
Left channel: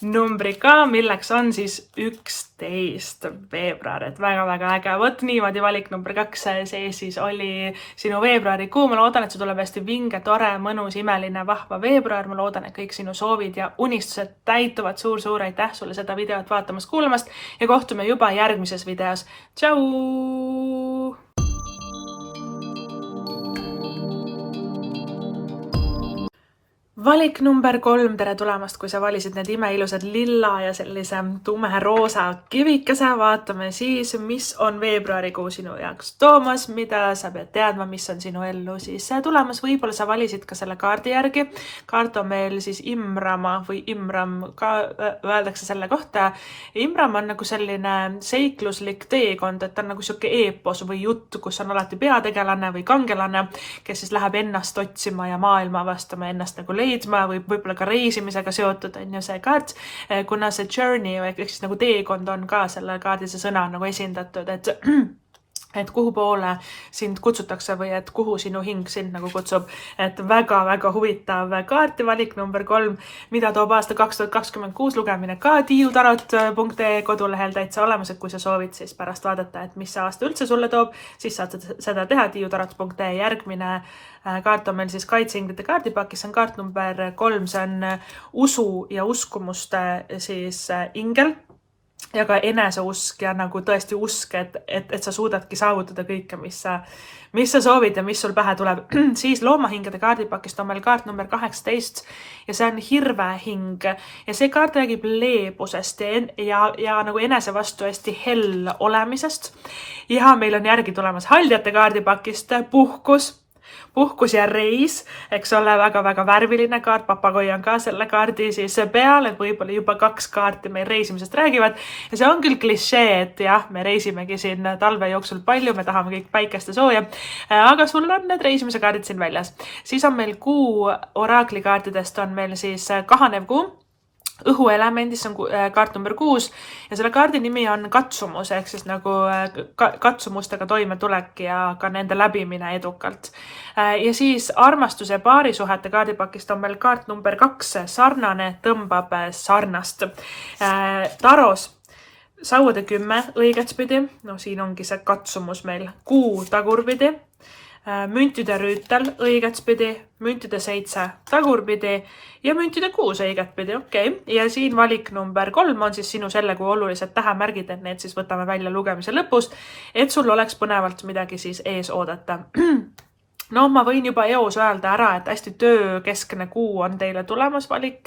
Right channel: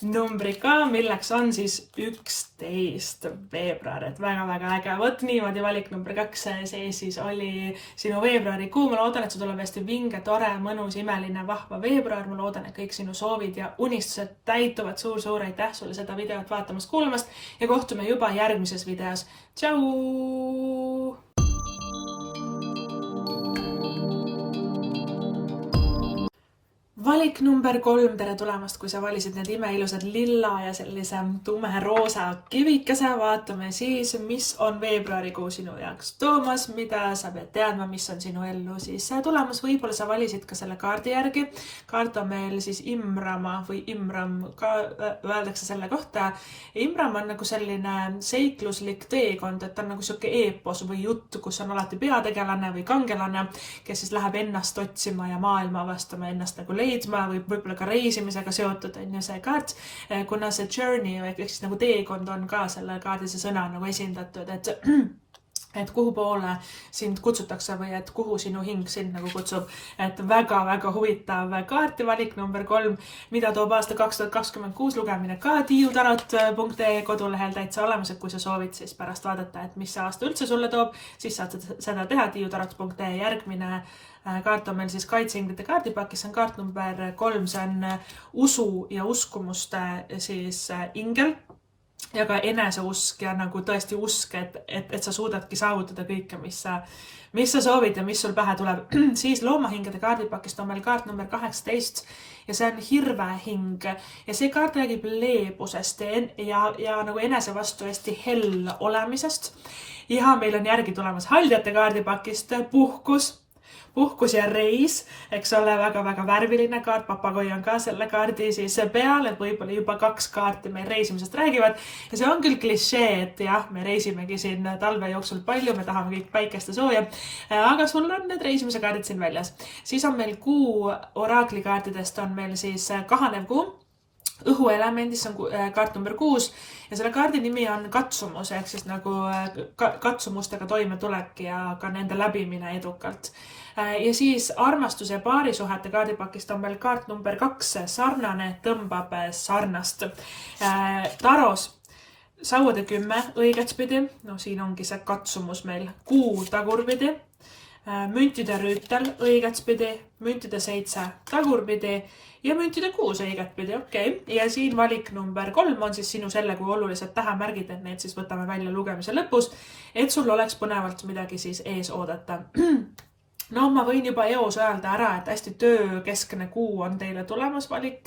numbri ka, milleks on siis 11. veebruar, et väga-väga äge. Võt niimoodi valik number 2, see siis oli sinu veebruarikuu. Ma loodan, et see tuleb hästi vinge, tore, mõnus, imeline, vahva veebruar. Ma loodan, et kõik sinu soovid ja unistused täituvad. Suur aitäh sulle seda videot vaatamast, kuulamast ja kohtume juba järgmises videos. Tšau! Valik number 3, tere tulemast, kui sa valisid need imeilusad lilla ja sellise tumeroosa kivikese. Vaatame siis, mis on veebruarikuu sinu jaoks toomas, mida sa pead teadma, mis on sinu ellu siis tulemas. Võib-olla sa valisid ka selle kaardi järgi. Kaart on meil siis Imrama või Imram, ka öeldakse selle kohta. Imram on nagu selline seikluslik teekond, et ta on nagu siuke eepos või jutt, kus on alati peategelane või kangelane, kes siis läheb ennast otsima ja maailma avastama, ennast nagu leidma või võib-olla ka reisimisega seotud on ju see kaart, kuna see journey ehk siis nagu teekond on ka selle kaardi see sõna nagu esindatud, et kuhu poole sind kutsutakse või et kuhu sinu hing sind nagu kutsub. Et väga-väga huvitav kaarti valik number 3, mida toob aasta 2026 lugemine ka tiiutarot.ee kodulehel täitsa olemas, et kui sa soovid siis pärast vaadata, et mis see aasta üldse sulle toob, siis saad seda teha tiiutarot.ee. Järgmine kaart on meil siis kaitseinglite kaardipakis, see on kaart number 3, see on usu ja uskumuste siis ingel ja ka eneseusk ja nagu tõesti usk, et sa suudadki saavutada kõike, mis sa soovid ja mis sul pähe tuleb. Siis loomahingede kaardipakist on meil kaart number 18 ja see on hirvehing ja see kaart räägib leebusest ja nagu enese vastu hästi hell olemisest. Ja meil on järgi tulemas haldjate kaardipakist puhkus ja reis, eks ole, väga-väga värviline kaart, papagoi on ka selle kaardi siis peal, et võib-olla juba 2 kaarti meil reisimisest räägivad ja see on küll klišee, et jah, me reisimegi siin talve jooksul palju, me tahame kõik päikest ja sooja, aga sul on need reisimise kaardid siin väljas. Siis on meil kuu oraaklikaartidest on meil siis kahanev kuu, õhuelemendis on kaart number 6 ja selle kaardi nimi on katsumus ehk siis nagu katsumustega toimetulek ja ka nende läbimine edukalt. Ja siis armastuse ja paarisuhete kaardipakist on meil kaart number 2, sarnane tõmbab sarnast. Taros sauade 10 õigetspidi, no siin ongi see katsumus meil, kuu tagurpidi, müntide rüütel õigetspidi, müntide 7 tagurpidi ja müntide 6 õigetpidi, okei. Ja siin valik number 3 on siis sinu selle kui olulised tähemärgid, et need siis võtame välja lugemise lõpus, et sul oleks põnevalt midagi siis ees oodata. No ma võin juba eos öelda ära, et hästi töökeskne kuu on teile tulemas valik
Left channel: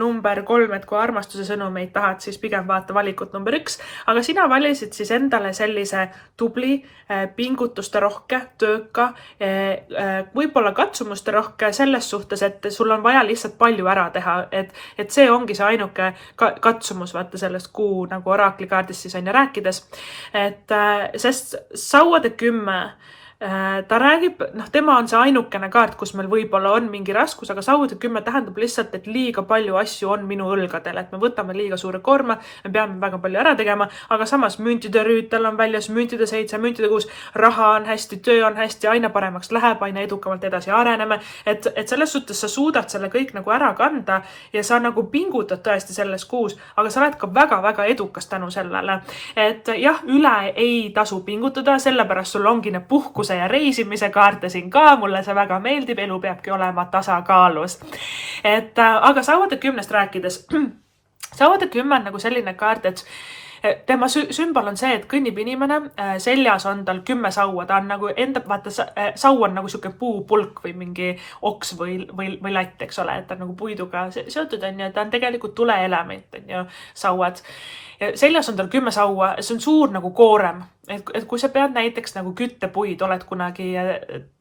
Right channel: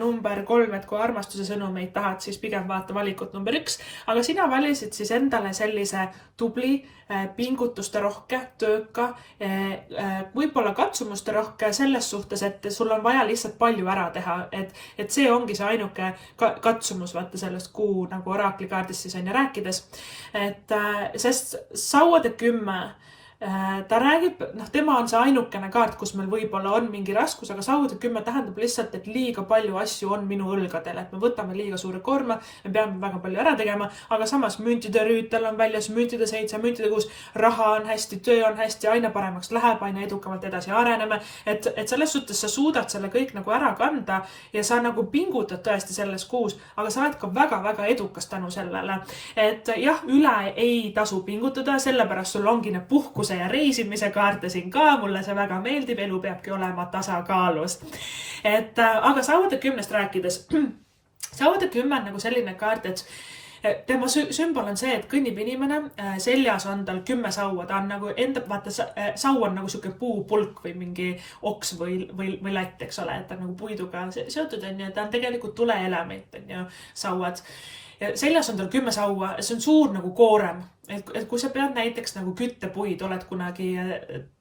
number 3, et kui armastuse sõnumeid tahad, siis pigem vaata valikut number 1, aga sina valisid siis endale sellise tubli, pingutuste rohke, tööka, võib-olla katsumuste rohke selles suhtes, et sul on vaja lihtsalt palju ära teha, et see ongi see ainuke katsumus, vaata sellest kuu nagu oraaklikaardist siis on ja rääkides, et sest sauade 10 ta räägib, tema on see ainukene kaart, kus meil võib-olla on mingi raskus, aga sauade 10 tähendab lihtsalt, et liiga palju asju on minu õlgadel, et me võtame liiga suure koorma, me peame väga palju ära tegema, aga samas müntide rüütel on väljas, müntide 7, müntide 6, raha on hästi, töö on hästi, aina paremaks läheb, aina edukamalt edasi areneme, et selles suhtes sa suudad selle kõik nagu ära kanda ja sa nagu pingutad tõesti selles kuus, aga sa oled ka väga-väga edukas tänu sellele, et jah, üle ei tasu pingutada, sellepärast sul ongi need puhkus ja reisimise kaarte siin ka, mulle see väga meeldib, elu peabki olema tasakaalus. Aga sauade 10 rääkides, sauade 10 on nagu selline kaart, et tema sümbol on see, et kõnnib inimene, seljas on tal 10 saua, ta on nagu enda, vaata, sau on nagu siuke puupulk või mingi oks või latt, eks ole, et ta on nagu puiduga seotud on ju, ta on tegelikult tuleelement on ju sauad. ja seljas on tal 10 saua, see on suur nagu koorem. Et kui sa pead näiteks nagu küttepuid, oled kunagi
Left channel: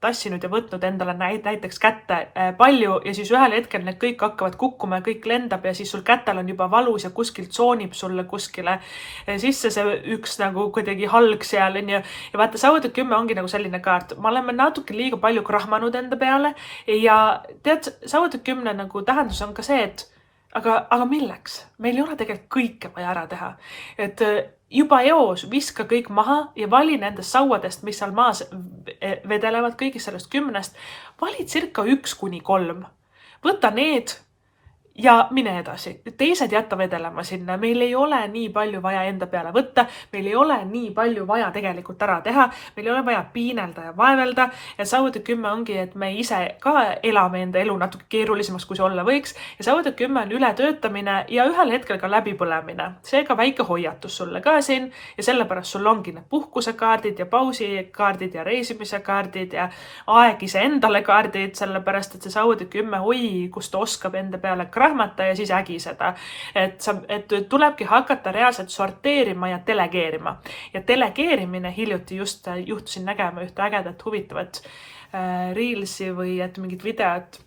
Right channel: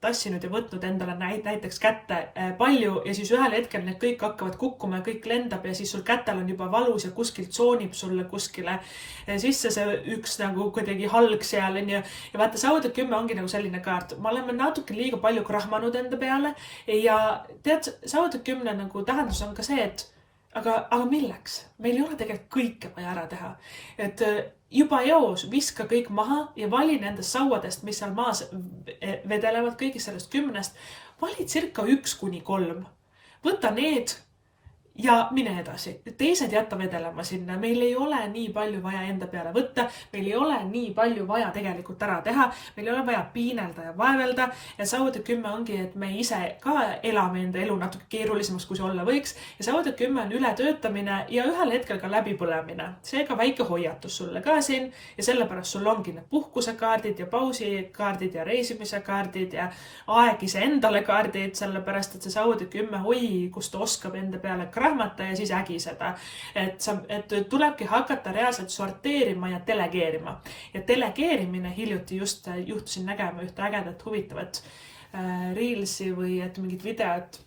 tassinud ja võtnud endale näiteks kätte palju ja siis ühel hetkel need kõik hakkavad kukkuma ja kõik lendab ja siis sul kätel on juba valus ja kuskilt soonib sulle kuskile sisse see üks nagu kuidagi halg seal on ja vaata, Sauade 10 ongi nagu selline kaart. Ma oleme natuke liiga palju krahmanud enda peale ja tead, Sauade 10 nagu tähendus on ka see, et aga milleks? Meil ei ole tegelikult kõike vaja ära teha. Et juba eos viska kõik maha ja vali nendest sauadest, mis seal maas vedelevad kõigist sellest 10, vali circa 1-3. Võta need ja mine edasi. Teised jätta vedelema sinna. Meil ei ole nii palju vaja enda peale võtta. Meil ei ole nii palju vaja tegelikult ära teha. Meil ei ole vaja piinelda ja vaevelda. Ja Sauade 10 ongi, et me ise ka elame enda elu natuke keerulisemaks, kui see olla võiks. Ja Sauade 10 on ületöötamine ja ühel hetkel ka läbipõlemine. Seega väike hoiatus sulle ka siin ja sellepärast sul ongi need puhkusekaardid ja pausikaardid ja reisimise kaardid ja aeg ise endale kaardid, sellepärast et see Sauade 10 kus ta oskab enda peale rahmata ja siis ägiseda. Et tulebki hakata reaalselt sorteerima ja delegeerima. Ja delegeerimine hiljuti just juhtusin nägema ühte ägedat huvitavat reelsi või et mingit videot,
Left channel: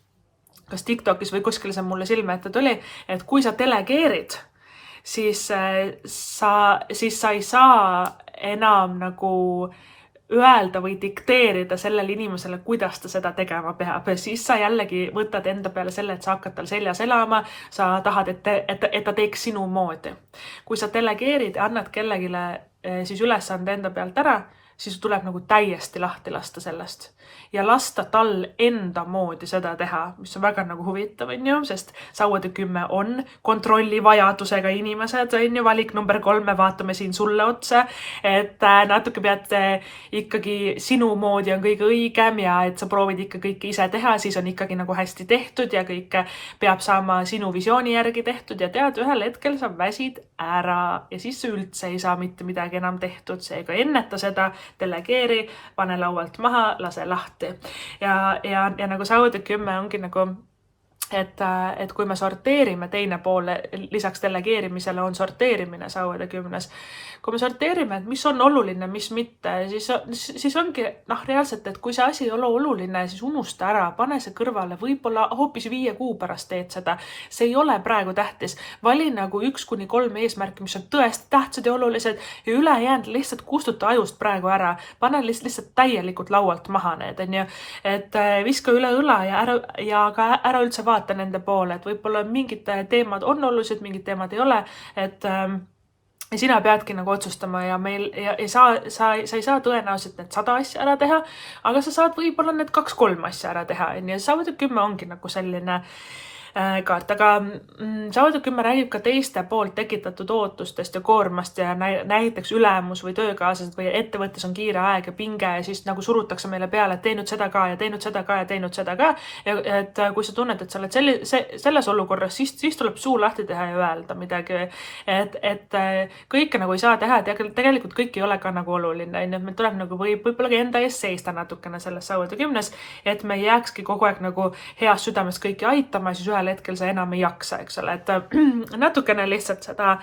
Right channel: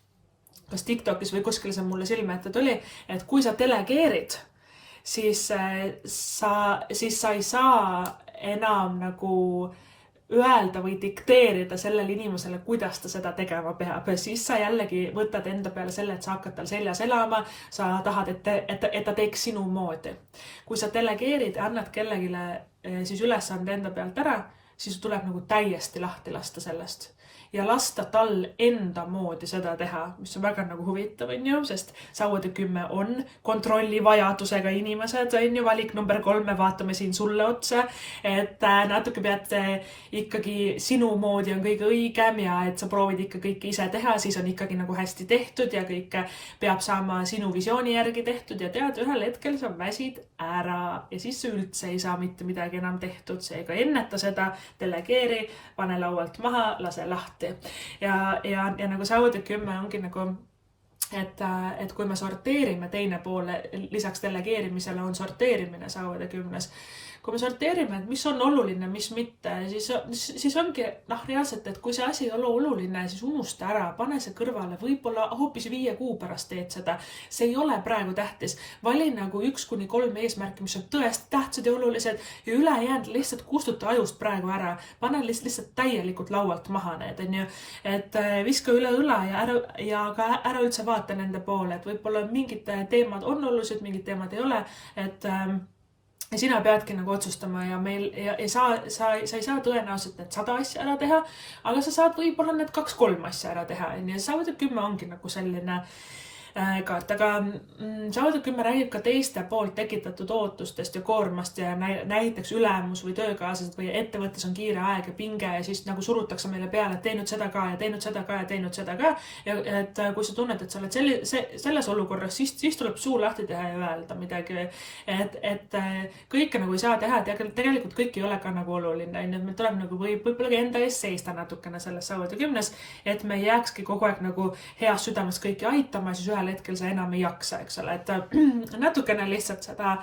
kas TikTokis või kuskil see mulle silme ette tuli, et kui sa delegeerid, siis sa ei saa enam nagu öelda või dikteerida sellele inimesele, kuidas ta seda tegema peab. Siis sa jällegi võtad enda peale selle, et sa hakkad tal seljas elama, sa tahad, et ta teeks sinu moodi. Kui sa delegeerid ja annad kellegile siis ülesande enda pealt ära, siis tuleb nagu täiesti lahti lasta sellest. Ja lasta tal enda moodi seda teha, mis on väga nagu huvitav, sest Sauade 10 on kontrolli vajadusega inimesed, valik number 3, me vaatame siin sulle otsa, et natuke pead ikkagi sinu moodi on kõige õigem ja et sa proovid ikka kõike ise teha, siis on ikkagi nagu hästi tehtud ja kõik peab saama sinu visiooni järgi tehtud ja tead, ühel hetkel sa väsid ära ja siis üldse ei saa mitte midagi enam tehtud, seega enneta seda, delegeeri, pane laualt maha, lase lahti. Ja nagu Sauade 10 ongi nagu, et kui me sorteerime teine poole, lisaks delegeerimisele on sorteerimine Sauade 10. Kui me sorteerime, et mis on oluline, mis mitte, siis ongi reaalselt, et kui see asi ei ole oluline, siis unusta ära, pane see kõrvale, võib-olla hoopis 5 kuu pärast teed seda. See ei ole praegu tähtis. Vali nagu 1-3 eesmärki, mis on tõesti tähtsad ja olulised ja ülejäänud lihtsalt kustuta ajust praegu ära. Pane lihtsalt täielikult laualt maha need, et viska üle õla ja ka ära üldse vaata nende poole, et võib-olla mingid teemad on olulised, mingid teemad ei ole, et ja sina peadki nagu otsustama ja sa ei saa tõenäoliselt need 100 asja ära teha, aga sa saad võib-olla need 2-3 asja ära teha. Ja Sauade 10 ongi nagu selline kaart, aga Sauade 10 räägib ka teiste poolt tekitatud ootustest ja koormast ja näiteks ülemus või töökaaslased või ettevõttes on kiire aeg ja pinge ja siis nagu surutakse meile peale, et teinud seda ka ja teinud seda ka ja teinud seda ka. Et kui sa tunned, et sa oled selles olukorras, siis tuleb suu lahti teha ja öelda midagi, et kõike nagu ei saa teha, et tegelikult kõik ei ole ka nagu oluline. Et meil tuleb nagu võib-olla enda ees seista natukene selles Sauade 10, et me jääkski kogu aeg nagu heas südames kõiki aitama, siis ühel hetkel sa enam ei jaksa, eks ole, et natukene lihtsalt seda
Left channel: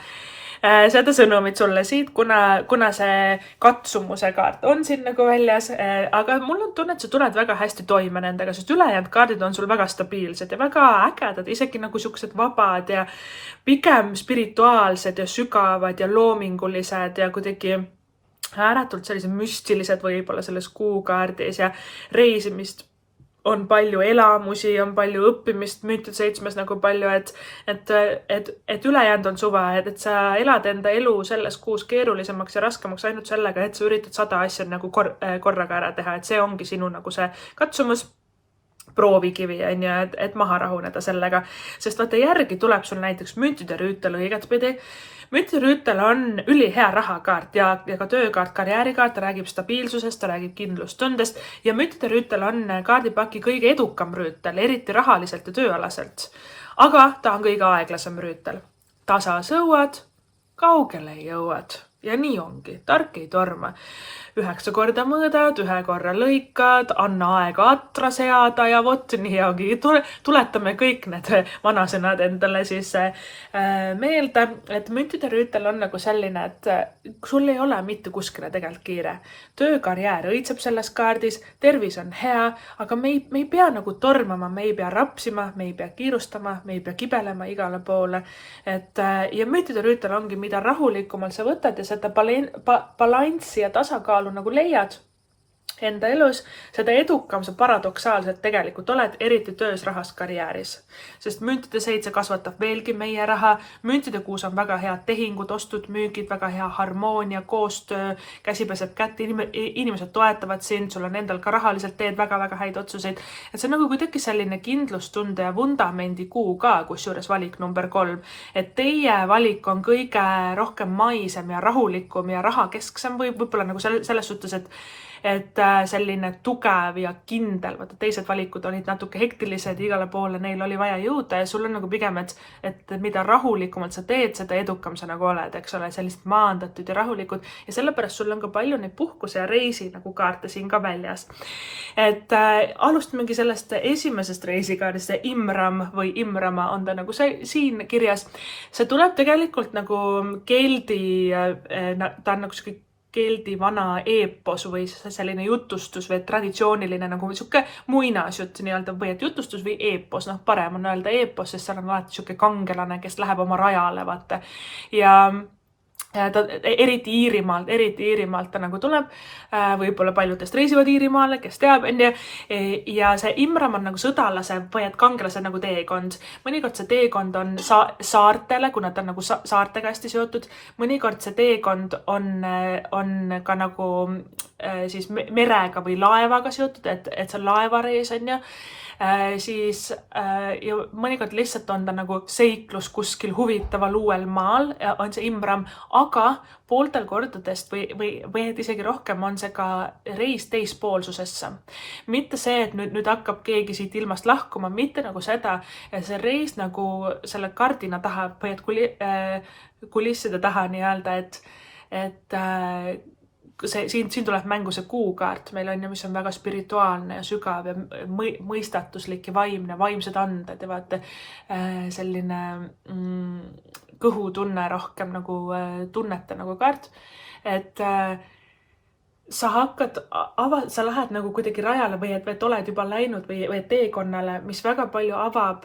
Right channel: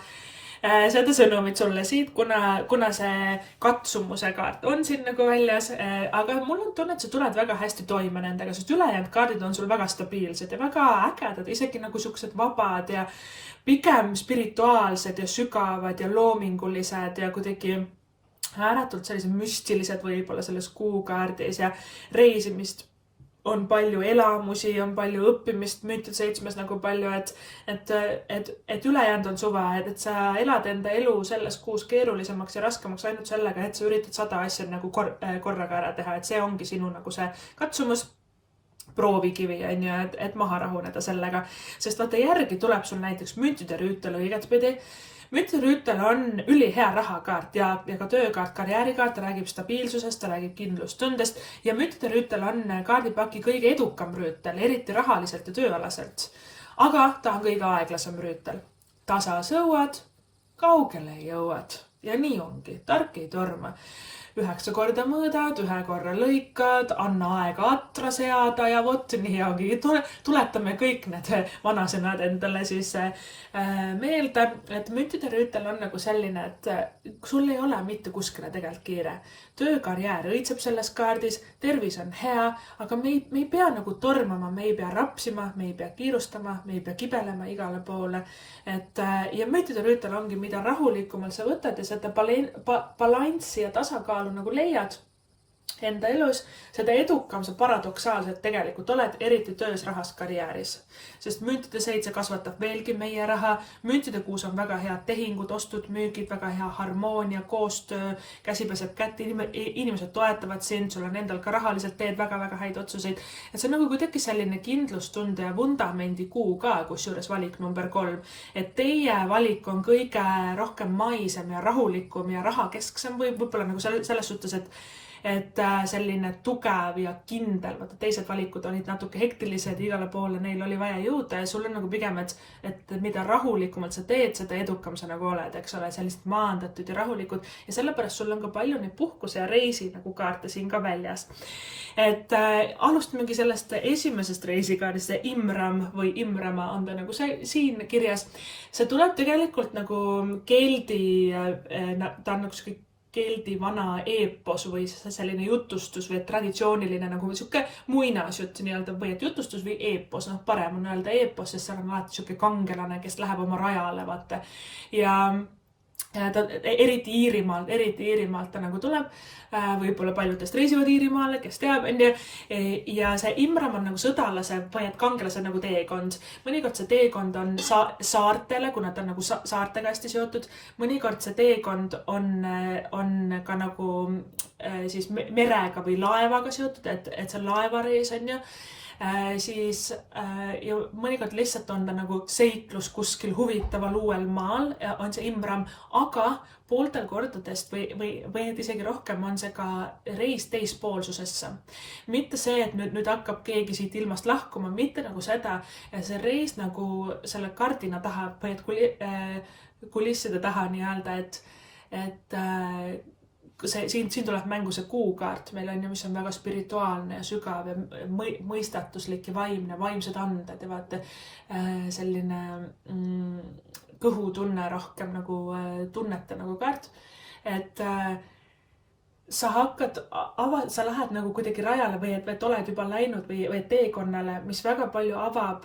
sõnumit sulle siit, kuna see katsumuse kaart on siin nagu väljas, aga mul on tunne, et sa tuled väga hästi toime nendega, sest ülejäänud kaardid on sul väga stabiilsed ja väga ägedad, isegi nagu siuksed vabad ja pigem spirituaalsed ja sügavad ja loomingulised ja kuidagi ääretult sellised müstilised võib-olla selles kuukaardis ja reisimist on palju elamusi, on palju õppimist, Müntide 7 nagu palju, et ülejäänud on suva, et sa elad enda elu selles kuus keerulisemaks ja raskemaks ainult sellega, et sa üritad 100 asja nagu korraga ära teha, et see ongi sinu nagu see katsumus, proovikivi, et maha rahuneda sellega, sest vaata järgi tuleb sul näiteks Müntide rüütel õigetpidi. Müntide rüütel on ülihea rahakaart ja ka töökaart, karjäärikaart, ta räägib stabiilsusest, ta räägib kindlustundest ja Müntide rüütel on kaardipaki kõige edukam rüütel, eriti rahaliselt ja tööalaselt. Aga ta on kõige aeglasem rüütel. Tasa sõuad, kaugele jõuad ja nii ongi, tark ei torma. 9 korda mõõdad, 1 korra lõikad, anna aega atra seada ja vot nii ongi. Tuletame kõik need vanasõnad endale siis meelde, et müntide rüütel on nagu selline, et sul ei ole mitte kuskile tegelikult kiire. Töökarjäär õitseb selles kaardis, tervis on hea, aga me ei pea nagu tormama, me ei pea rapsima, me ei pea kiirustama, me ei pea kibelema igale poole. Ja müntide rüütel ongi, mida rahulikumalt sa võtad ja seda balanssi ja tasakaalu nagu leiad enda elus, seda edukam sa paradoksaalselt tegelikult oled, eriti töös, rahas, karjääris. Sest müntide 7 kasvatab veelgi meie raha. Müntide 6 on väga head tehingud, ostud, müügid, väga hea harmoonia, koostöö, käsi peseb kätt, inimesed toetavad sind, sul on endal ka rahaliselt teed väga-väga häid otsuseid. Et see on nagu kuidagi selline kindlustunde ja vundamendi kuu ka, kusjuures valik number 3. Et teie valik on kõige rohkem maisem ja rahulikum ja rahakesksem võib-olla nagu selles suhtes, et selline tugev ja kindel, vaata teised valikud olid natuke hektilised, igale poole neil oli vaja jõuda ja sul on nagu pigem, et mida rahulikumalt sa teed, seda edukam sa nagu oled, eks ole, sellised maandatud ja rahulikud ja sellepärast sul on ka palju neid puhkuse ja reisi nagu kaarte siin ka väljas. Et alustamegi sellest esimesest reisikaardist, see Imram või Imrama on ta nagu siin kirjas. See tuleb tegelikult nagu keeldi, ta on nagu keeldi vana eepos või selline jutustus või traditsiooniline nagu siuke muinasjutt nii-öelda või et jutustus või eepos, parem on öelda eepos, sest seal on alati siuke kangelane, kes läheb oma rajale, vaata. Ja ta eriti Iirimaalt ta nagu tuleb, võib-olla paljudest reisivad Iirimaale, kes teab, ja see Imram on nagu sõdalase või et kangelase nagu teekond. Mõnikord see teekond on saartele, kuna ta on nagu saartega hästi seotud. Mõnikord see teekond on ka nagu siis merega või laevaga seotud, et see laevareis on ja siis ja mõnikord lihtsalt on ta nagu seiklus kuskil huvitaval uuel maal, on see Imram, aga pooltel kordadest või isegi rohkem on see ka reis teispoolsusesse. Mitte see, et nüüd hakkab keegi siit ilmast lahkuma, mitte nagu seda, see reis nagu selle kardina taha või et kulisside taha nii-öelda, et siin tuleb mängu see kuukaart, meil on ju, mis on väga spirituaalne ja sügav ja mõistatuslik ja vaimsed anded ja vaata selline kõhutunne rohkem nagu tunnete nagu kaart, et sa lähed nagu kuidagi rajale või et oled juba läinud või teekonnale, mis väga palju avab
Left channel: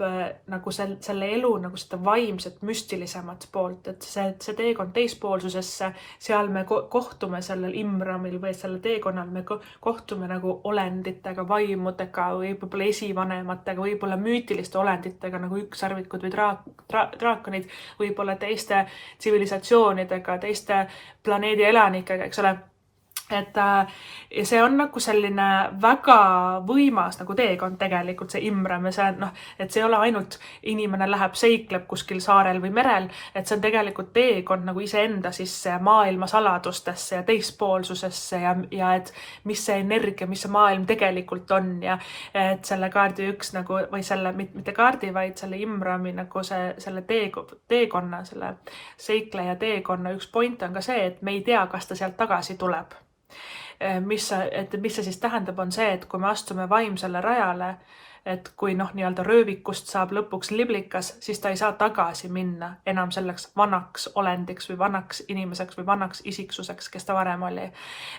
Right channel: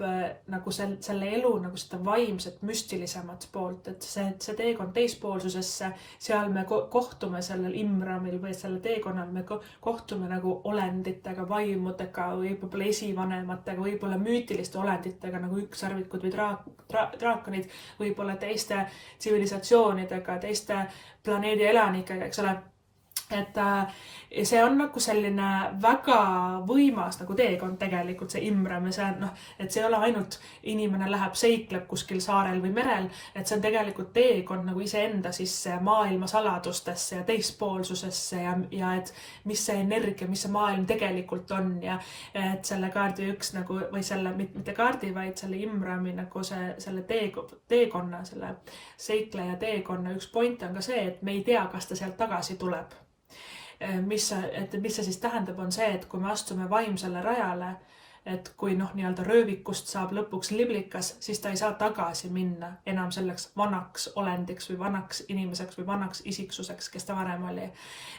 nagu selle elu nagu seda vaimset müstilisemat poolt, et see teekond teispoolsusesse, seal me kohtume sellel Imramil või selle teekonnal, me kohtume nagu olenditega, vaimudega või võib-olla esivanematega, võib-olla müütiliste olenditega nagu ükssarvikud või draakonid, võib-olla teiste tsivilisatsioonidega, teiste planeedi elanikega, eks ole. Et see on nagu selline väga võimas nagu teekond tegelikult, see Imram ja see, et see ei ole ainult inimene läheb seikleb kuskil saarel või merel, et see on tegelikult teekond nagu iseenda sisse maailma saladustesse ja teispoolsusesse ja et mis see energia, mis see maailm tegelikult on ja et selle kaardi üks nagu või selle, mitte kaardi, vaid selle Imrami nagu selle teekonna, selle seikleja teekonna üks point on ka see, et me ei tea, kas ta sealt tagasi tuleb. Mis see siis tähendab, on see, et kui me astume vaimsele rajale, et kui nii-öelda röövikust saab lõpuks liblikas, siis ta ei saa tagasi minna enam selleks vanaks olendiks või vanaks inimeseks või vanaks isiksuseks, kes ta varem oli.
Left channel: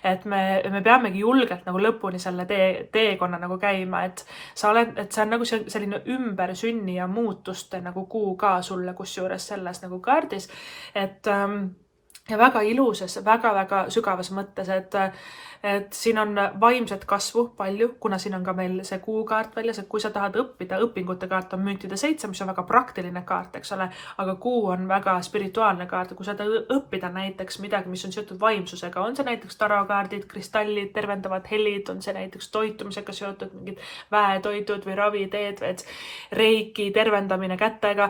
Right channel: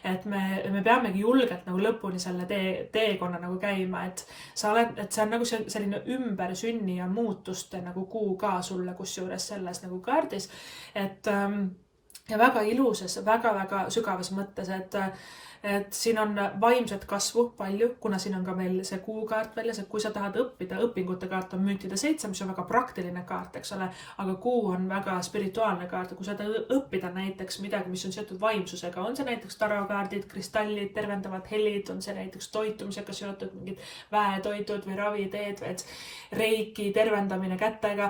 Et me peamegi julgelt nagu lõpuni selle teekonna nagu käima, et see on nagu selline ümbersünni ja muutuste nagu kuu ka sulle kusjuures selles nagu kaardis, et ja väga ilusas, väga-väga sügavas mõttes, et siin on vaimset kasvu palju, kuna siin on ka meil see kuukaart väljas, et kui sa tahad õppida, õpingute kaart on müntide 7, mis on väga praktiline kaart, eks ole, aga kuu on väga spirituaalne kaart, kui sa tahad õppida näiteks midagi, mis on seotud vaimsusega, on see näiteks tarokaardid, kristallid, tervendavad helid, on see näiteks toitumisega seotud mingid väetoitud või raviteed, reiki, tervendamine kätega,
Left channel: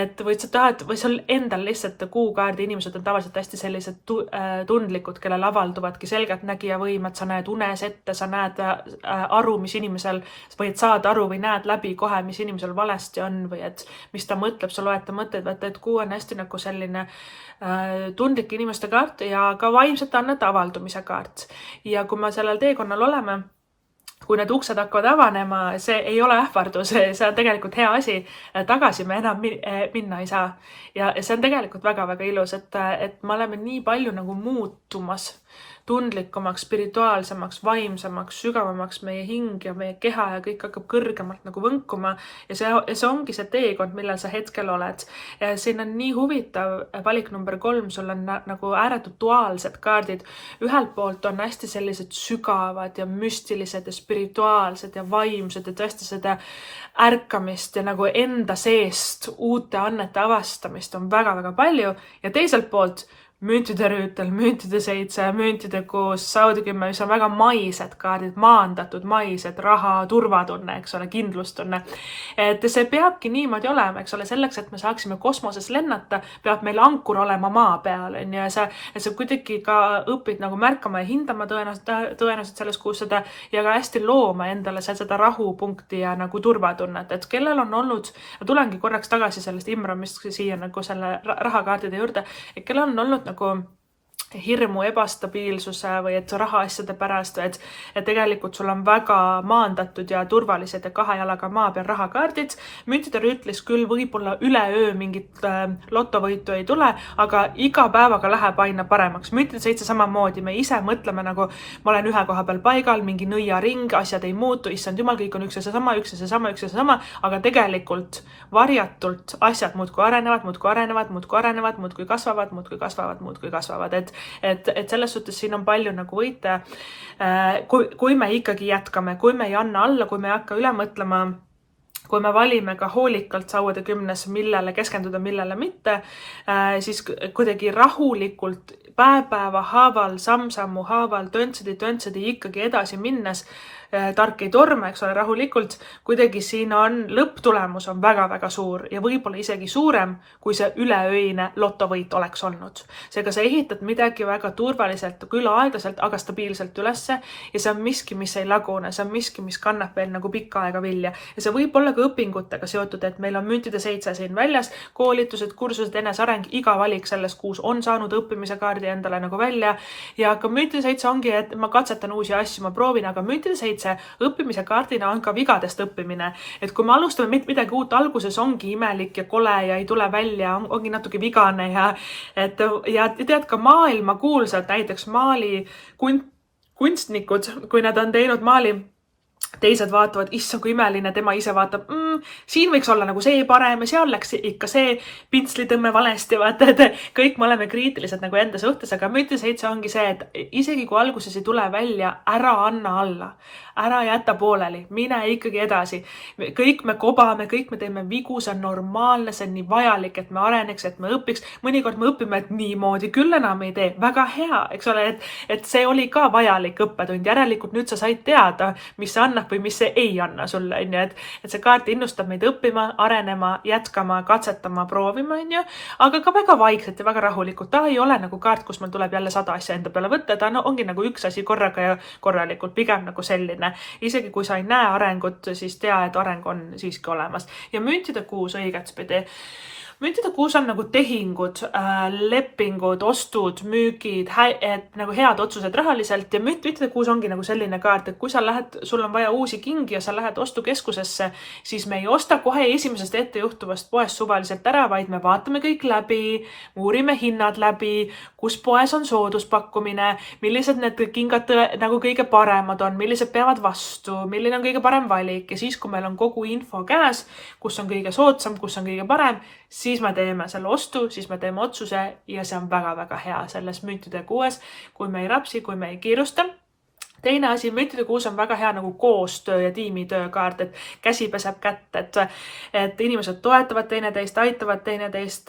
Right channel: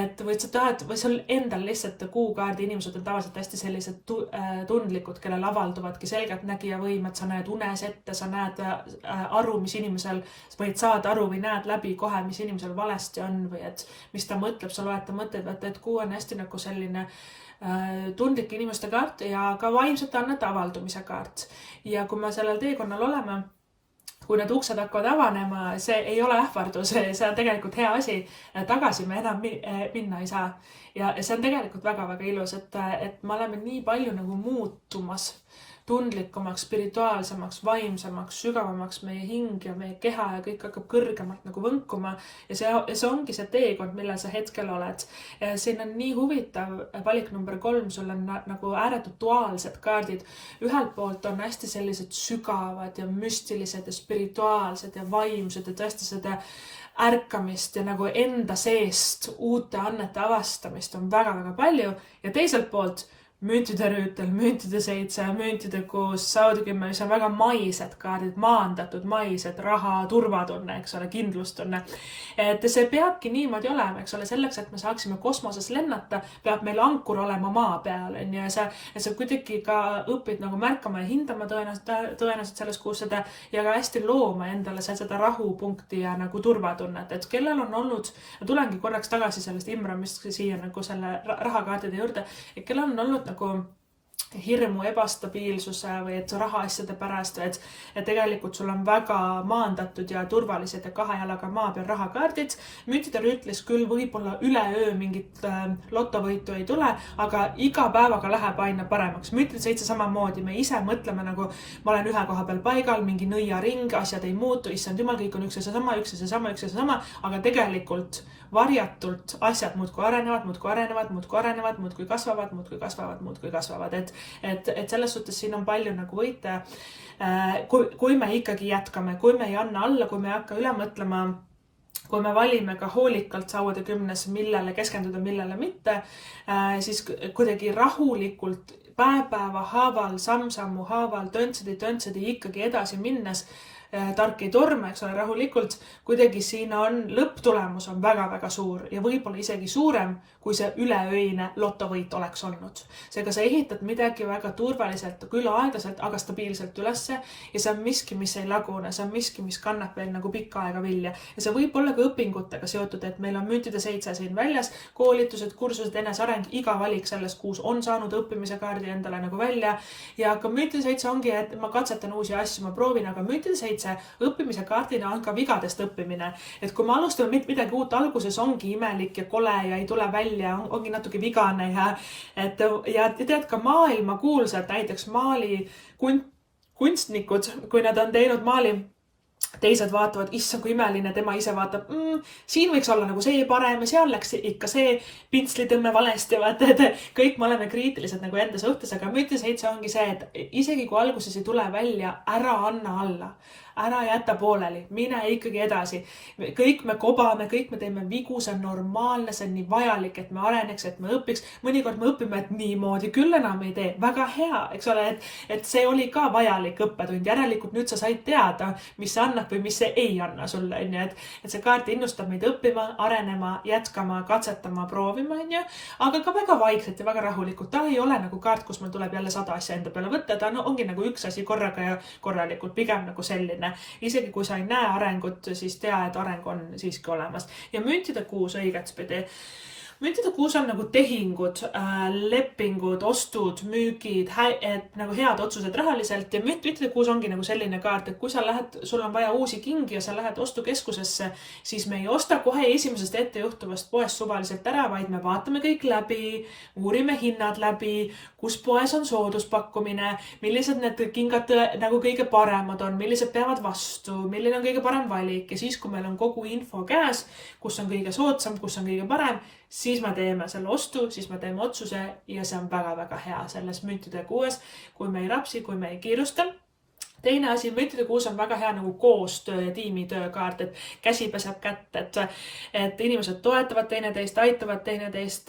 et või sa tahad, või sul endal lihtsalt kuukaardi inimesed on tavaliselt hästi sellised tundlikud, kellel avalduvadki selgeltnägija unevõim, et sa näed unes ette, sa näed aru, mis inimesel, või et saad aru või näed läbi kohe, mis inimesel valesti on või et mis ta mõtleb, sa loed ta mõtteid, et kuu on hästi nagu selline tundlik inimeste kaart ja ka vaimsete annete avaldumise kaart. Ja kui me sellel teekonnal oleme, kui need uksed hakkavad avanema, see ei ole ähvardus, see on tegelikult hea asi, tagasi me enam minna ei saa. Ja see on tegelikult väga-väga ilus, et me oleme nii palju nagu muutumas, tundlikumaks, spirituaalsemaks, vaimsemaks, sügavamaks meie hing ja meie keha ja kõik hakkab kõrgemalt nagu võnkuma. Ja see ongi see teekond, millel sa hetkel oled. Ja siin on nii huvitav valik number 3, sul on nagu ääretult duaalsed kaardid. Ühelt poolt on hästi sellised sügavad ja müstilised ja spirituaalsed ja vaimsed ja tõesti seda ärkamist ja nagu enda seest uute annete avastamist on väga-väga palju. Ja teiselt poolt müntide rüütel, müntide 7, müntide 6, Saudi 10, mis on väga maised kaardid, maandatud maised, raha, turvatunne, eks ole, kindlustunne. Et see peabki niimoodi olema, eks ole, selleks, et me saaksime kosmoses lennata, peab meil ankur olema maa peal. Ja sa kuidagi ka õpid nagu märkama ja hindama tõenäoliselt selles kuus seda ja ka hästi looma endale seda rahupunkti ja nagu turvatunnet. Et kellel on olnud, tulengi korraks tagasi sellest Imramist siia nagu selle rahakaardide juurde, et kellel on olnud nagu hirmu, ebastabiilsuse või et rahaasjade pärast, et tegelikult sul on väga maandatud ja turvalised ja 2 jalaga maa peal rahakaardid. Müntide rüütlis küll võib-olla üleöö mingit lotovõitu ei tule, aga iga päevaga läheb aina paremaks. Müntide 7 samamoodi, me ise mõtleme nagu ma olen ühe koha peal paigal, mingi nõiaring, asjad ei muutu, issand jumal, kõik on üks ja seesama, aga tegelikult varjatult asjad muudkui arenevad, muudkui kasvavad. Et selles suhtes siin on palju nagu võite, kui me ikkagi jätkame, kui me ei anna alla, kui me ei hakka üle mõtlema, kui me valime ka hoolikalt sauade 10, millele keskenduda, millele mitte, siis kuidagi rahulikult päeva haaval, samm-sammu haaval, töntsedi ikkagi edasi minnes, tark ei torme, eks ole, rahulikult, kuidagi siin on lõpptulemus on väga-väga suur ja võib-olla isegi suurem, kui see üleöine lotovõit oleks olnud. Seega sa ehitad midagi väga turvaliselt, küll aeglaselt, aga stabiilselt ülesse ja see on miski, mis ei lagune, see on miski, mis kannab veel nagu pikka aega vilja. Ja see võib olla ka õpingutega seotud, et meil on müntide 7 siin väljas, koolitused, kursused, enesareng, iga valik selles kuus on saanud õppimise kaardi endale nagu välja ja ka müntide 7 ongi, et ma katsetan uusi asju, ma proovin, aga müntide 7 õppimise kaardina on ka vigadest õppimine. Et kui me alustame midagi uut, alguses ongi imelik ja kole ja ei tule välja, ongi natuke vigane ja tead ka maailma kuulsad, näiteks maali kunstnikud, kui nad on teinud maali, teised vaatavad, issa kui imeline, tema ise vaatab, siin võiks olla nagu see parem ja seal läks ikka see pintslitõmme valesti, vaata, et kõik me oleme kriitilised nagu enda suhtes, aga müntide 7 ongi see, et isegi kui alguses ei tule välja, ära anna alla. Ära jäta pooleli, mine ikkagi edasi. Kõik me kobame, kõik me teeme vigu, see on normaalne, see on nii vajalik, et me areneks, et me õpiks. Mõnikord me õpime, et niimoodi küll enam ei tee. Väga hea, eks ole, et see oli ka vajalik õppetund. Järelikult nüüd sa said teada, mis see annab või mis see ei anna sulle. Et see kaart innustab meid õppima, arenema, jätkama, katsetama, proovima. Aga ka väga vaikselt ja väga rahulikult. Ta ei ole nagu kaart, kus meil tuleb jälle 100 asja enda peale võtta. Ta ongi nagu üks asi korraga ja korralikult, pigem nagu selline. Isegi kui sa ei näe arengut, siis tea, et areng on siiski olemas. Ja müntide 6 õigetspidi. Müntide 6 on nagu tehingud, lepingud, ostud, müügid, nagu head otsused rahaliselt ja müntide 6 ongi nagu selline kaart, et kui sa lähed, sul on vaja uusi kingi ja sa lähed ostukeskusesse, siis me ei osta kohe esimesest ettejuhtuvast poest suvaliselt ära, vaid me vaatame kõik läbi, uurime hinnad läbi, kus poes on sooduspakkumine, millised need kingad nagu kõige paremad on, millised peavad vastu, milline on kõige parem valik ja siis, kui meil on kogu info käes, kus on kõige soodsam, kus on kõige parem, siis me teeme selle ostu, siis me teeme otsuse ja see on väga-väga hea selles müntide 6, kui me ei rapsi, kui me ei kiirusta. Teine asi, müntide kuus on väga hea nagu koostöö ja tiimitöö kaart, et käsi peseb kätt, et inimesed toetavad teineteist, aitavad teineteist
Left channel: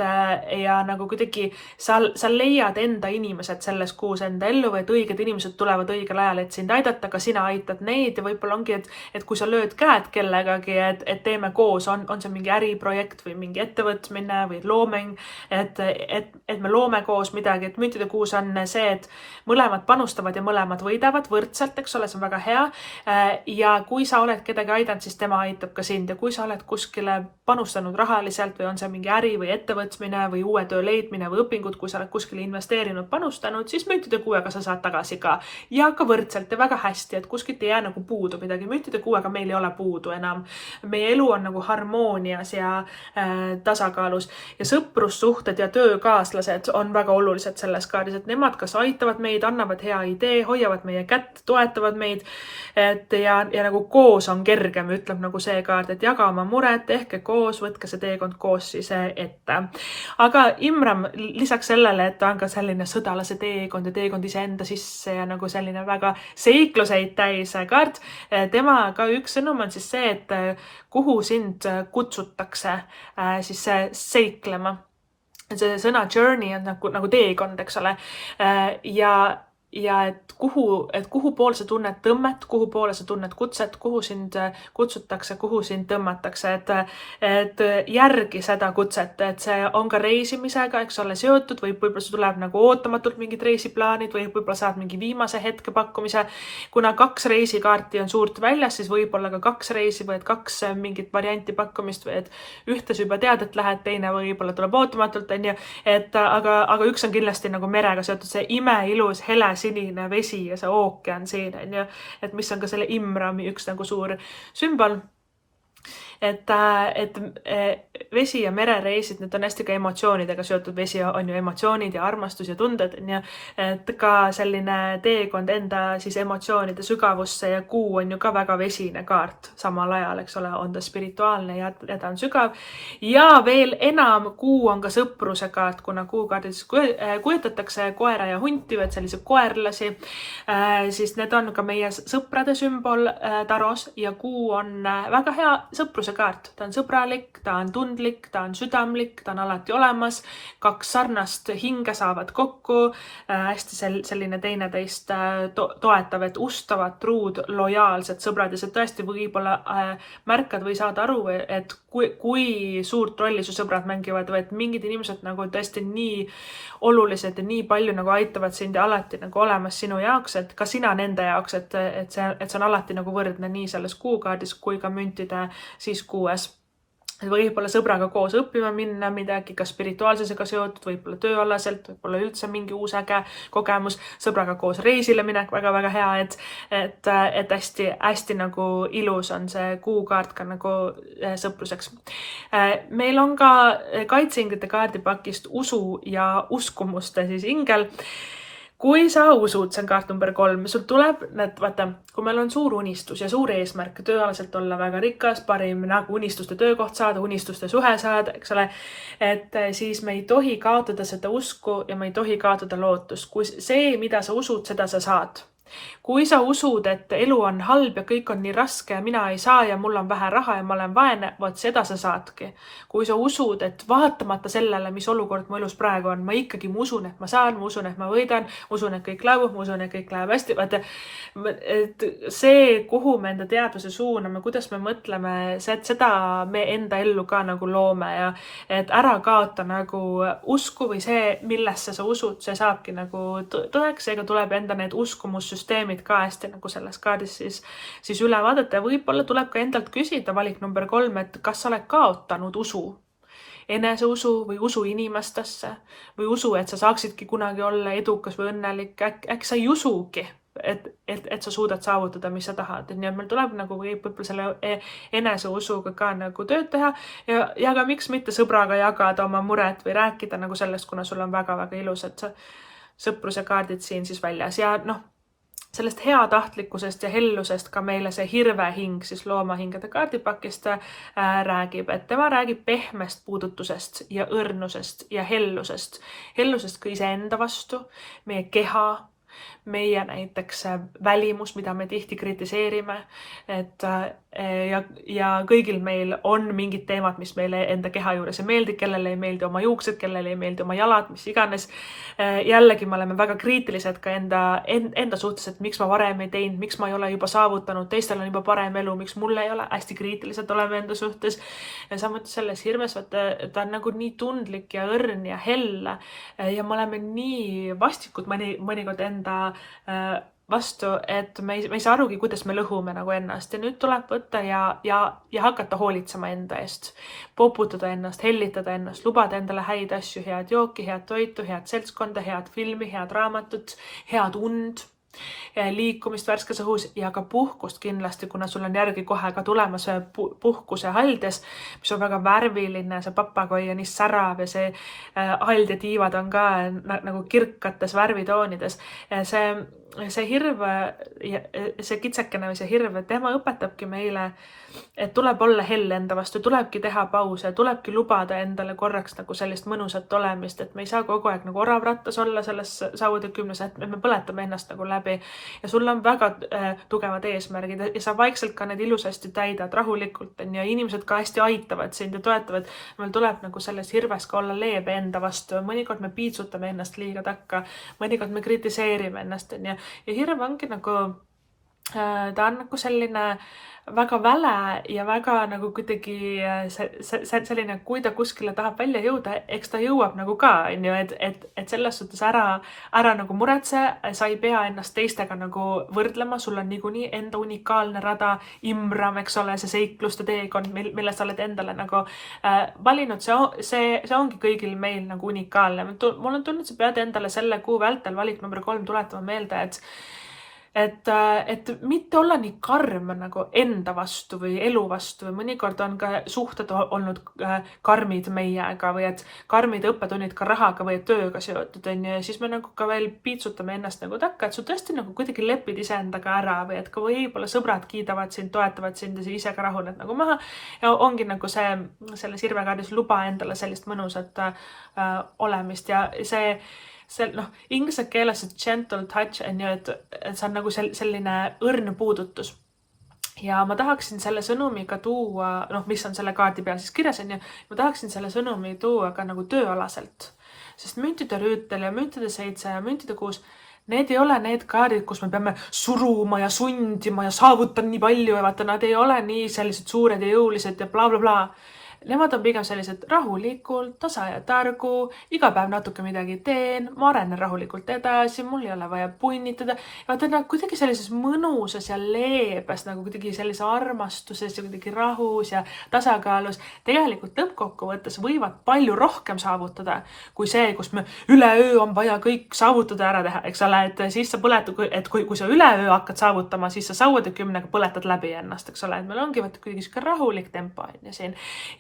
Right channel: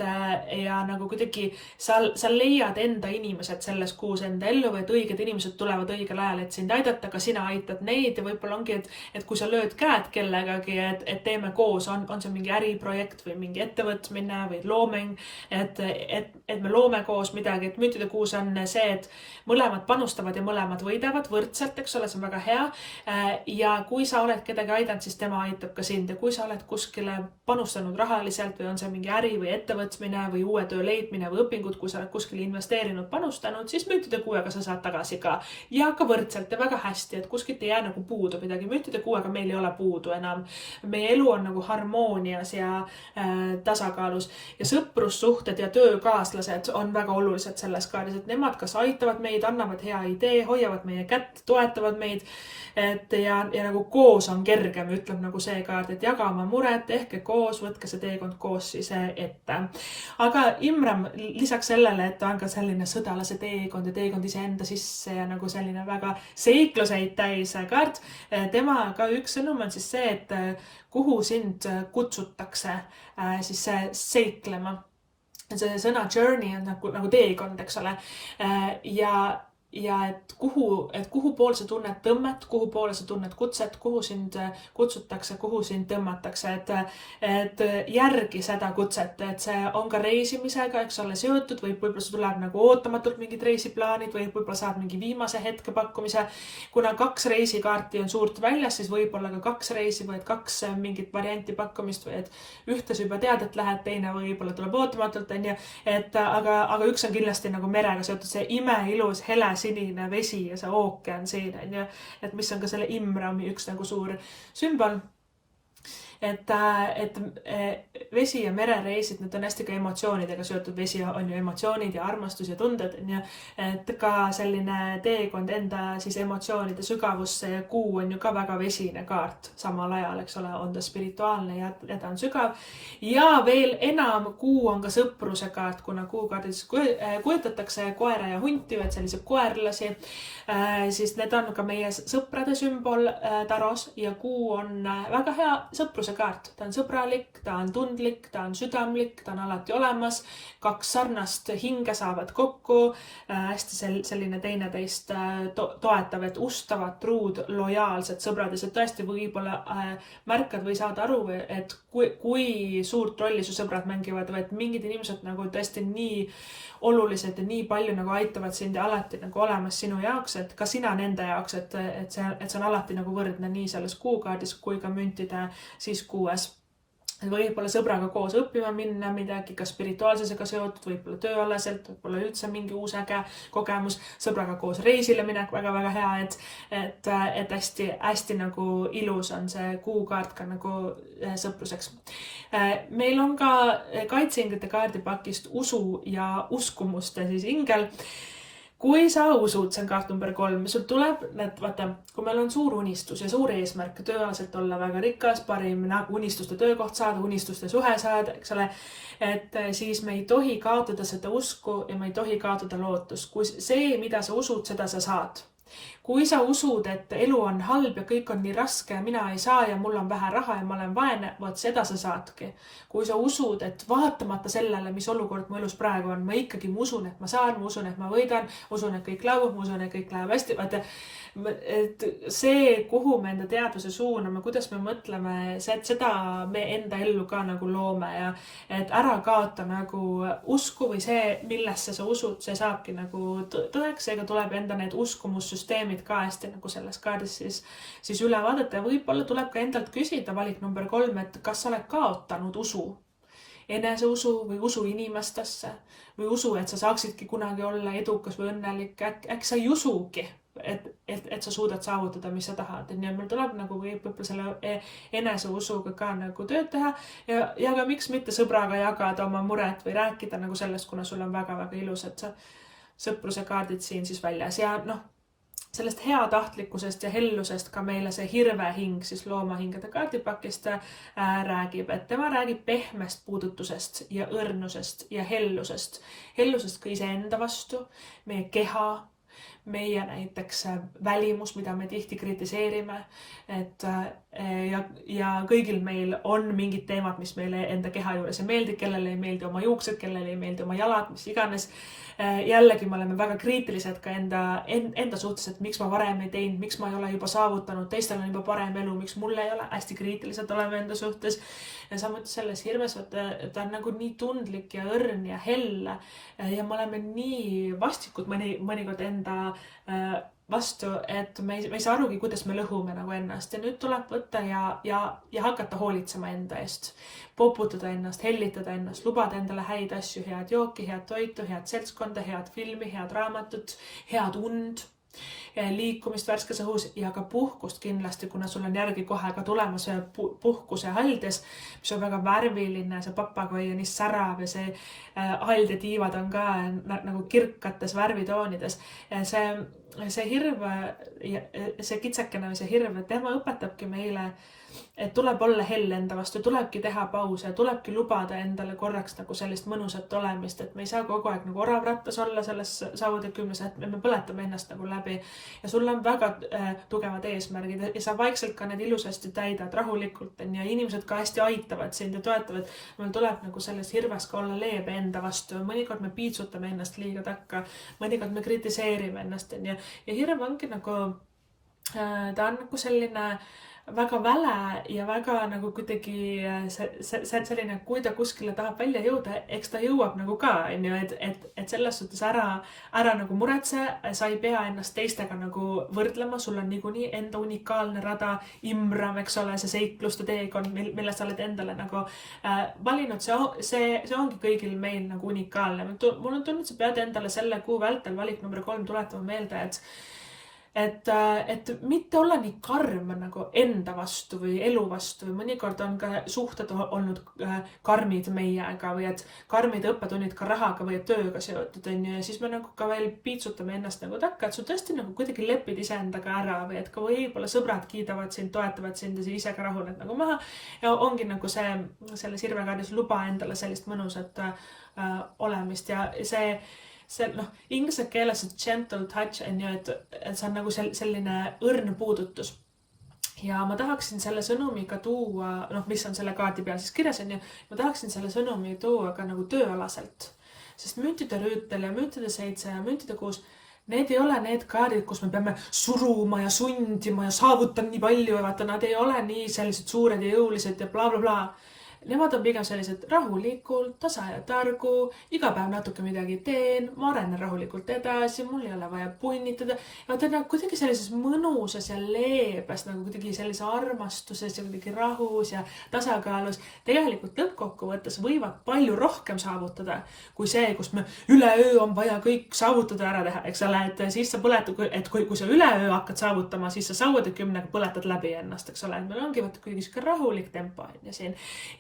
ja nagu kuidagi sa leiad enda inimesed selles kuus enda ellu või et õiged inimesed tulevad õigel ajal, et sind aidata, ka sina aitad neid ja võib-olla ongi, et kui sa lööd käed kellegagi, et teeme koos, on see mingi äriprojekt või mingi ettevõtmine või looming, et me loome koos midagi, et müntide kuus on see, et mõlemad panustavad ja mõlemad võidavad võrdselt, eks ole, see on väga hea. Ja kui sa oled kedagi aidanud, siis tema aitab ka sind ja kui sa oled kuskile panustanud rahaliselt või on see mingi äri või ettevõtmine või uue töö leidmine või õpingud, kui sa oled kuskile investeerinud, panustanud, siis müntide kuuega sa saad tagasi ka ja ka võrdselt ja väga hästi, et kuskilt ei jää nagu puudu midagi. Müntide kuuega meil ei ole puudu enam. Meie elu on nagu harmoonias ja tasakaalus ja sõprussuhted ja töökaaslased on väga olulised selles kaardis, et nemad kas aitavad meid, annavad hea idee, hoiavad meie kätt, toetavad meid, et ja nagu koos on kergem, ütleb nagu see kaart, et jaga oma muret, tehke koos, võtke see teekond koos siis ette. Aga Imram lisaks sellele, et ta on ka selline sõdalase teekond ja teekond iseenda sisse ja nagu selline väga seikluseid täis kaart, tema ka üks sõnum on siis see, et kuhu sind kutsutakse siis seiklema. See sõna journey on nagu teekond, eks ole. Ja et kuhu pool sa tunned tõmmet, kuhu poole sa tunned kutset, kuhu sind kutsutakse, kuhu sind tõmmatakse, et järgi seda kutset, et see on ka reisimisega, eks ole, seotud, võib-olla see tuleb nagu ootamatult mingid reisiplaanid või võib-olla saad mingi viimase hetke pakkumise. Kuna 2 reisikaarti on suurt väljas, siis võib-olla ka 2 reisi või 2 mingit varianti pakkumist või et ühte sa juba tead, et lähed, teine võib-olla tuleb ootamatult, aga üks on kindlasti nagu merega seotud, see imeilus hele sinine vesi ja see ookean siin, et mis on ka selle Imrami üks nagu suur sümbol. Et vesi ja merereisid, need on hästi ka emotsioonidega seotud. Vesi on ju emotsioonid ja armastus ja tunded, et ka selline teekond enda siis emotsioonide sügavusse ja kuu on ju ka väga vesine kaart samal ajal, eks ole, on ta spirituaalne ja ta on sügav. Ja veel enam, kuu on ka sõpruse kaart, kuna kuukaardis kujutatakse koera ja hunti või sellise koerlasi, siis need on ka meie sõprade sümbol taros ja kuu on väga hea sõpruse kaart. Ta on sõbralik, ta on tundlik, ta on südamlik, ta on alati olemas. 2 sarnast hinge saavad kokku, hästi selline teineteist toetav, et ustavad, truud, lojaalsed sõbrad ja see tõesti võib-olla märkad või saad aru, et kui suurt rolli su sõbrad mängivad või et mingid inimesed nagu tõesti nii olulised ja nii palju nagu aitavad sind ja alati nagu olemas sinu jaoks, et ka sina nende jaoks, et see on alati nagu võrdne nii selles kuukaardis kui ka müntide siis kuues. Võib-olla sõbraga koos õppima minna midagi, ka spirituaalsusega seotud, võib-olla tööalaselt, võib-olla üldse mingi uus äge kogemus, sõbraga koos reisile minek, väga-väga hea, et hästi nagu ilus on see kuukaart ka nagu sõpruseks. Meil on ka kaitseinglite kaardipakist usu ja uskumuste siis ingel. Kui sa usud, see on kaart number 3, sul tuleb, vaata, kui meil on suur unistus ja suur eesmärk tööalaselt olla väga rikas, parim nagu unistuste töökoht saada, unistuste suhe saada, eks ole, et siis me ei tohi kaotada seda usku ja me ei tohi kaotada lootust. Kui see, mida sa usud, seda sa saad. Kui sa usud, et elu on halb ja kõik on nii raske ja mina ei saa ja mul on vähe raha ja ma olen vaene, vot seda sa saadki. Kui sa usud, et vaatamata sellele, mis olukord mu elus praegu on, ma ikkagi usun, et ma saan, ma usun, et ma võidan, usun, et kõik laabub, ma usun, et kõik läheb hästi. Vaata, et see, kuhu me enda teaduse suuname, kuidas me mõtleme, seda me enda ellu ka nagu loome ja et ära kaota nagu usku või see, millesse sa usud, see saabki nagu tõeks, seega tuleb enda need uskumussüsteemid ka hästi nagu selles kaardis siis üle vaadata ja võib-olla tuleb ka endalt küsida valik number 3, et kas sa oled kaotanud usu, eneseusu või usu inimestesse või usu, et sa saaksidki kunagi olla edukas või õnnelik, äkki sa ei usugi, et sa suudad saavutada, mis sa tahad. Nii et meil tuleb nagu võib-olla selle eneseusuga ka nagu tööd teha ja ka miks mitte sõbraga jagada oma muret või rääkida nagu sellest, kuna sul on väga-väga ilusad sõpruse kaardid siin siis väljas ja sellest heatahtlikkusest ja hellusest ka meile see hirvehing siis loomahingede kaardipakist räägib, et tema räägib pehmest puudutusest ja õrnusest ja hellusest. Hellusest ka iseenda vastu, meie keha, meie näiteks välimus, mida me tihti kritiseerime, ja kõigil meil on mingid teemad, mis meile enda keha juures ei meeldi, kellele ei meeldi oma juuksed, kellele ei meeldi oma jalad, mis iganes. Jällegi me oleme väga kriitilised ka enda suhtes, et miks ma varem ei teinud, miks ma ei ole juba saavutanud, teistel on juba parem elu, miks mulle ei ole, hästi kriitilised oleme enda suhtes. Ja samuti selles hirmes, ta on nagu nii tundlik ja õrn ja helle ja me oleme nii vastikud mõnikord enda vastu, et me ei saa arugi, kuidas me lõhume nagu ennast. Ja nüüd tuleb võtta ja hakata hoolitsema enda eest, poputada ennast, hellitada ennast, lubada endale häid asju, head jooki, head toitu, head seltskonda, head filmi, head raamatut, head und, liikumist värskes õhus ja ka puhkust kindlasti, kuna sul on järgi kohe ka tulemas puhkuse haldes, mis on väga värviline, see papagoi on nii särav ja see hald ja tiivad on ka nagu kirkates värvitoonides. See hirv, see kitsekene või see hirv, tema õpetabki meile, et tuleb olla helle enda vastu, tulebki teha pause, tulebki lubada endale korraks nagu sellist mõnusat olemist, et me ei saa kogu aeg nagu oravrattas olla selles sauatekümnes, et me põletame ennast nagu läbi ja sul on väga tugevad eesmärgid ja sa vaikselt ka need ilusasti täidad rahulikult ja inimesed ka hästi aitavad sind ja toetavad. Meil tuleb nagu selles hirves ka olla leebe enda vastu. Mõnikord me piitsutame ennast liiga takka, mõnikord me kritiseerime ennast ja hirv ongi nagu, ta on nagu selline väga väle ja väga nagu kuidagi selline, kui ta kuskile tahab välja jõuda, eks ta jõuab nagu ka, et selles suhtes ära nagu muretse, sa ei pea ennast teistega nagu võrdlema, sul on niikuinii enda unikaalne rada, imram, eks ole, see seikluste teekond, mille sa oled endale nagu valinud, see ongi kõigil meil nagu unikaalne. Mul on tulnud, sa pead endale selle kuu vältel valik number 3 tuletama meelde, et mitte olla nii karm nagu enda vastu või elu vastu või mõnikord on ka suhted olnud karmid meiega või et karmid õppetunnid ka rahaga või tööga seotud ja siis me nagu ka veel piitsutame ennast nagu takka, et sa tõesti nagu kuidagi lepid iseendaga ära või et ka võib-olla sõbrad kiidavad sind, toetavad sind ja sa ise ka rahuned nagu maha ja ongi nagu selles hirvekaardis luba endale sellist mõnusat olemist ja see inglise keeles gentle touch on ju, et see on nagu selline õrn puudutus. Ja ma tahaksin selle sõnumiga tuua, mis on selle kaardi peal siis kirjas on ju, ma tahaksin selle sõnumi tuua ka nagu tööalaselt. Sest müntide rüütel ja müntide 7 ja müntide 6, need ei ole need kaardid, kus me peame suruma ja sundima ja saavutan nii palju ja vaata, nad ei ole nii sellised suured ja jõulised ja bla bla bla. Nemad on pigem sellised rahulikult, tasa ja targu, iga päev natuke midagi teen, ma arenen rahulikult edasi, mul ei ole vaja punnitada. Ja vaata, kuidagi sellises mõnusas ja leebes, nagu kuidagi sellise armastuses ja kuidagi rahus ja tasakaalus. Tegelikult lõppkokkuvõttes võivad palju rohkem saavutada, kui see, kus me üleöö on vaja kõik saavutada ära teha, eks ole, et siis sa põletad, et kui sa üleöö hakkad saavutama, siis sa sauatekümnega põletad läbi ennast, eks ole, et meil ongi kuidagi rahulik tempo ja siin.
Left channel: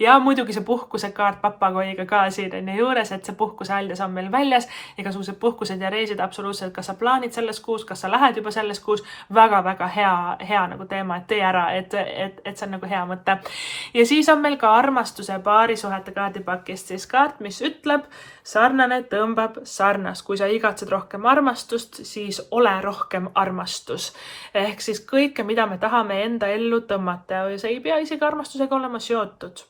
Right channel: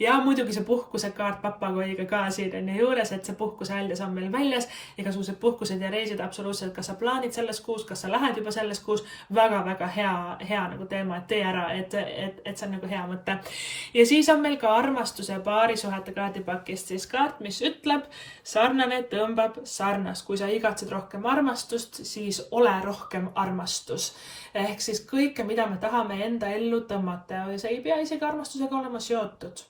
Ja muidugi see puhkuse kaart papagoiga ka siin on juures, et see puhkuse haljas on meil väljas, igasugused puhkused ja reisid absoluutselt, kas sa plaanid selles kuus, kas sa lähed juba selles kuus, väga-väga hea nagu teema, et tee ära, et see on nagu hea mõte. Ja siis on meil ka armastuse paarisuhete kaardipakist siis kaart, mis ütleb, sarnane tõmbab sarnast. Kui sa igatsed rohkem armastust, siis ole rohkem armastus. Ehk siis kõike, mida me tahame enda ellu tõmmata ja see ei pea isegi armastusega olema seotud.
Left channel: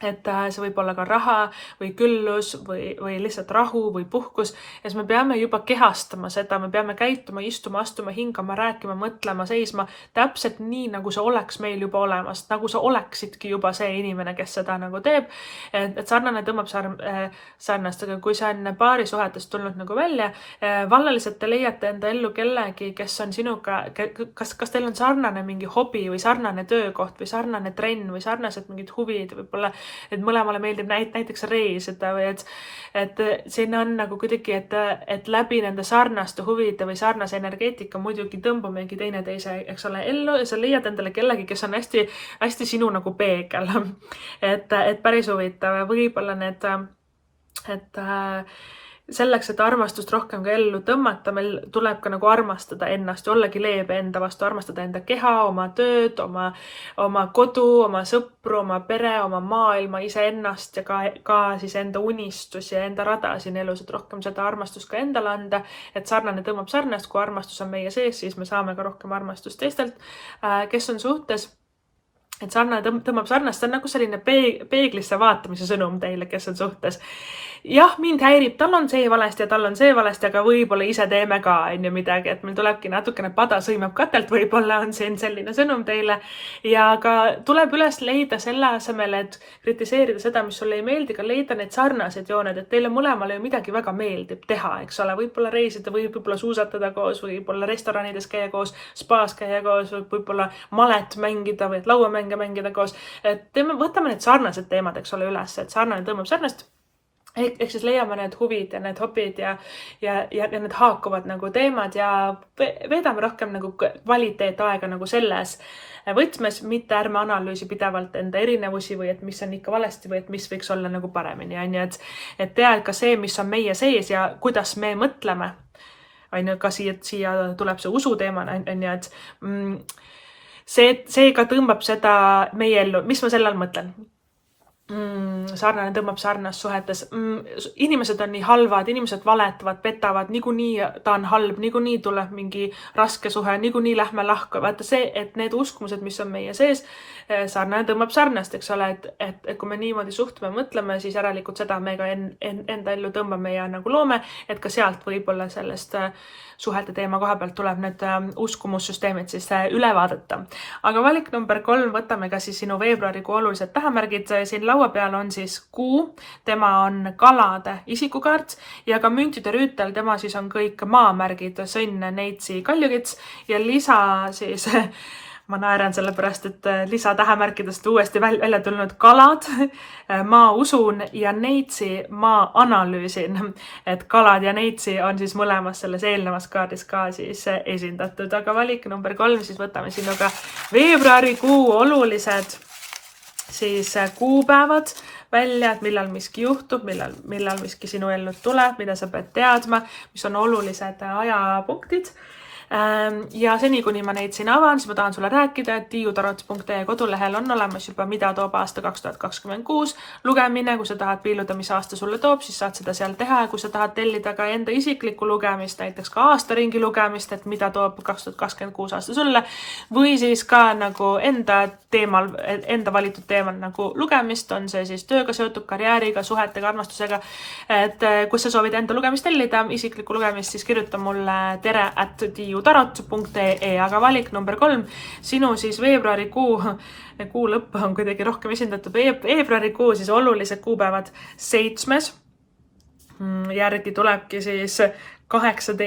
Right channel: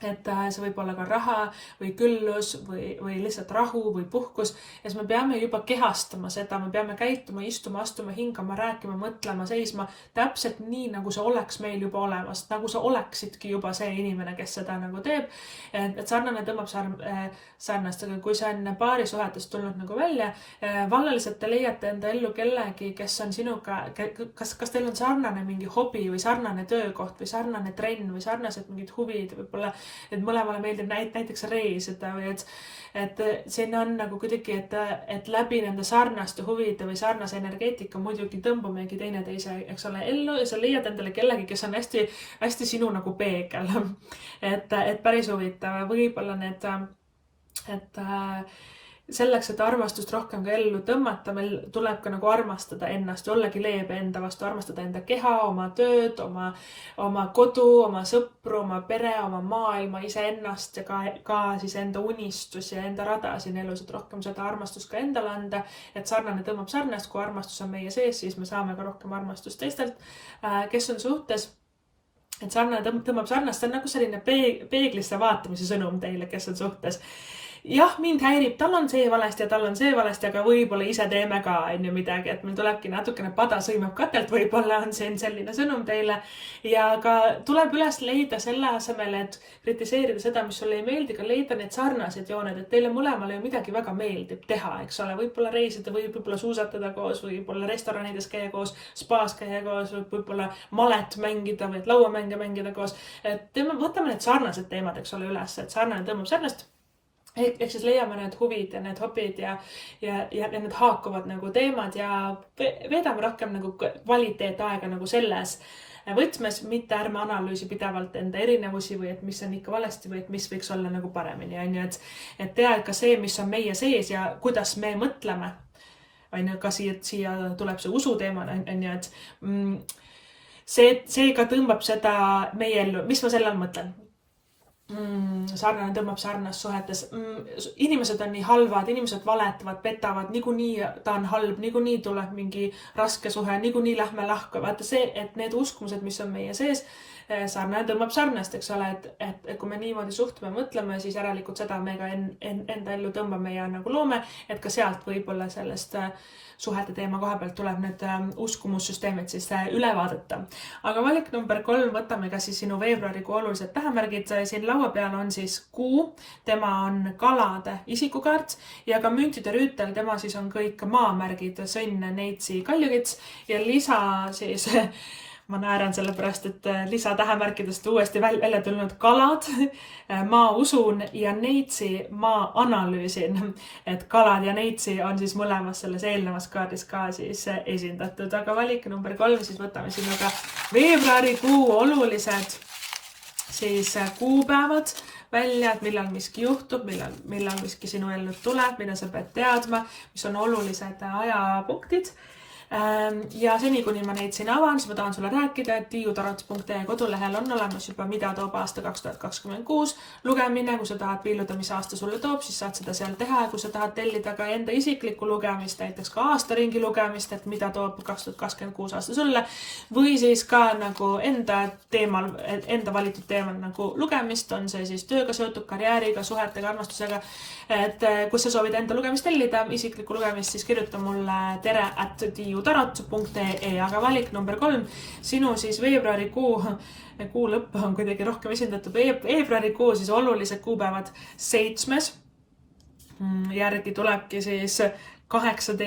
Et see võib olla ka raha või küllus või lihtsalt rahu või puhkus ja siis me peame juba kehastama seda, me peame käituma, istuma, astuma, hingama, rääkima, mõtlema, seisma täpselt nii, nagu see oleks meil juba olemas, nagu sa oleksidki juba see inimene, kes seda nagu teeb, et sarnane tõmbab sarnast, aga kui see on paarisuhetest tulnud nagu välja, vallaliselt te leiate enda ellu kellegi, kes on sinuga, kas teil on sarnane mingi hobi või sarnane töökoht või sarnane trenn või sarnased mingid huvid, võib-olla et mõlemale meeldib näiteks reisida või et siin on nagu kuidagi, et läbi nende sarnaste huvide või sarnase energeetika muidugi tõmbumegi teineteise, eks ole, ellu ja sa leiad endale kellegi, kes on hästi, hästi sinu nagu peegel. Et päris huvitav ja võib-olla selleks, et armastust rohkem ka ellu tõmmata, meil tuleb ka nagu armastada ennast, ollagi leebe enda vastu, armastada enda keha, oma tööd, oma kodu, oma sõpru, oma pere, oma maailma, iseennast ja ka siis enda unistusi ja enda rada siin elus, et rohkem seda armastust ka endale anda, et sarnane tõmbab sarnast, kui armastus on meie sees, siis me saame ka rohkem armastust teistelt, kes on suhtes. Et sarnane tõmbab sarnast, see on nagu selline peeglisse vaatamise sõnum teile, kes on suhtes. Jah, mind häirib, tal on see valesti ja tal on see valesti, aga võib-olla ise teeme ka midagi, et meil tulebki natukene pada sõimab katelt, võib-olla on siin selline sõnum teile ja ka tuleb üles leida selle asemel, et kritiseerida seda, mis sulle ei meeldi, ka leida need sarnased jooned, et teile mõlemale ju midagi väga meeldib teha, eks ole, võib-olla reisida, võib-olla suusatada koos, võib-olla restoranides käia koos, spaas käia koos, võib-olla malet mängida või lauamänge mängida koos, et võtame need sarnased teemad, eks ole, üles, et sarnane tõmbab sarnast. Ehk siis leiame need huvid ja need hobid ja need haakuvad nagu teemad ja veedame rohkem nagu kvaliteetaega nagu selles võtmes, mitte ärme analüüsi pidevalt enda erinevusi või et mis on ikka valesti või et mis võiks olla nagu paremini. Et tead ka see, mis on meie sees ja kuidas me mõtleme, ka siia tuleb see usu teema, et see ka tõmbab seda meie ellu. Mis ma selle all mõtlen? Sarnane tõmbab sarnast suhetes. Inimesed on nii halvad, inimesed valetavad, petavad, niikuinii ta on halb, niikuinii tuleb mingi raske suhe, niikuinii lähme lahku. Vaata see, et need uskumused, mis on meie sees, sarnane tõmbab sarnast, eks ole, et kui me niimoodi suhtume, mõtleme, siis järelikult seda me ka enda ellu tõmbame ja nagu loome, et ka sealt võib-olla sellest suhete teema koha pealt tuleb need uskumussüsteemid siis üle vaadata. Aga valik number 3, võtame ka siis sinu veebruarikuu olulised tähemärgid. Siin laua peal on siis kuu, tema on kalade isikukaart ja ka müntide rüütel, tema siis on kõik maamärgid, sõnn, neitsi, kaljukits ja lisa siis ma naeran sellepärast, et lisatähemärkidest uuesti välja tulnud kalad, ma usun ja neitsi ma analüüsin, et kalad ja neitsi on siis mõlemas selles eelnevas kaardis ka siis esindatud, aga valik number 3, siis võtame sinuga veebruarikuu olulised siis kuupäevad välja, et millal miski juhtub, millal miski sinu ellu tuleb, mida sa pead teadma, mis on olulised ajapunktid. Ja seni, kuni ma neid siin avan, siis ma tahan sulle rääkida, et tiiutarot.ee kodulehel on olemas juba mida toob aasta 2026 lugemine. Kui sa tahad piiluda, mis aasta sulle toob, siis saad seda seal teha. Kui sa tahad tellida ka enda isiklikku lugemist, näiteks ka aastaringi lugemist, et mida toob 2026 aasta sulle, või siis ka nagu enda valitud teemal nagu lugemist, on see siis tööga seotud, karjääriga, suhetega, armastusega. Et kui sa soovid enda lugemist tellida, isiklikku lugemist, siis kirjuta mulle tere@tiiutarot.ee, aga valik number 3, sinu siis veebruarikuu, kuu lõpp on kuidagi rohkem esindatud, veebruarikuu siis olulised kuupäevad 7. Järgi tulebki siis 18.,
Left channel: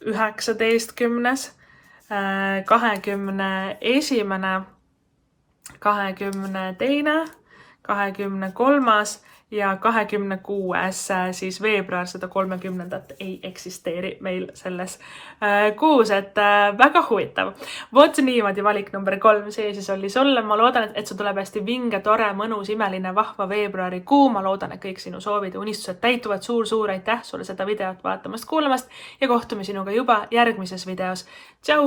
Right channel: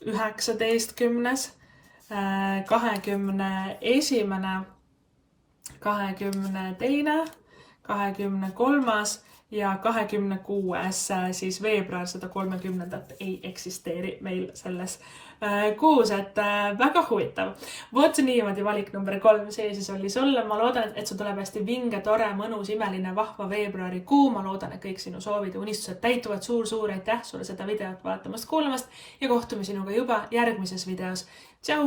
19., 21., 22., 23. ja 26. siis veebruar, seda 30. ei eksisteeri meil selles kuus, et väga huvitav. Vot niimoodi valik number 3, see siis oli sulle. Ma loodan, et see tuleb hästi vinge, tore, mõnus, imeline, vahva veebruarikuu. Ma loodan, et kõik sinu soovid ja unistused täituvad. Suur aitäh sulle seda videot vaatamast, kuulamast ja kohtume sinuga juba järgmises videos. Tšau!